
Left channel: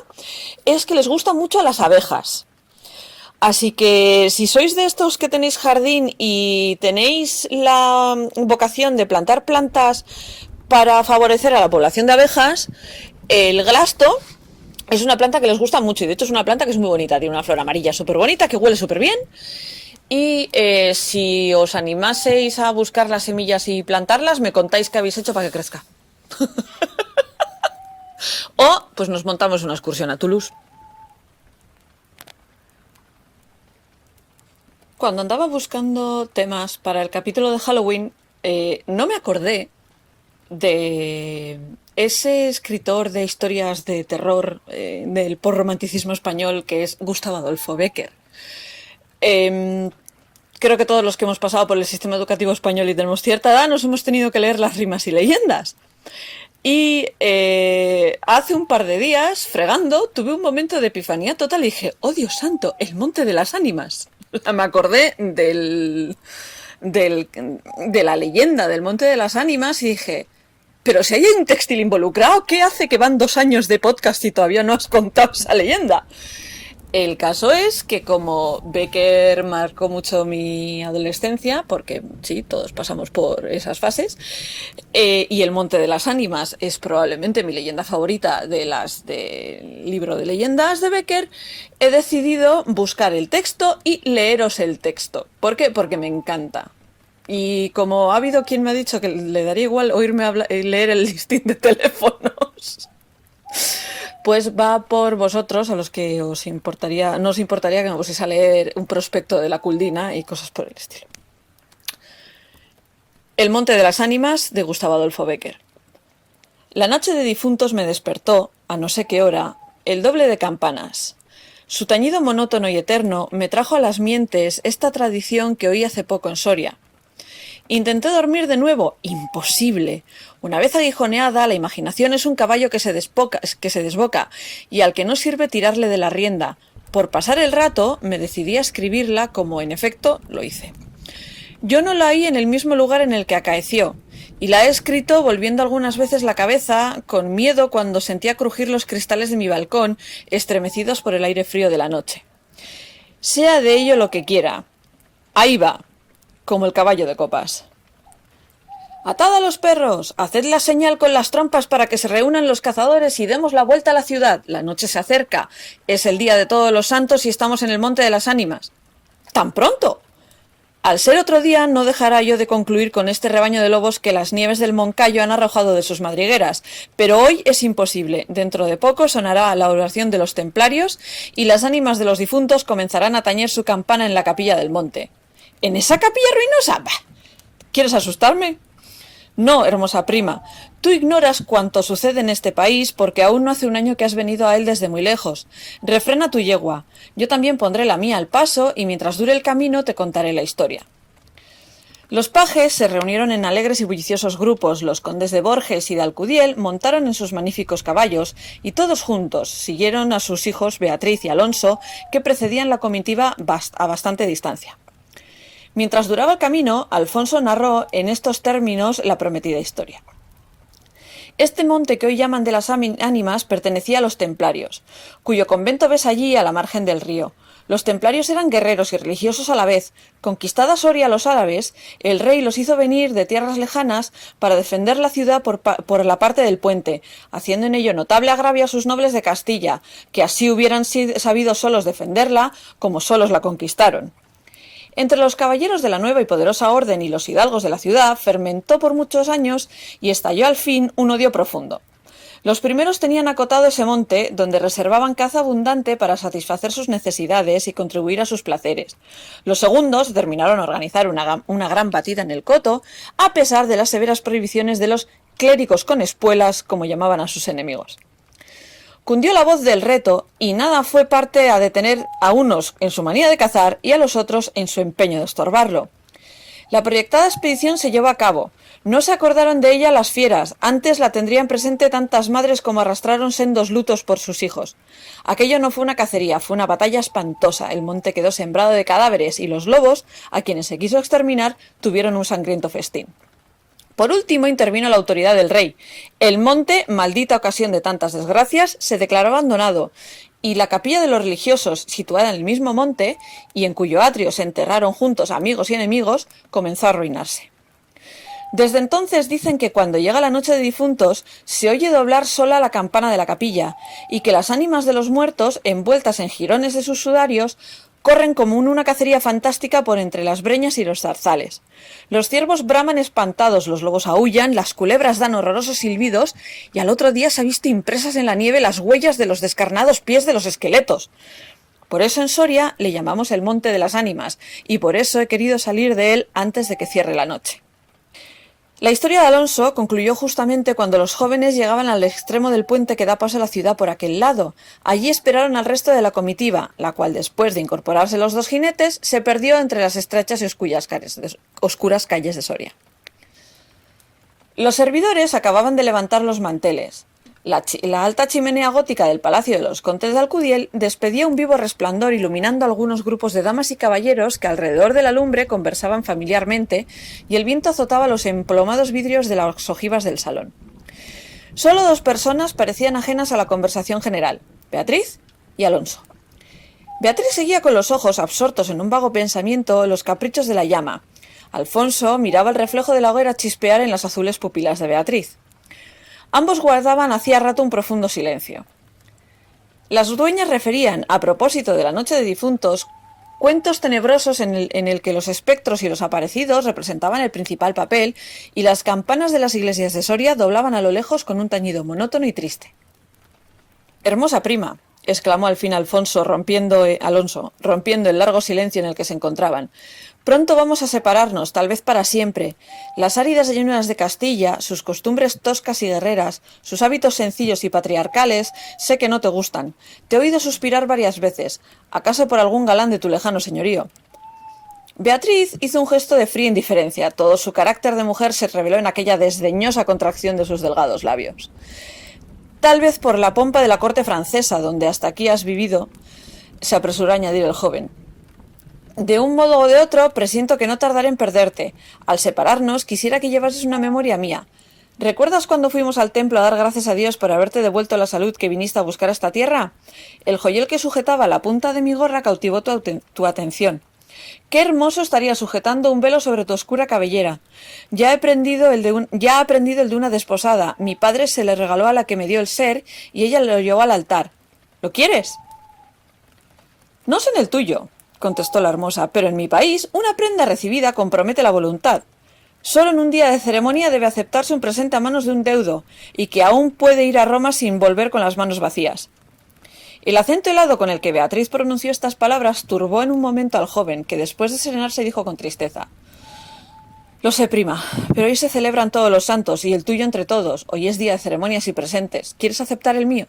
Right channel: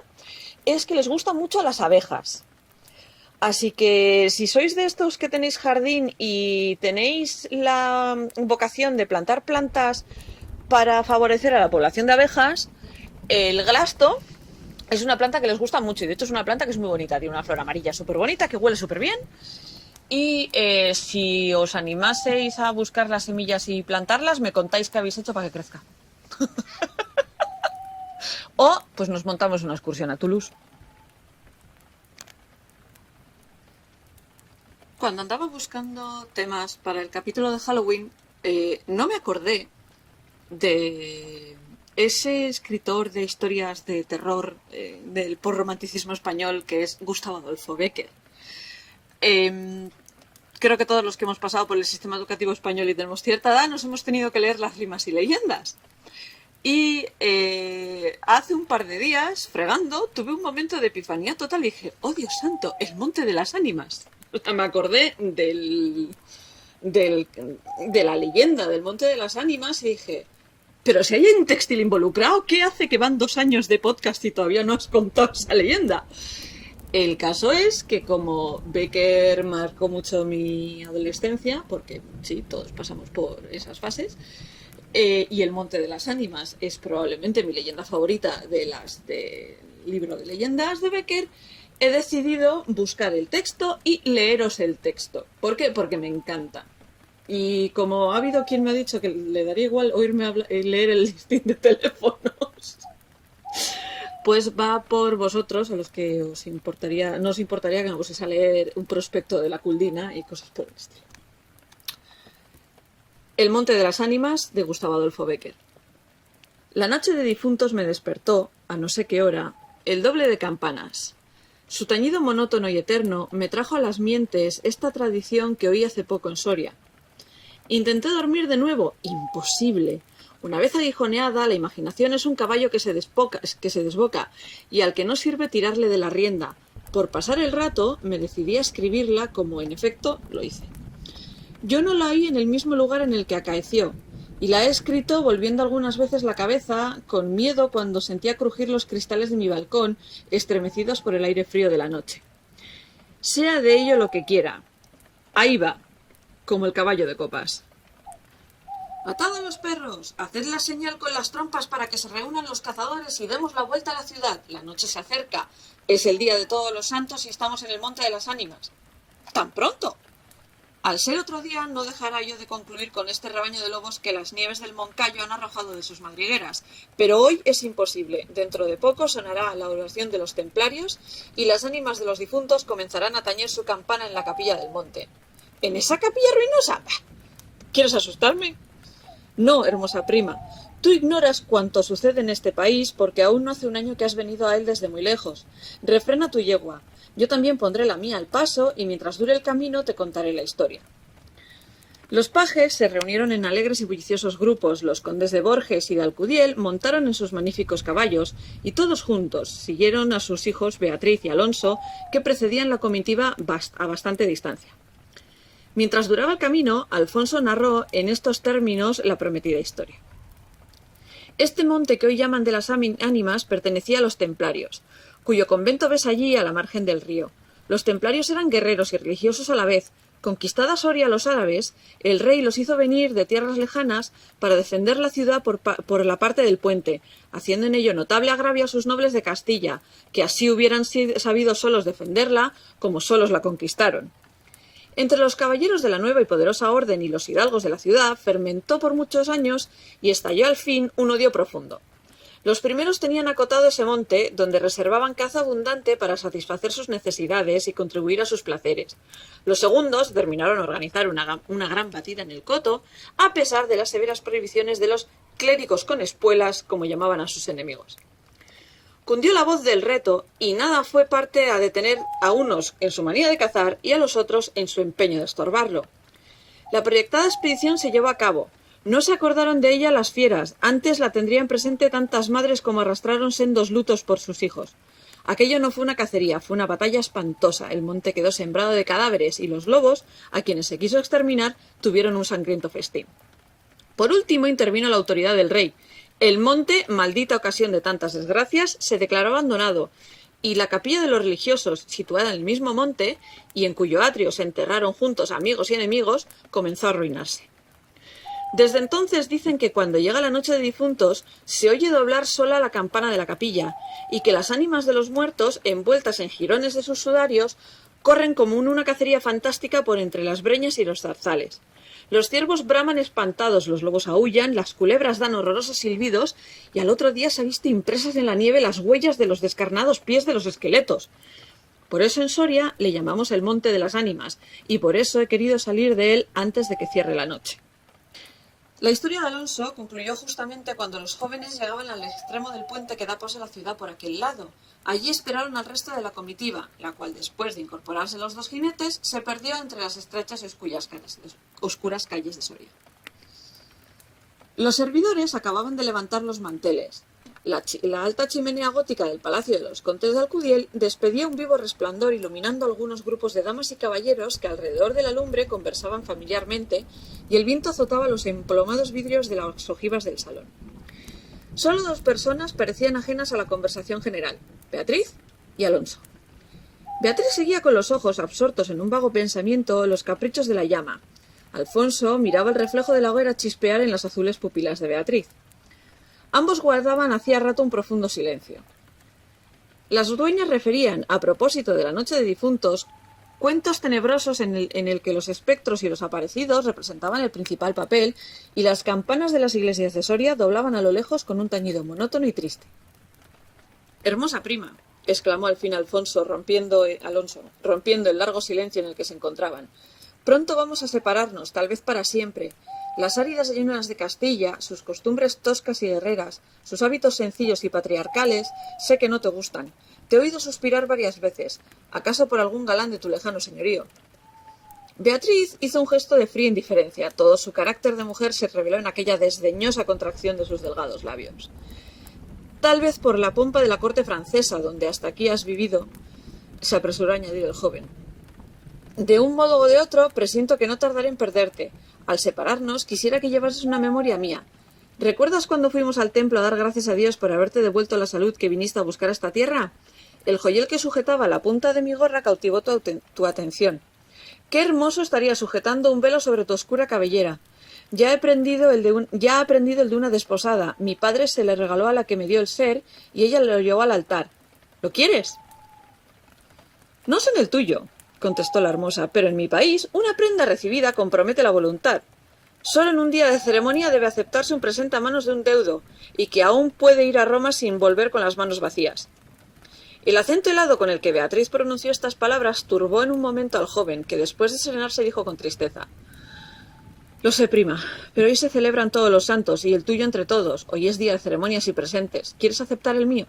es que les gusta mucho a las abejas. Así que si sois de estos que tenéis jardín y tenéis la vocación de plantar plantas para favorecer a la población de abejas, el glasto es una planta que les gusta mucho, y de hecho es una planta que es muy bonita, tiene una flor amarilla súper bonita, que huele súper bien. Y si os animaseis a buscar las semillas y plantarlas, me contáis qué habéis hecho para que crezca. O pues nos montamos una excursión a Toulouse. Cuando andaba buscando temas para el capítulo de Halloween, no me acordé de ese escritor de historias de terror del posromanticismo español, que es Gustavo Adolfo Bécquer. Creo que todos los que hemos pasado por el sistema educativo español y tenemos cierta edad nos hemos tenido que leer las rimas y leyendas. Y hace un par de días, fregando, tuve un momento de epifanía total y dije: ¡oh, Dios santo! El Monte de las Ánimas. O sea, me acordé de la leyenda del Monte de las Ánimas y dije: pero si hay un textil involucrado, ¿qué hace que van 2 años de podcast y todavía no has contado esa leyenda? El caso es que como Bécquer marcó mucho mi adolescencia, porque sí, todos pasamos por esas fases, y el Monte de las Ánimas es probablemente mi leyenda favorita de las del libro de leyendas de Bécquer, he decidido buscar el texto y leeros el texto. ¿Por qué? Porque me encanta. Y como ha habido quien me ha dicho que le daría igual oírme leer el listín de teléfonos, pues va por vosotros, a los que no os importaría que me pusiese a leer un prospecto de la Culdina y cosas por el estilo. El monte de las ánimas de Gustavo Adolfo Bécquer. La noche de difuntos me despertó, a no sé qué hora, el doble de campanas. Su tañido monótono y eterno me trajo a las mientes esta tradición que oí hace poco en Soria. Intenté dormir de nuevo. Imposible. Una vez aguijoneada, la imaginación es un caballo que se desboca y al que no sirve tirarle de la rienda. Por pasar el rato, me decidí a escribirla como, en efecto, lo hice. Yo no la oí en el mismo lugar en el que acaeció, y la he escrito volviendo algunas veces la cabeza, con miedo cuando sentía crujir los cristales de mi balcón, estremecidos por el aire frío de la noche. Sea de ello lo que quiera. Ahí va, como el caballo de copas. ¡Atad a los perros! ¡Haced la señal con las trompas para que se reúnan los cazadores y demos la vuelta a la ciudad! La noche se acerca. Es el día de todos los santos y estamos en el monte de las ánimas. ¡Tan pronto! Al ser otro día, no dejará yo de concluir con este rebaño de lobos que las nieves del Moncayo han arrojado de sus madrigueras, pero hoy es imposible. Dentro de poco sonará la oración de los templarios y las ánimas de los difuntos comenzarán a tañer su campana en la capilla del monte. ¿En esa capilla ruinosa? ¡Bah! ¿Quieres asustarme? No, hermosa prima. Tú ignoras cuánto sucede en este país porque aún no hace un año que has venido a él desde muy lejos. Refrena tu yegua. Yo también pondré la mía al paso y mientras dure el camino te contaré la historia. Los pajes se reunieron en alegres y bulliciosos grupos. Los condes de Borges y de Alcudiel montaron en sus magníficos caballos y todos juntos siguieron a sus hijos Beatriz y Alonso, que precedían la comitiva a bastante distancia. Mientras duraba el camino, Alfonso narró en estos términos la prometida historia. Este monte que hoy llaman de las ánimas pertenecía a los templarios, cuyo convento ves allí a la margen del río. Los templarios eran guerreros y religiosos a la vez. Conquistada Soria a los árabes, el rey los hizo venir de tierras lejanas para defender la ciudad por la parte del puente, haciendo en ello notable agravio a sus nobles de Castilla, que así hubieran sabido solos defenderla como solos la conquistaron. Entre los caballeros de la nueva y poderosa orden y los hidalgos de la ciudad fermentó por muchos años y estalló al fin un odio profundo. Los primeros tenían acotado ese monte, donde reservaban caza abundante para satisfacer sus necesidades y contribuir a sus placeres. Los segundos determinaron organizar una gran batida en el coto, a pesar de las severas prohibiciones de los clérigos con espuelas, como llamaban a sus enemigos. Cundió la voz del reto y nada fue parte a detener a unos en su manía de cazar y a los otros en su empeño de estorbarlo. La proyectada expedición se llevó a cabo. No se acordaron de ella las fieras, antes la tendrían presente tantas madres como arrastraron sendos lutos por sus hijos. Aquello no fue una cacería, fue una batalla espantosa. El monte quedó sembrado de cadáveres y los lobos, a quienes se quiso exterminar, tuvieron un sangriento festín. Por último intervino la autoridad del rey. El monte, maldita ocasión de tantas desgracias, se declaró abandonado, y la capilla de los religiosos, situada en el mismo monte, y en cuyo atrio se enterraron juntos amigos y enemigos, comenzó a arruinarse. Desde entonces dicen que cuando llega la noche de difuntos se oye doblar sola la campana de la capilla, y que las ánimas de los muertos, envueltas en jirones de sus sudarios, corren como en una cacería fantástica por entre las breñas y los zarzales. Los ciervos braman espantados, los lobos aúllan, las culebras dan horrorosos silbidos y al otro día se ha visto impresas en la nieve las huellas de los descarnados pies de los esqueletos. Por eso en Soria le llamamos el Monte de las Ánimas y por eso he querido salir de él antes de que cierre la noche. La historia de Alonso concluyó justamente cuando los jóvenes llegaban al extremo del puente que da paso a la ciudad por aquel lado. Allí esperaron al resto de la comitiva, la cual después de incorporarse los dos jinetes se perdió entre las estrechas y oscuras calles de Soria. Los servidores acababan de levantar los manteles. La alta chimenea gótica del palacio de los condes de Alcudiel despedía un vivo resplandor iluminando algunos grupos de damas y caballeros que alrededor de la lumbre conversaban familiarmente y el viento azotaba los emplomados vidrios de las ojivas del salón. Solo dos personas parecían ajenas a la conversación general, Beatriz y Alonso. Beatriz seguía con los ojos absortos en un vago pensamiento los caprichos de la llama. Alfonso miraba el reflejo de la hoguera chispear en las azules pupilas de Beatriz. Ambos guardaban hacía rato un profundo silencio. Las dueñas referían, a propósito de la noche de difuntos, cuentos tenebrosos en el que los espectros y los aparecidos representaban el principal papel y las campanas de las iglesias de Soria doblaban a lo lejos con un tañido monótono y triste. «Hermosa prima», exclamó al fin Alonso, rompiendo el largo silencio en el que se encontraban, Pronto vamos a separarnos, tal vez para siempre. Las áridas llanuras de Castilla, sus costumbres toscas y guerreras, sus hábitos sencillos y patriarcales, sé que no te gustan. Te he oído suspirar varias veces, acaso por algún galán de tu lejano señorío. Beatriz hizo un gesto de fría indiferencia. Todo su carácter de mujer se reveló en aquella desdeñosa contracción de sus delgados labios. Tal vez por la pompa de la corte francesa, donde hasta aquí has vivido, se apresuró a añadir el joven. De un modo o de otro, presiento que no tardaré en perderte. Al separarnos, quisiera que llevases una memoria mía. ¿Recuerdas cuando fuimos al templo a dar gracias a Dios por haberte devuelto la salud que viniste a buscar a esta tierra? El joyel que sujetaba la punta de mi gorra cautivó tu atención. Qué hermoso estaría sujetando un velo sobre tu oscura cabellera. Ya ha aprendido el de una desposada. Mi padre se le regaló a la que me dio el ser y ella lo llevó al altar. ¿Lo quieres? No sé en el tuyo, contestó la hermosa, pero en mi país una prenda recibida compromete la voluntad. Solo en un día de ceremonia debe aceptarse un presente a manos de un deudo, y que aún puede ir a Roma sin volver con las manos vacías. El acento helado con el que Beatriz pronunció estas palabras turbó en un momento al joven, que después de serenarse dijo con tristeza: Lo sé, prima, pero hoy se celebran todos los santos, y el tuyo entre todos. Hoy es día de ceremonias y presentes. ¿Quieres aceptar el mío?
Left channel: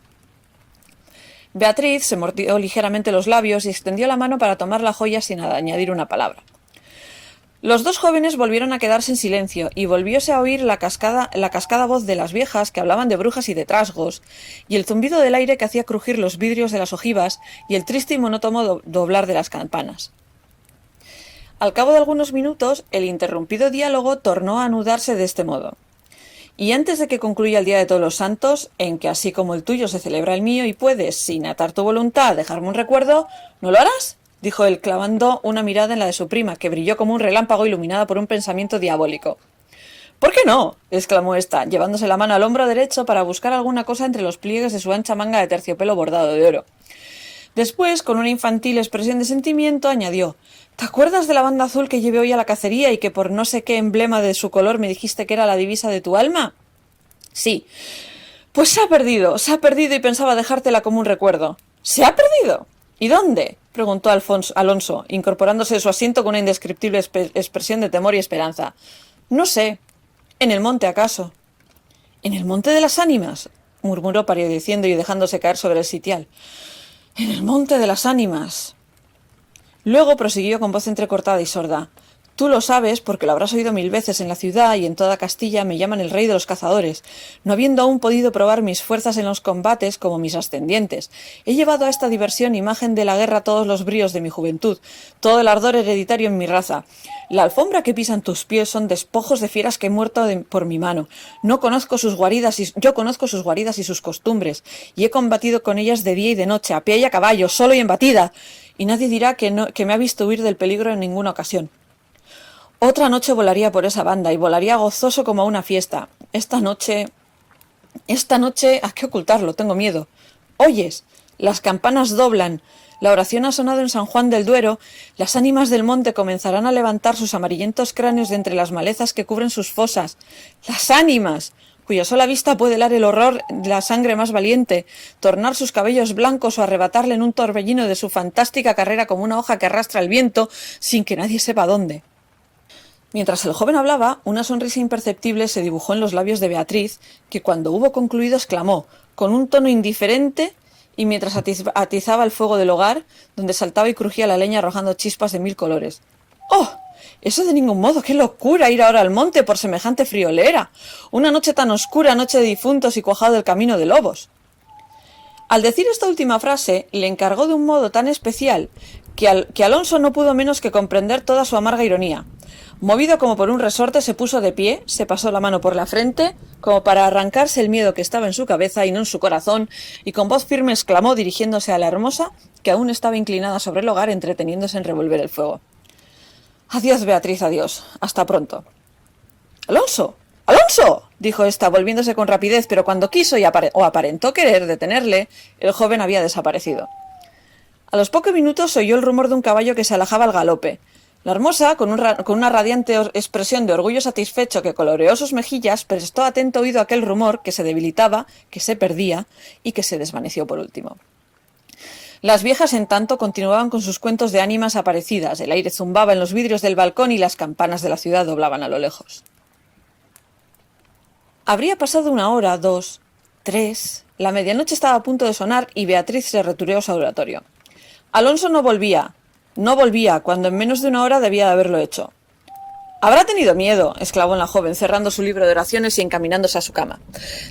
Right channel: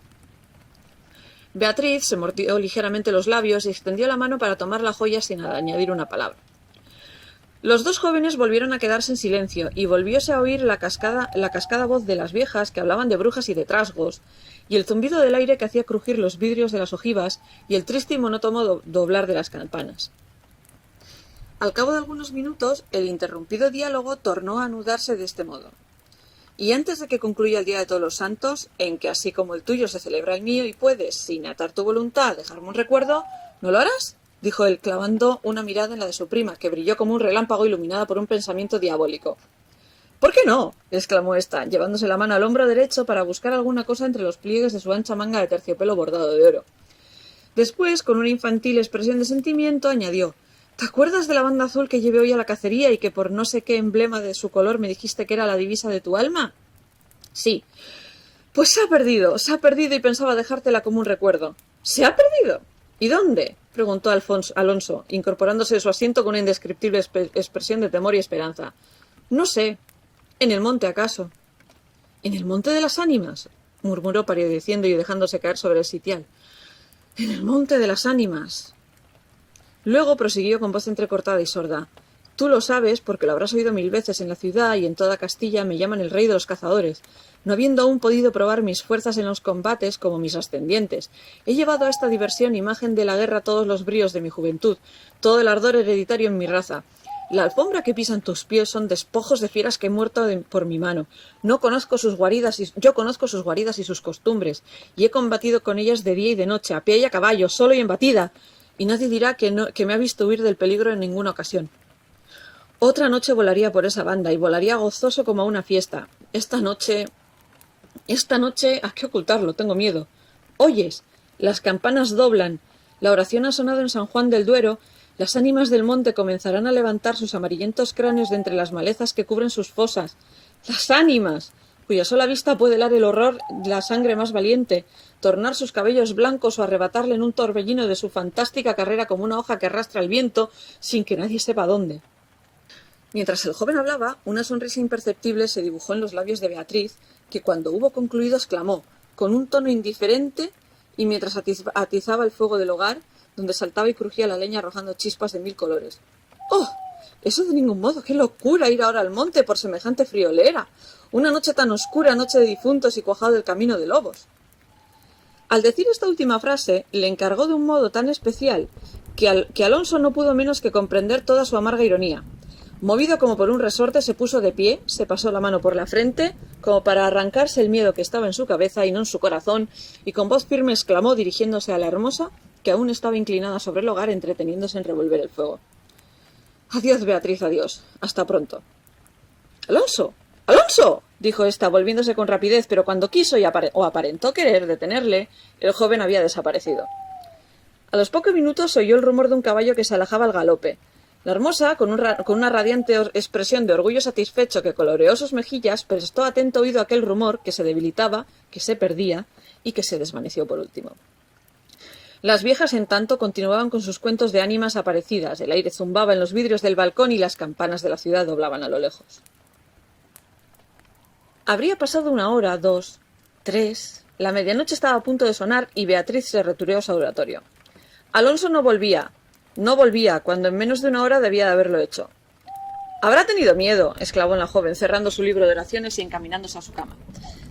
Beatriz se mordió ligeramente los labios y extendió la mano para tomar la joya sin añadir una palabra. Los dos jóvenes volvieron a quedarse en silencio y volvióse a oír la cascada voz de las viejas que hablaban de brujas y de trasgos, y el zumbido del aire que hacía crujir los vidrios de las ojivas y el triste y monótono doblar de las campanas. Al cabo de algunos minutos, el interrumpido diálogo tornó a anudarse de este modo. Y antes de que concluya el Día de Todos los Santos, en que así como el tuyo se celebra el mío y puedes, sin atar tu voluntad, dejarme un recuerdo, ¿no lo harás?, dijo él, clavando una mirada en la de su prima, que brilló como un relámpago iluminada por un pensamiento diabólico. «¿Por qué no?», exclamó ésta, llevándose la mano al hombro derecho para buscar alguna cosa entre los pliegues de su ancha manga de terciopelo bordado de oro. Después, con una infantil expresión de sentimiento, añadió: «¿Te acuerdas de la banda azul que llevé hoy a la cacería y que por no sé qué emblema de su color me dijiste que era la divisa de tu alma?» «Sí». «Pues se ha perdido y pensaba dejártela como un recuerdo». «¿Se ha perdido? ¿Y dónde?», preguntó Alonso, incorporándose de su asiento con una indescriptible expresión de temor y esperanza. «No sé. ¿En el monte, acaso?» «¿En el monte de las ánimas?», murmuró palideciendo y dejándose caer sobre el sitial. «En el monte de las ánimas». Luego prosiguió con voz entrecortada y sorda: «Tú lo sabes porque lo habrás oído 1000 veces en la ciudad y en toda Castilla me llaman el rey de los cazadores, no habiendo aún podido probar mis fuerzas en los combates como mis ascendientes. He llevado a esta diversión imagen de la guerra todos los bríos de mi juventud, todo el ardor hereditario en mi raza. La alfombra que pisan tus pies son despojos de fieras que he muerto por mi mano. Yo conozco sus guaridas y sus costumbres, y he combatido con ellas de día y de noche, a pie y a caballo, solo y en batida, y nadie dirá que me ha visto huir del peligro en ninguna ocasión. Otra noche volaría por esa banda y volaría gozoso como a una fiesta. Esta noche, ¿a qué ocultarlo? Tengo miedo. ¿Oyes? Las campanas doblan. La oración ha sonado en San Juan del Duero. Las ánimas del monte comenzarán a levantar sus amarillentos cráneos de entre las malezas que cubren sus fosas. ¡Las ánimas!, cuya sola vista puede helar el horror de la sangre más valiente, tornar sus cabellos blancos o arrebatarle en un torbellino de su fantástica carrera como una hoja que arrastra el viento sin que nadie sepa dónde. Mientras el joven hablaba, una sonrisa imperceptible se dibujó en los labios de Beatriz, que cuando hubo concluido exclamó, con un tono indiferente, y mientras atizaba el fuego del hogar, donde saltaba y crujía la leña arrojando chispas de 1000 colores: «¡Oh! Eso de ningún modo, qué locura ir ahora al monte por semejante friolera. Una noche tan oscura, noche de difuntos y cuajado del camino de lobos». Al decir esta última frase, le encargó de un modo tan especial que Alonso no pudo menos que comprender toda su amarga ironía. Movido como por un resorte, se puso de pie, se pasó la mano por la frente, como para arrancarse el miedo que estaba en su cabeza y no en su corazón, y con voz firme exclamó, dirigiéndose a la hermosa, que aún estaba inclinada sobre el hogar, entreteniéndose en revolver el fuego: «Adiós, Beatriz, adiós. Hasta pronto». «¡Alonso! ¡Alonso!», dijo ésta, volviéndose con rapidez, pero cuando quiso o aparentó querer detenerle, el joven había desaparecido. A los pocos minutos se oyó el rumor de un caballo que se alejaba al galope. La hermosa, con una radiante expresión de orgullo satisfecho que coloreó sus mejillas, prestó atento oído a aquel rumor que se debilitaba, que se perdía y que se desvaneció por último. Las viejas, en tanto, continuaban con sus cuentos de ánimas aparecidas. El aire zumbaba en los vidrios del balcón y las campanas de la ciudad doblaban a lo lejos. Habría pasado 1 hora, 2, 3... La medianoche estaba a punto de sonar y Beatriz se retiró a su oratorio. Alonso no volvía, cuando en menos de 1 hora debía de haberlo hecho. «Habrá tenido miedo», exclamó la joven, cerrando su libro de oraciones y encaminándose a su cama,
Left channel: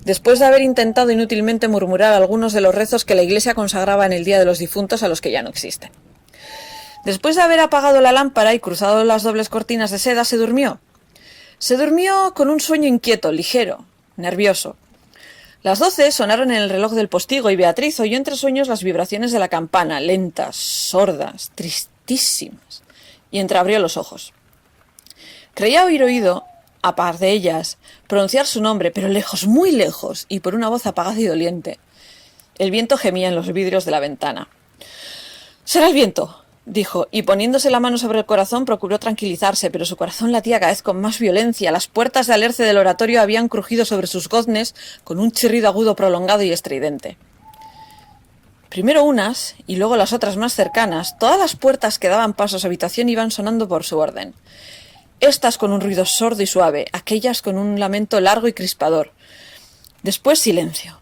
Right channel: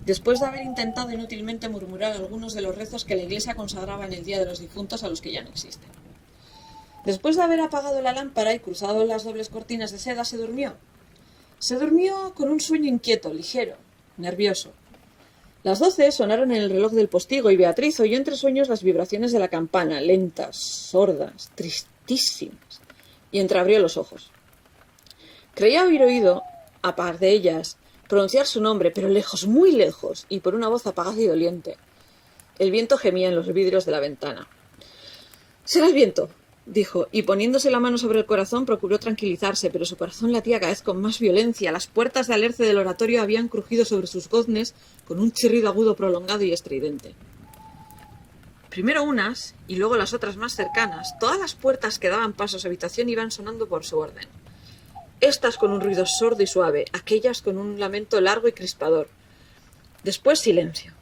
después de haber intentado inútilmente murmurar algunos de los rezos que la iglesia consagraba en el Día de los Difuntos a los que ya no existen. Después de haber apagado la lámpara y cruzado las dobles cortinas de seda, se durmió. Se durmió con un sueño inquieto, ligero, nervioso. Las 12 sonaron en el reloj del postigo y Beatriz oyó entre sueños las vibraciones de la campana, lentas, sordas, tristísimas, y entreabrió los ojos. Creía oír oído, a par de ellas, pronunciar su nombre, pero lejos, muy lejos, y por una voz apagada y doliente. El viento gemía en los vidrios de la ventana. «Será el viento», dijo, y poniéndose la mano sobre el corazón procuró tranquilizarse, pero su corazón latía cada vez con más violencia. Las puertas de alerce del oratorio habían crujido sobre sus goznes con un chirrido agudo prolongado y estridente. Primero unas, y luego las otras más cercanas, todas las puertas que daban paso a su habitación iban sonando por su orden. Estas con un ruido sordo y suave, aquellas con un lamento largo y crispador. Después silencio.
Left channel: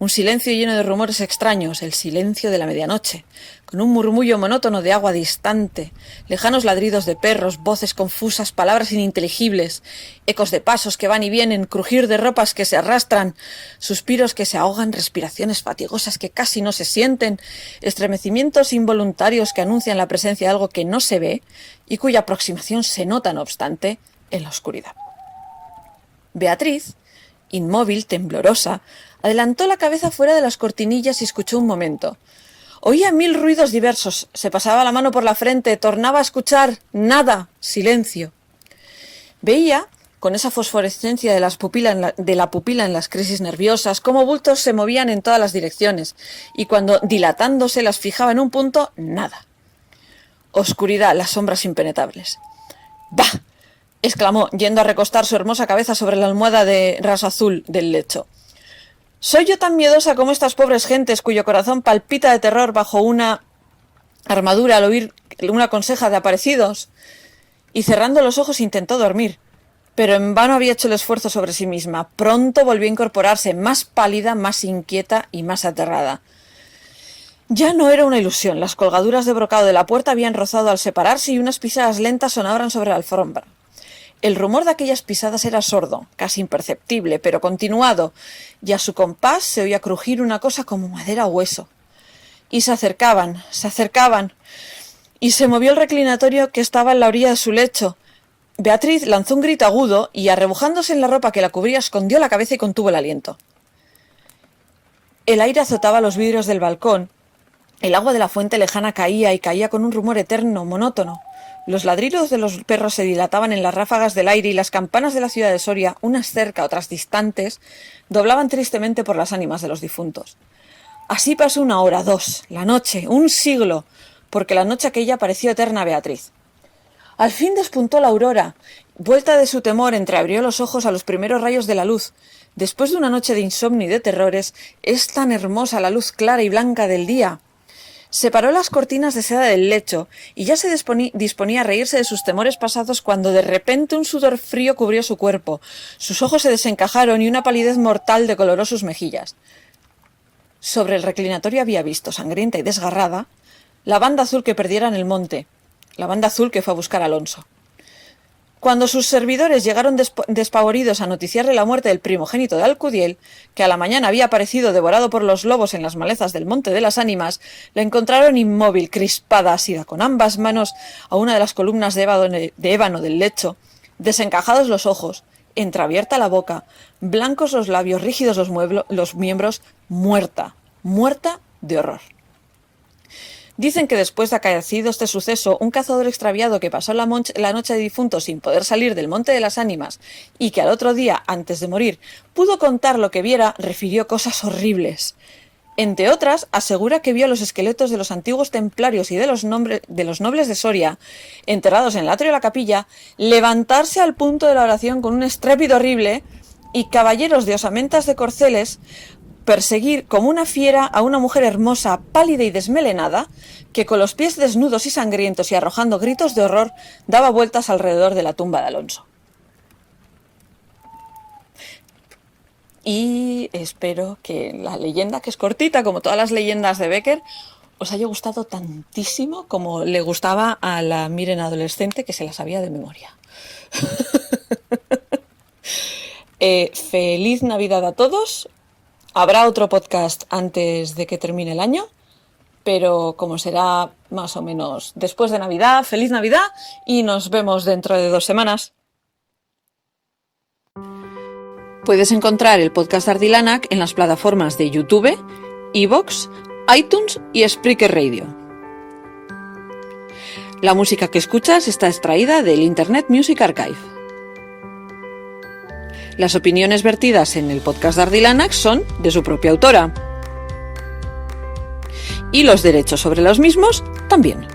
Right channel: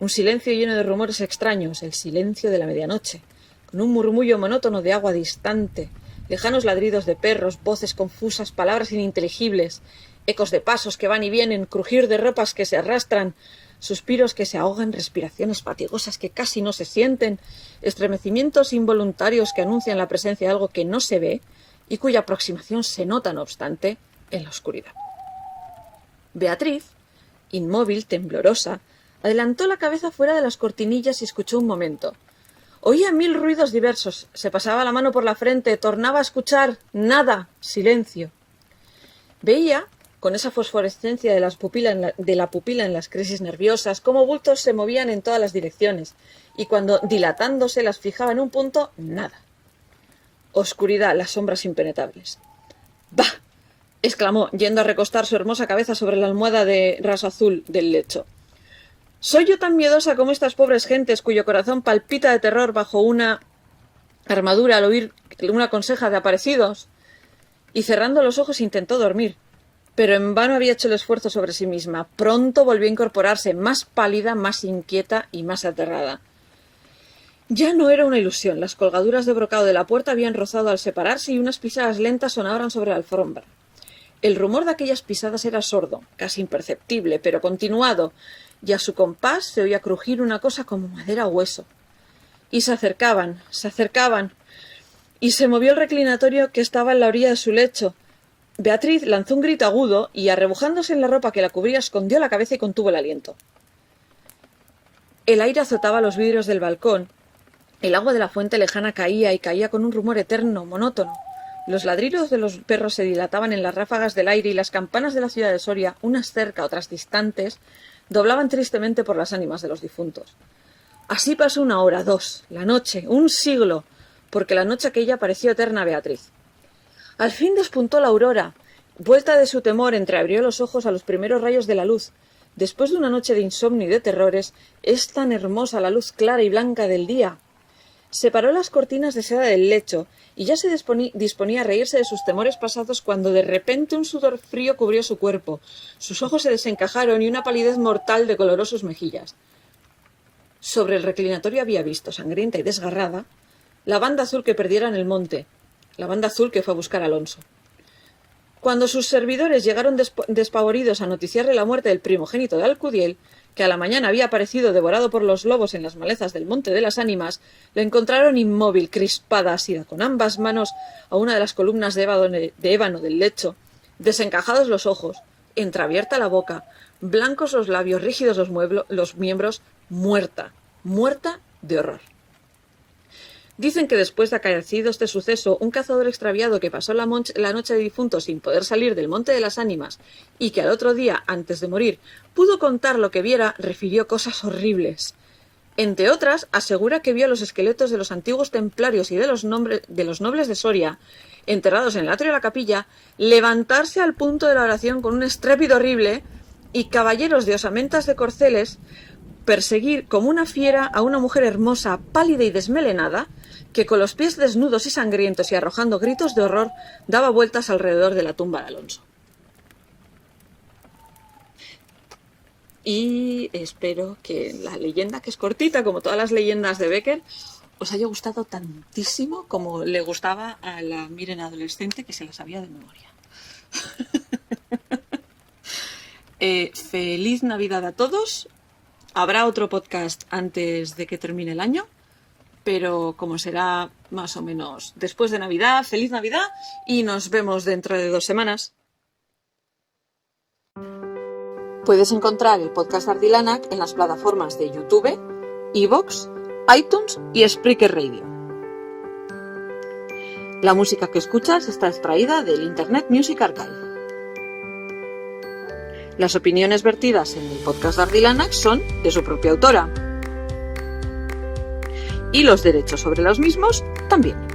Un silencio lleno de rumores extraños, el silencio de la medianoche, con un murmullo monótono de agua distante, lejanos ladridos de perros, voces confusas, palabras ininteligibles, ecos de pasos que van y vienen, crujir de ropas que se arrastran, suspiros que se ahogan, respiraciones fatigosas que casi no se sienten, estremecimientos involuntarios que anuncian la presencia de algo que no se ve y cuya aproximación se nota, no obstante, en la oscuridad. Beatriz, inmóvil, temblorosa, adelantó la cabeza fuera de las cortinillas y escuchó un momento. Oía 1000 ruidos diversos, se pasaba la mano por la frente, tornaba a escuchar, nada, silencio. Veía, con esa fosforescencia de la pupila en las crisis nerviosas, cómo bultos se movían en todas las direcciones, y cuando, dilatándose, las fijaba en un punto, nada. Oscuridad, las sombras impenetrables. «¡Bah!», exclamó, yendo a recostar su hermosa cabeza sobre la almohada de raso azul del lecho. «¿Soy yo tan miedosa como estas pobres gentes cuyo corazón palpita de terror bajo una armadura al oír una conseja de aparecidos?» Y cerrando los ojos intentó dormir, pero en vano había hecho el esfuerzo sobre sí misma. Pronto volvió a incorporarse, más pálida, más inquieta y más aterrada. Ya no era una ilusión. Las colgaduras de brocado de la puerta habían rozado al separarse y unas pisadas lentas sonaban sobre la alfombra. El rumor de aquellas pisadas era sordo, casi imperceptible, pero continuado, y a su compás se oía crujir una cosa como madera o hueso. Y se acercaban, y se movió el reclinatorio que estaba en la orilla de su lecho. Beatriz lanzó un grito agudo y, arrebujándose en la ropa que la cubría, escondió la cabeza y contuvo el aliento. El aire azotaba los vidrios del balcón. El agua de la fuente lejana caía y caía con un rumor eterno, monótono. Los ladridos de los perros se dilataban en las ráfagas del aire y las campanas de la ciudad de Soria, unas cerca, otras distantes, doblaban tristemente por las ánimas de los difuntos. Así pasó 1 hora, 2, la noche, un siglo, porque la noche aquella pareció eterna a Beatriz. Al fin despuntó la aurora. Vuelta de su temor, entreabrió los ojos a los primeros rayos de la luz. Después de una noche de insomnio y de terrores, es tan hermosa la luz clara y blanca del día. Separó las cortinas de seda del lecho y ya se disponía a reírse de sus temores pasados cuando de repente un sudor frío cubrió su cuerpo. Sus ojos se desencajaron y una palidez mortal decoloró sus mejillas. Sobre el reclinatorio había visto, sangrienta y desgarrada, la banda azul que perdiera en el monte, la banda azul que fue a buscar a Alonso. Cuando sus servidores llegaron despavoridos a noticiarle la muerte del primogénito de Alcudiel, que a la mañana había aparecido devorado por los lobos en las malezas del Monte de las Ánimas, la encontraron inmóvil, crispada, asida con ambas manos a una de las columnas de ébano del lecho, desencajados los ojos, entreabierta la boca, blancos los labios, rígidos los miembros, muerta de horror. Dicen que después de acaecido este suceso, un cazador extraviado que pasó la noche de difuntos sin poder salir del Monte de las Ánimas y que al otro día, antes de morir, pudo contar lo que viera, refirió cosas horribles. Entre otras, asegura que vio los esqueletos de los antiguos templarios y de los nobles de Soria, enterrados en el atrio de la capilla, levantarse al punto de la oración con un estrépito horrible y caballeros de osamentas de corceles perseguir como una fiera a una mujer hermosa, pálida y desmelenada, que con los pies desnudos y sangrientos y arrojando gritos de horror, daba vueltas alrededor de la tumba de Alonso. Y espero que la leyenda, que es cortita, como todas las leyendas de Becker, os haya gustado tantísimo como le gustaba a la Miren adolescente, que se la sabía de memoria. Feliz Navidad a todos. Habrá otro podcast antes de que termine el año, pero como será más o menos después de Navidad, feliz Navidad y nos vemos dentro de 2 semanas. Puedes encontrar el podcast Ardilanac en las plataformas de YouTube, iVoox, iTunes y Spreaker Radio. La música que escuchas está extraída del Internet Music Archive. Las opiniones vertidas en el podcast de Ardilanac son de su propia autora. Y los derechos sobre los mismos también.